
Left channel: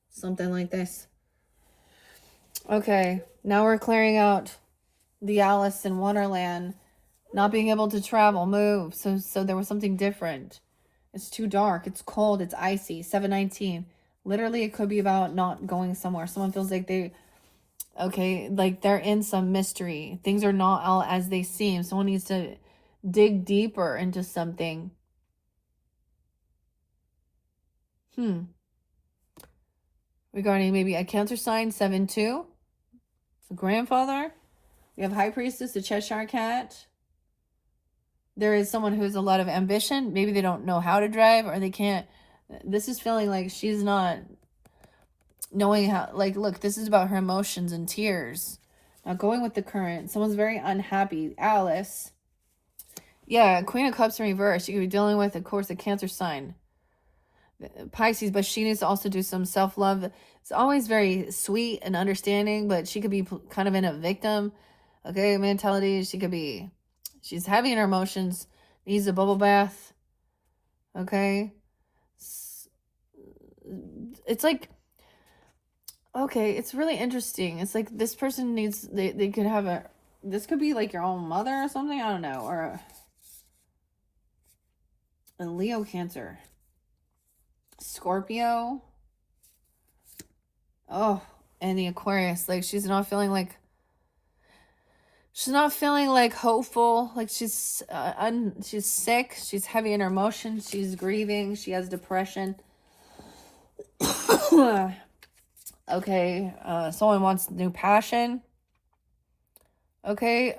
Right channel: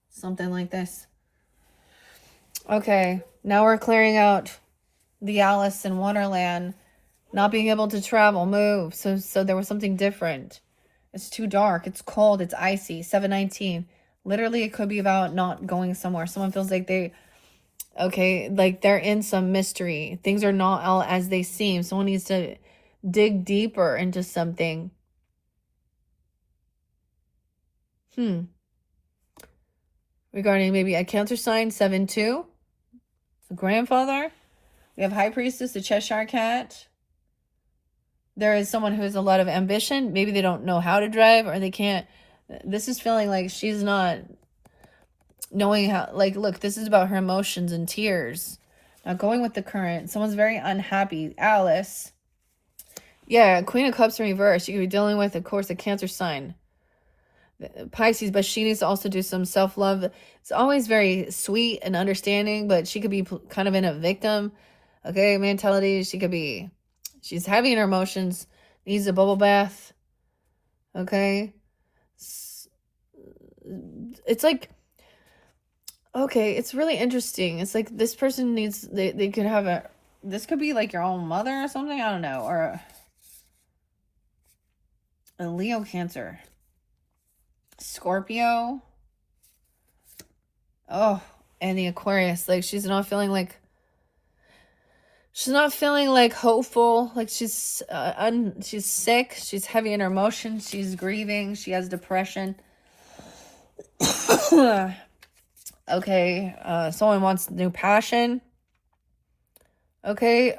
Something like this. Okay, now we're clearing out the Alice in Wonderland. Not being able to travel, move. So there was something different. It's too dark. It's cold. It's icy. 719. Literally, it could be about not going somewhere. Someone feels like like they're in some mystery. Things are not all as they seem. Someone needs to dig deeper into something. Regarding maybe a Cancer sign, 7-2. The grandfather. We have High Priestess, the Cheshire Cat. There is someone who has a lot of ambition. Maybe they don't know how to drive or they can't. This is feeling like she's not knowing how. Like, look, this is about her emotions and tears. Now, going with the current. Someone's very unhappy. Alice. Yeah, Queen of Cups in reverse. You could be dealing with, of course, a Cancer sign. Pisces, but she needs to also do some self-love. It's always very sweet and understanding, but she could be kind of in a victim, okay, mentality. She could be... She's heavy in her emotions, needs a bubble bath, okay? It's like, okay, it's really interesting. It's like this person needs, they could have this could be like your own mother or something, I don't know, or a Leo Cancer. Scorpio. Oh, and the Aquarius, like she's not feeling like hopeful, like she's sick, she's heavy in her emotions, she's grieving, she has depression. Okay, someone wants new passion. Okay,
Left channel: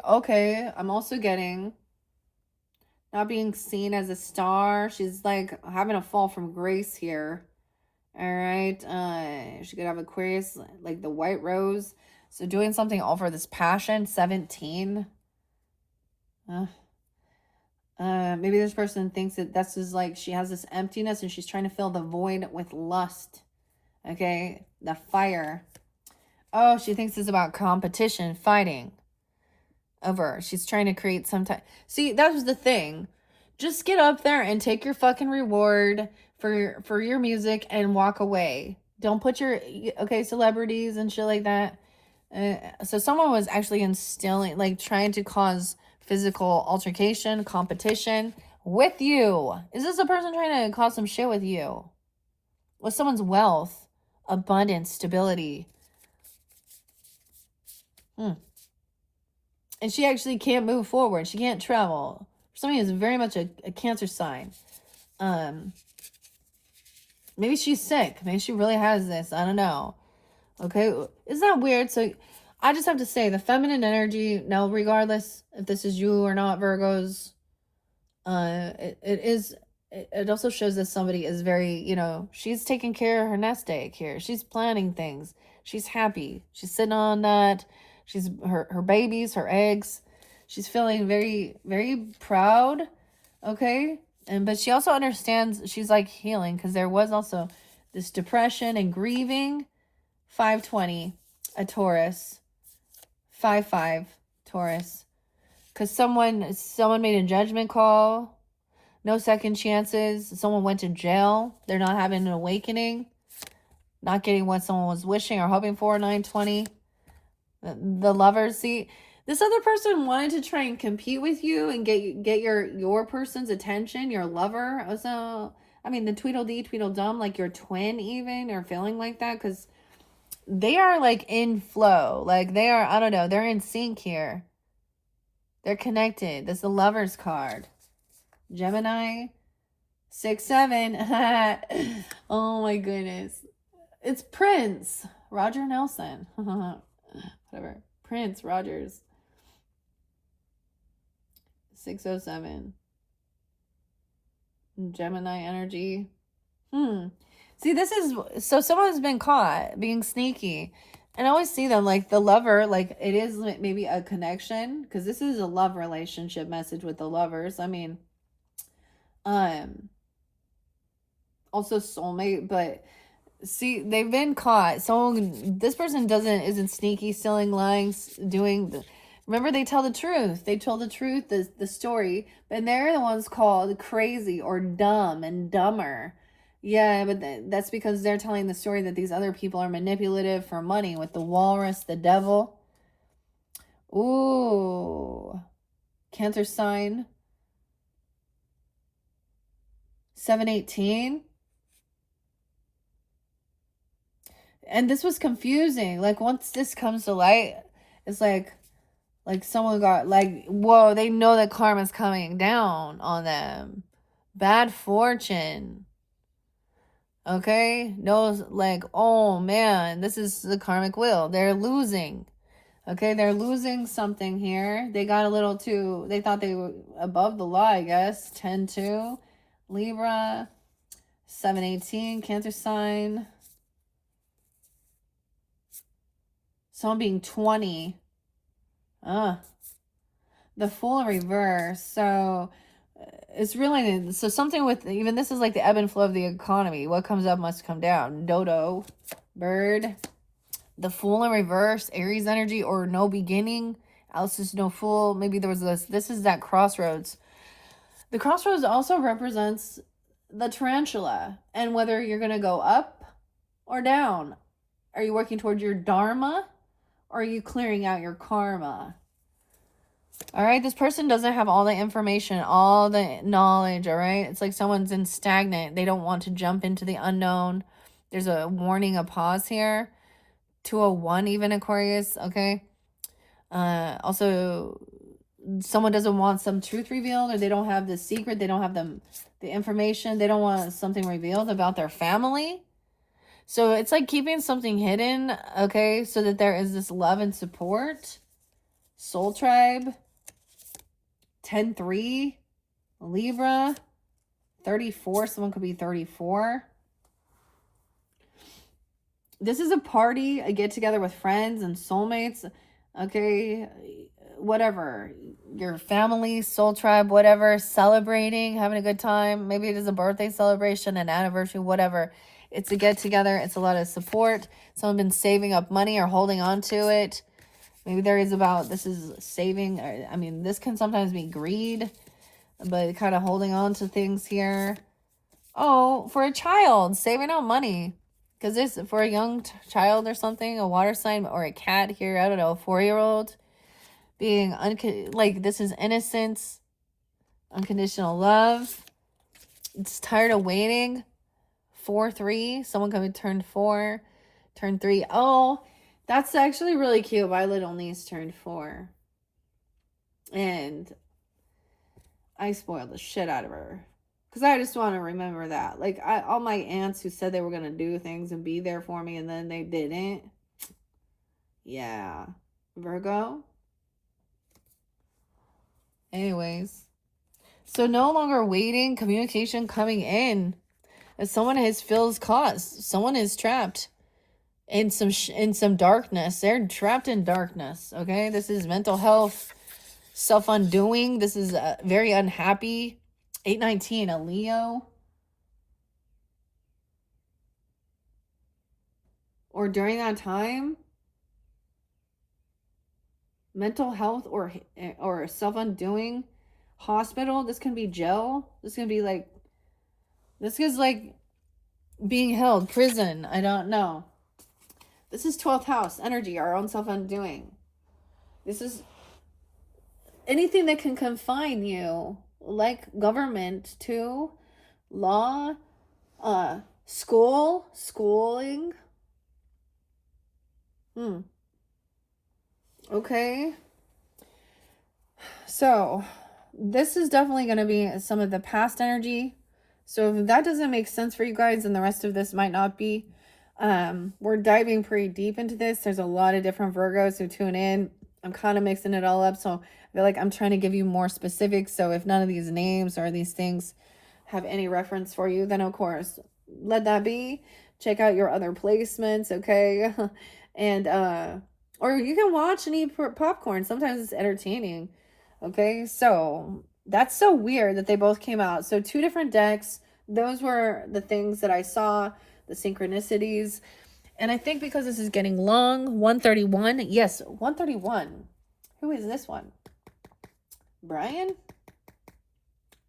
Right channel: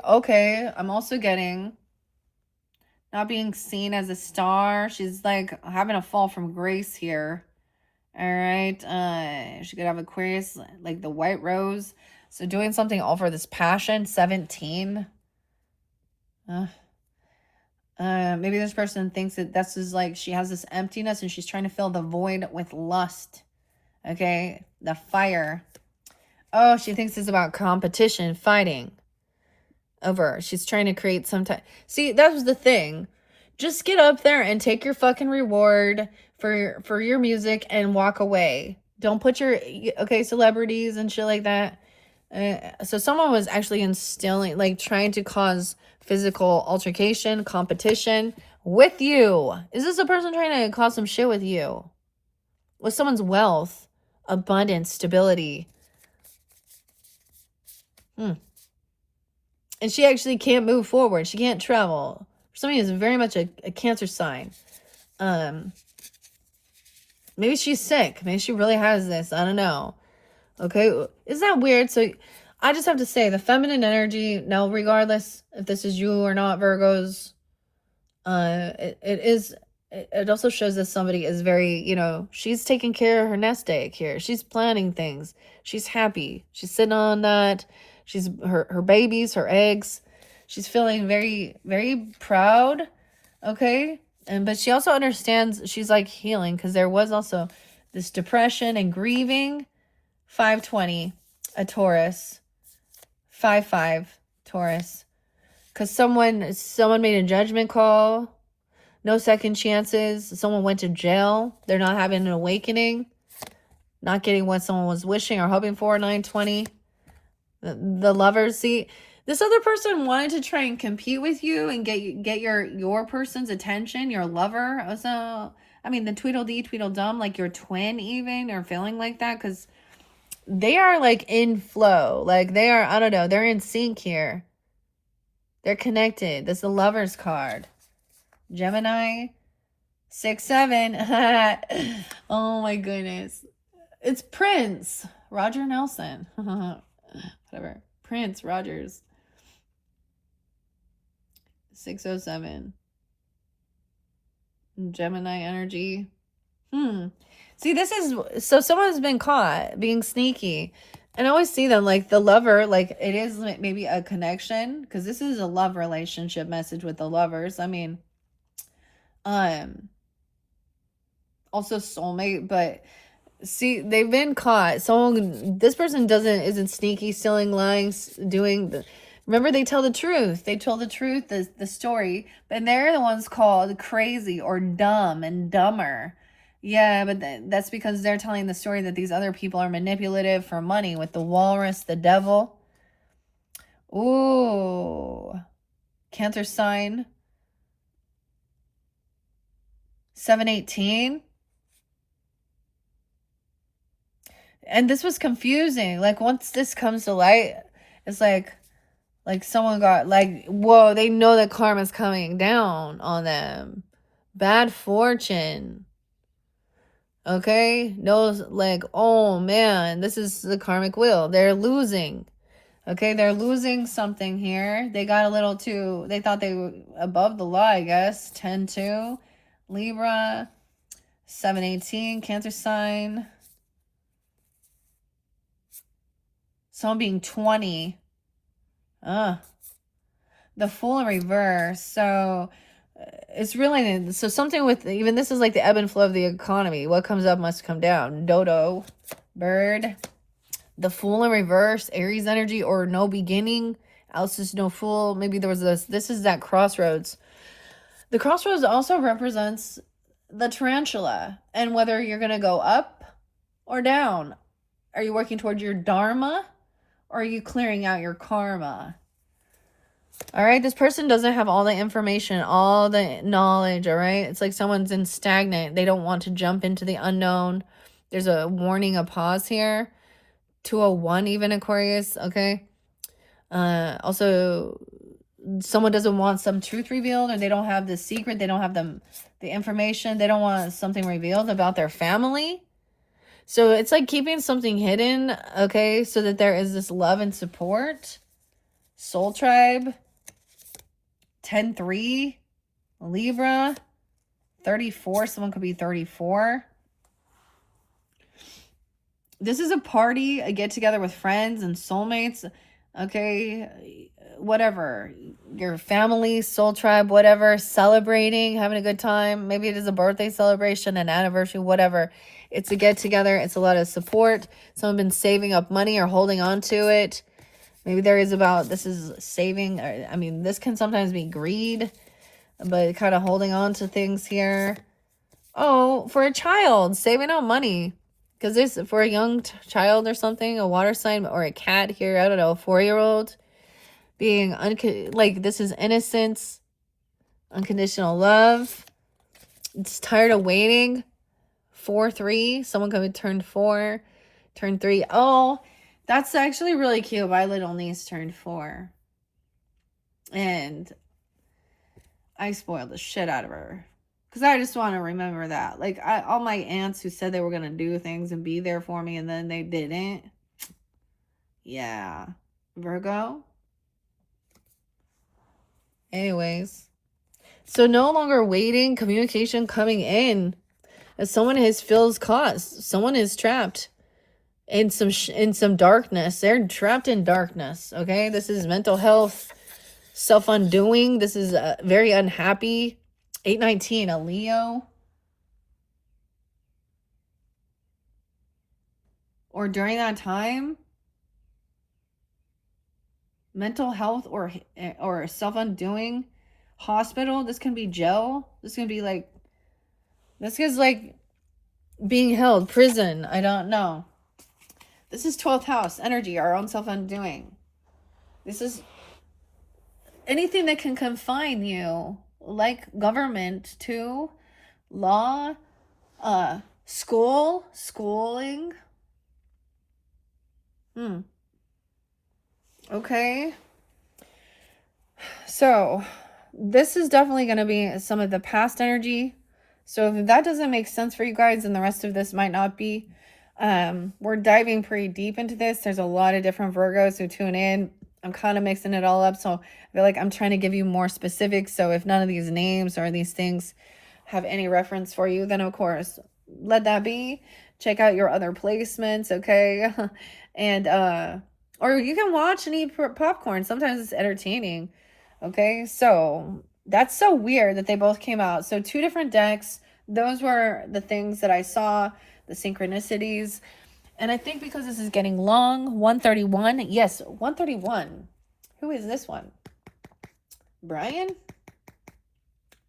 I'm also getting not being seen as a star. She's like having a fall from grace here. All right, she could have Aquarius, like the white rose. So doing something over this passion, 17. Maybe this person thinks that this is like she has this emptiness and she's trying to fill the void with lust. Okay, the fire. Oh, she thinks it's about competition, fighting over. She's trying to create some type. See, that was the thing. Just get up there and take your fucking reward for your music and walk away. Don't put your celebrities and shit like that. So someone was actually instilling, like trying to cause physical altercation, competition with you. Is this a person trying to cause some shit with you? With someone's wealth? abundance, stability. And she actually can't move forward. She can't travel. Somebody is very much a Cancer sign. Maybe she's sick. Maybe she really has this. I don't know. Okay. Isn't that weird? So I just have to say the feminine energy, now regardless if this is you or not, Virgos, it also shows that somebody is very, you know, she's taking care of her nest egg here. She's planning things. She's happy. She's sitting on that. She's her babies, her eggs. She's feeling very, very proud. Okay. But she also understands, she's like healing, because there was also this depression and grieving. 520, a Taurus. 5-5, Taurus. Because someone made a judgment call. No second chances. Someone went to jail. They're not having an awakening. Not getting what someone was wishing or hoping for. 920. The lovers. See, this other person wanted to try and compete with you and get your person's attention, your lover. So, I mean, the Tweedledee, Tweedledum, like your twin even, or feeling like that, because they are like in flow. Like they are, I don't know, they're in sync here. They're connected. This is the Lover's card. Gemini, 6-7. Oh my goodness. It's Prince Roger Nelson. Whatever. Prince Rogers. 607. Gemini energy. See, this is, so someone's been caught being sneaky. And I always see them like the lover, like it is maybe a connection, because this is a love relationship message with the lovers. I mean, also soulmate, but see, they've been caught. This person isn't sneaky, stealing, lying, remember, they tell the truth. They told the truth, the story, but they're the ones called crazy or dumb and dumber. Yeah, but that's because they're telling the story that these other people are manipulative for money, with the walrus, the devil. Ooh. Cancer sign. 7-18. And this was confusing. Like, once this comes to light, it's like someone got, like, whoa, they know that karma's coming down on them. Bad fortune. Okay, knows, like, oh man, this is the karmic wheel. They're losing. Okay, they're losing something here. They got a little too, they thought they were above the law, I guess. 10-2, Libra. 7-18, Cancer sign. Someone being 20. The Fool in reverse. So it's really, so something with, even this is like the ebb and flow of the economy. What comes up must come down. Dodo, bird. The Fool in reverse, Aries energy, or no beginning. Else is no fool. Maybe there was this is that crossroads. The crossroads also represents the tarantula, and whether you're going to go up or down. Are you working towards your dharma, or are you clearing out your karma? All right, this person doesn't have all the information, all the knowledge, all right? It's like someone's in stagnant. They don't want to jump into the unknown. There's a warning, a pause here. 201 even, Aquarius, okay? Also, someone doesn't want some truth revealed, or they don't have the secret. They don't have the information. They don't want something revealed about their family. So it's like keeping something hidden, okay? So that there is this love and support. Soul Tribe. 10-3, Libra. 34, someone could be 34. This is a party, a get together with friends and soulmates, okay? Whatever, your family, soul tribe, whatever, celebrating, having a good time. Maybe it is a birthday celebration, an anniversary, whatever. It's a get together. It's a lot of support. Someone been saving up money or holding on to it. Maybe there is this is saving. I mean, this can sometimes be greed, but kind of holding on to things here. Oh, for a child, saving up money. Because this, for a young child or something, a water sign or a cat here, I don't know, a 4-year-old, being, like, this is innocence, unconditional love. It's tired of waiting. 4-3, someone could have turned 4. Turned 3. Oh, that's actually really cute. My little niece turned 4. And I spoiled the shit out of her. Because I just want to remember that. Like, all my aunts who said they were going to do things and be there for me and then they didn't. Yeah. Virgo. Anyways. So no longer waiting, communication coming in. As someone feels caught. Someone is trapped in some darkness. They're trapped in darkness, okay? This is mental health, self-undoing. This is very unhappy. 819, a Leo. Or during that time, mental health or self-undoing, hospital. This can be jail. This can be like, this is like being held, prison. I don't know. This is 12th house energy, our own self-undoing. This is anything that can confine you, like government too, law, schooling. Okay. So this is definitely going to be some of the past energy. So if that doesn't make sense for you guys, and the rest of this might not be, we're diving pretty deep into this. There's a lot of different Virgos who tune in. I'm kind of mixing it all up, so I feel like I'm trying to give you more specifics. So if none of these names or these things have any reference for you, then of course let that be. Check out your other placements, okay? And or you can watch and eat popcorn. Sometimes it's entertaining. Okay, so that's so weird that they both came out. So 2 different decks. Those were the things that I saw, the synchronicities. And I think because this is getting long, 131. Yes, 131. Who is this one? Brian?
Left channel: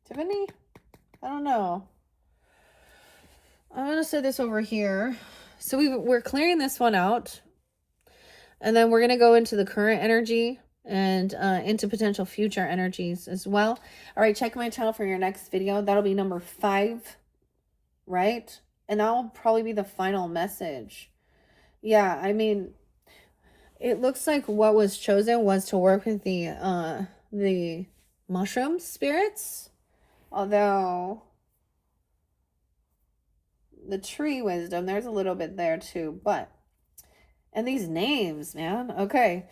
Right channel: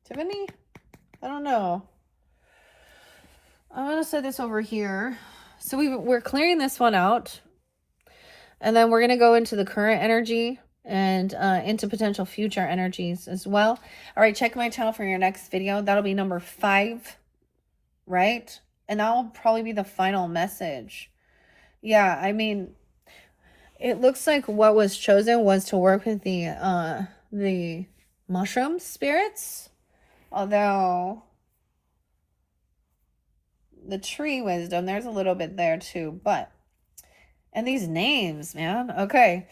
Tiffany? I don't know. I'm going to set this over here. So we're clearing this one out. And then we're going to go into the current energy and into potential future energies as well. All right, check my channel for your next video. That'll be number 5, right? And that'll probably be the final message. Yeah, I mean, it looks like what was chosen was to work with the mushroom spirits. Although the tree wisdom, there's a little bit there too, but and these names, man. Okay.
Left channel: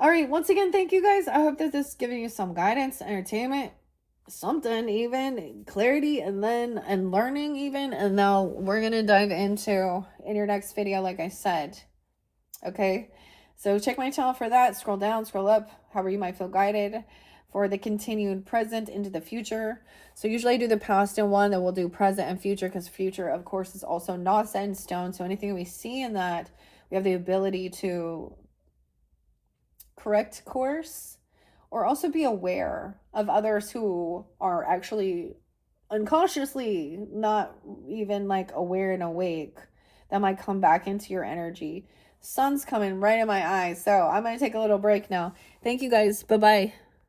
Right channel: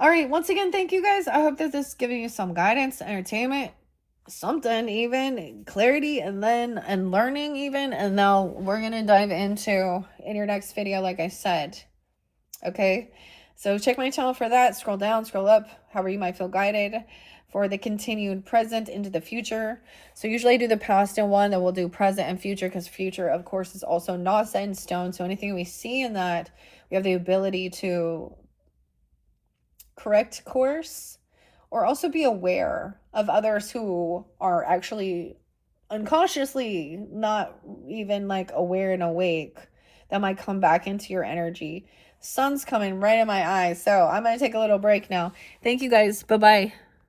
All right. Once again, thank you guys. I hope that this is giving you some guidance, entertainment, something even, clarity, and learning even. And now we're going to dive into in your next video, like I said. Okay. So check my channel for that. Scroll down, scroll up, however you might feel guided for the continued present into the future. So usually I do the past in one, then we'll do present and future, because future, of course, is also not set in stone. So anything we see in that, we have the ability to correct course or also be aware of others who are actually unconsciously not even like aware and awake that might come back into your energy. Sun's coming right in my eyes. So I'm going to take a little break now. Thank you guys. Bye-bye.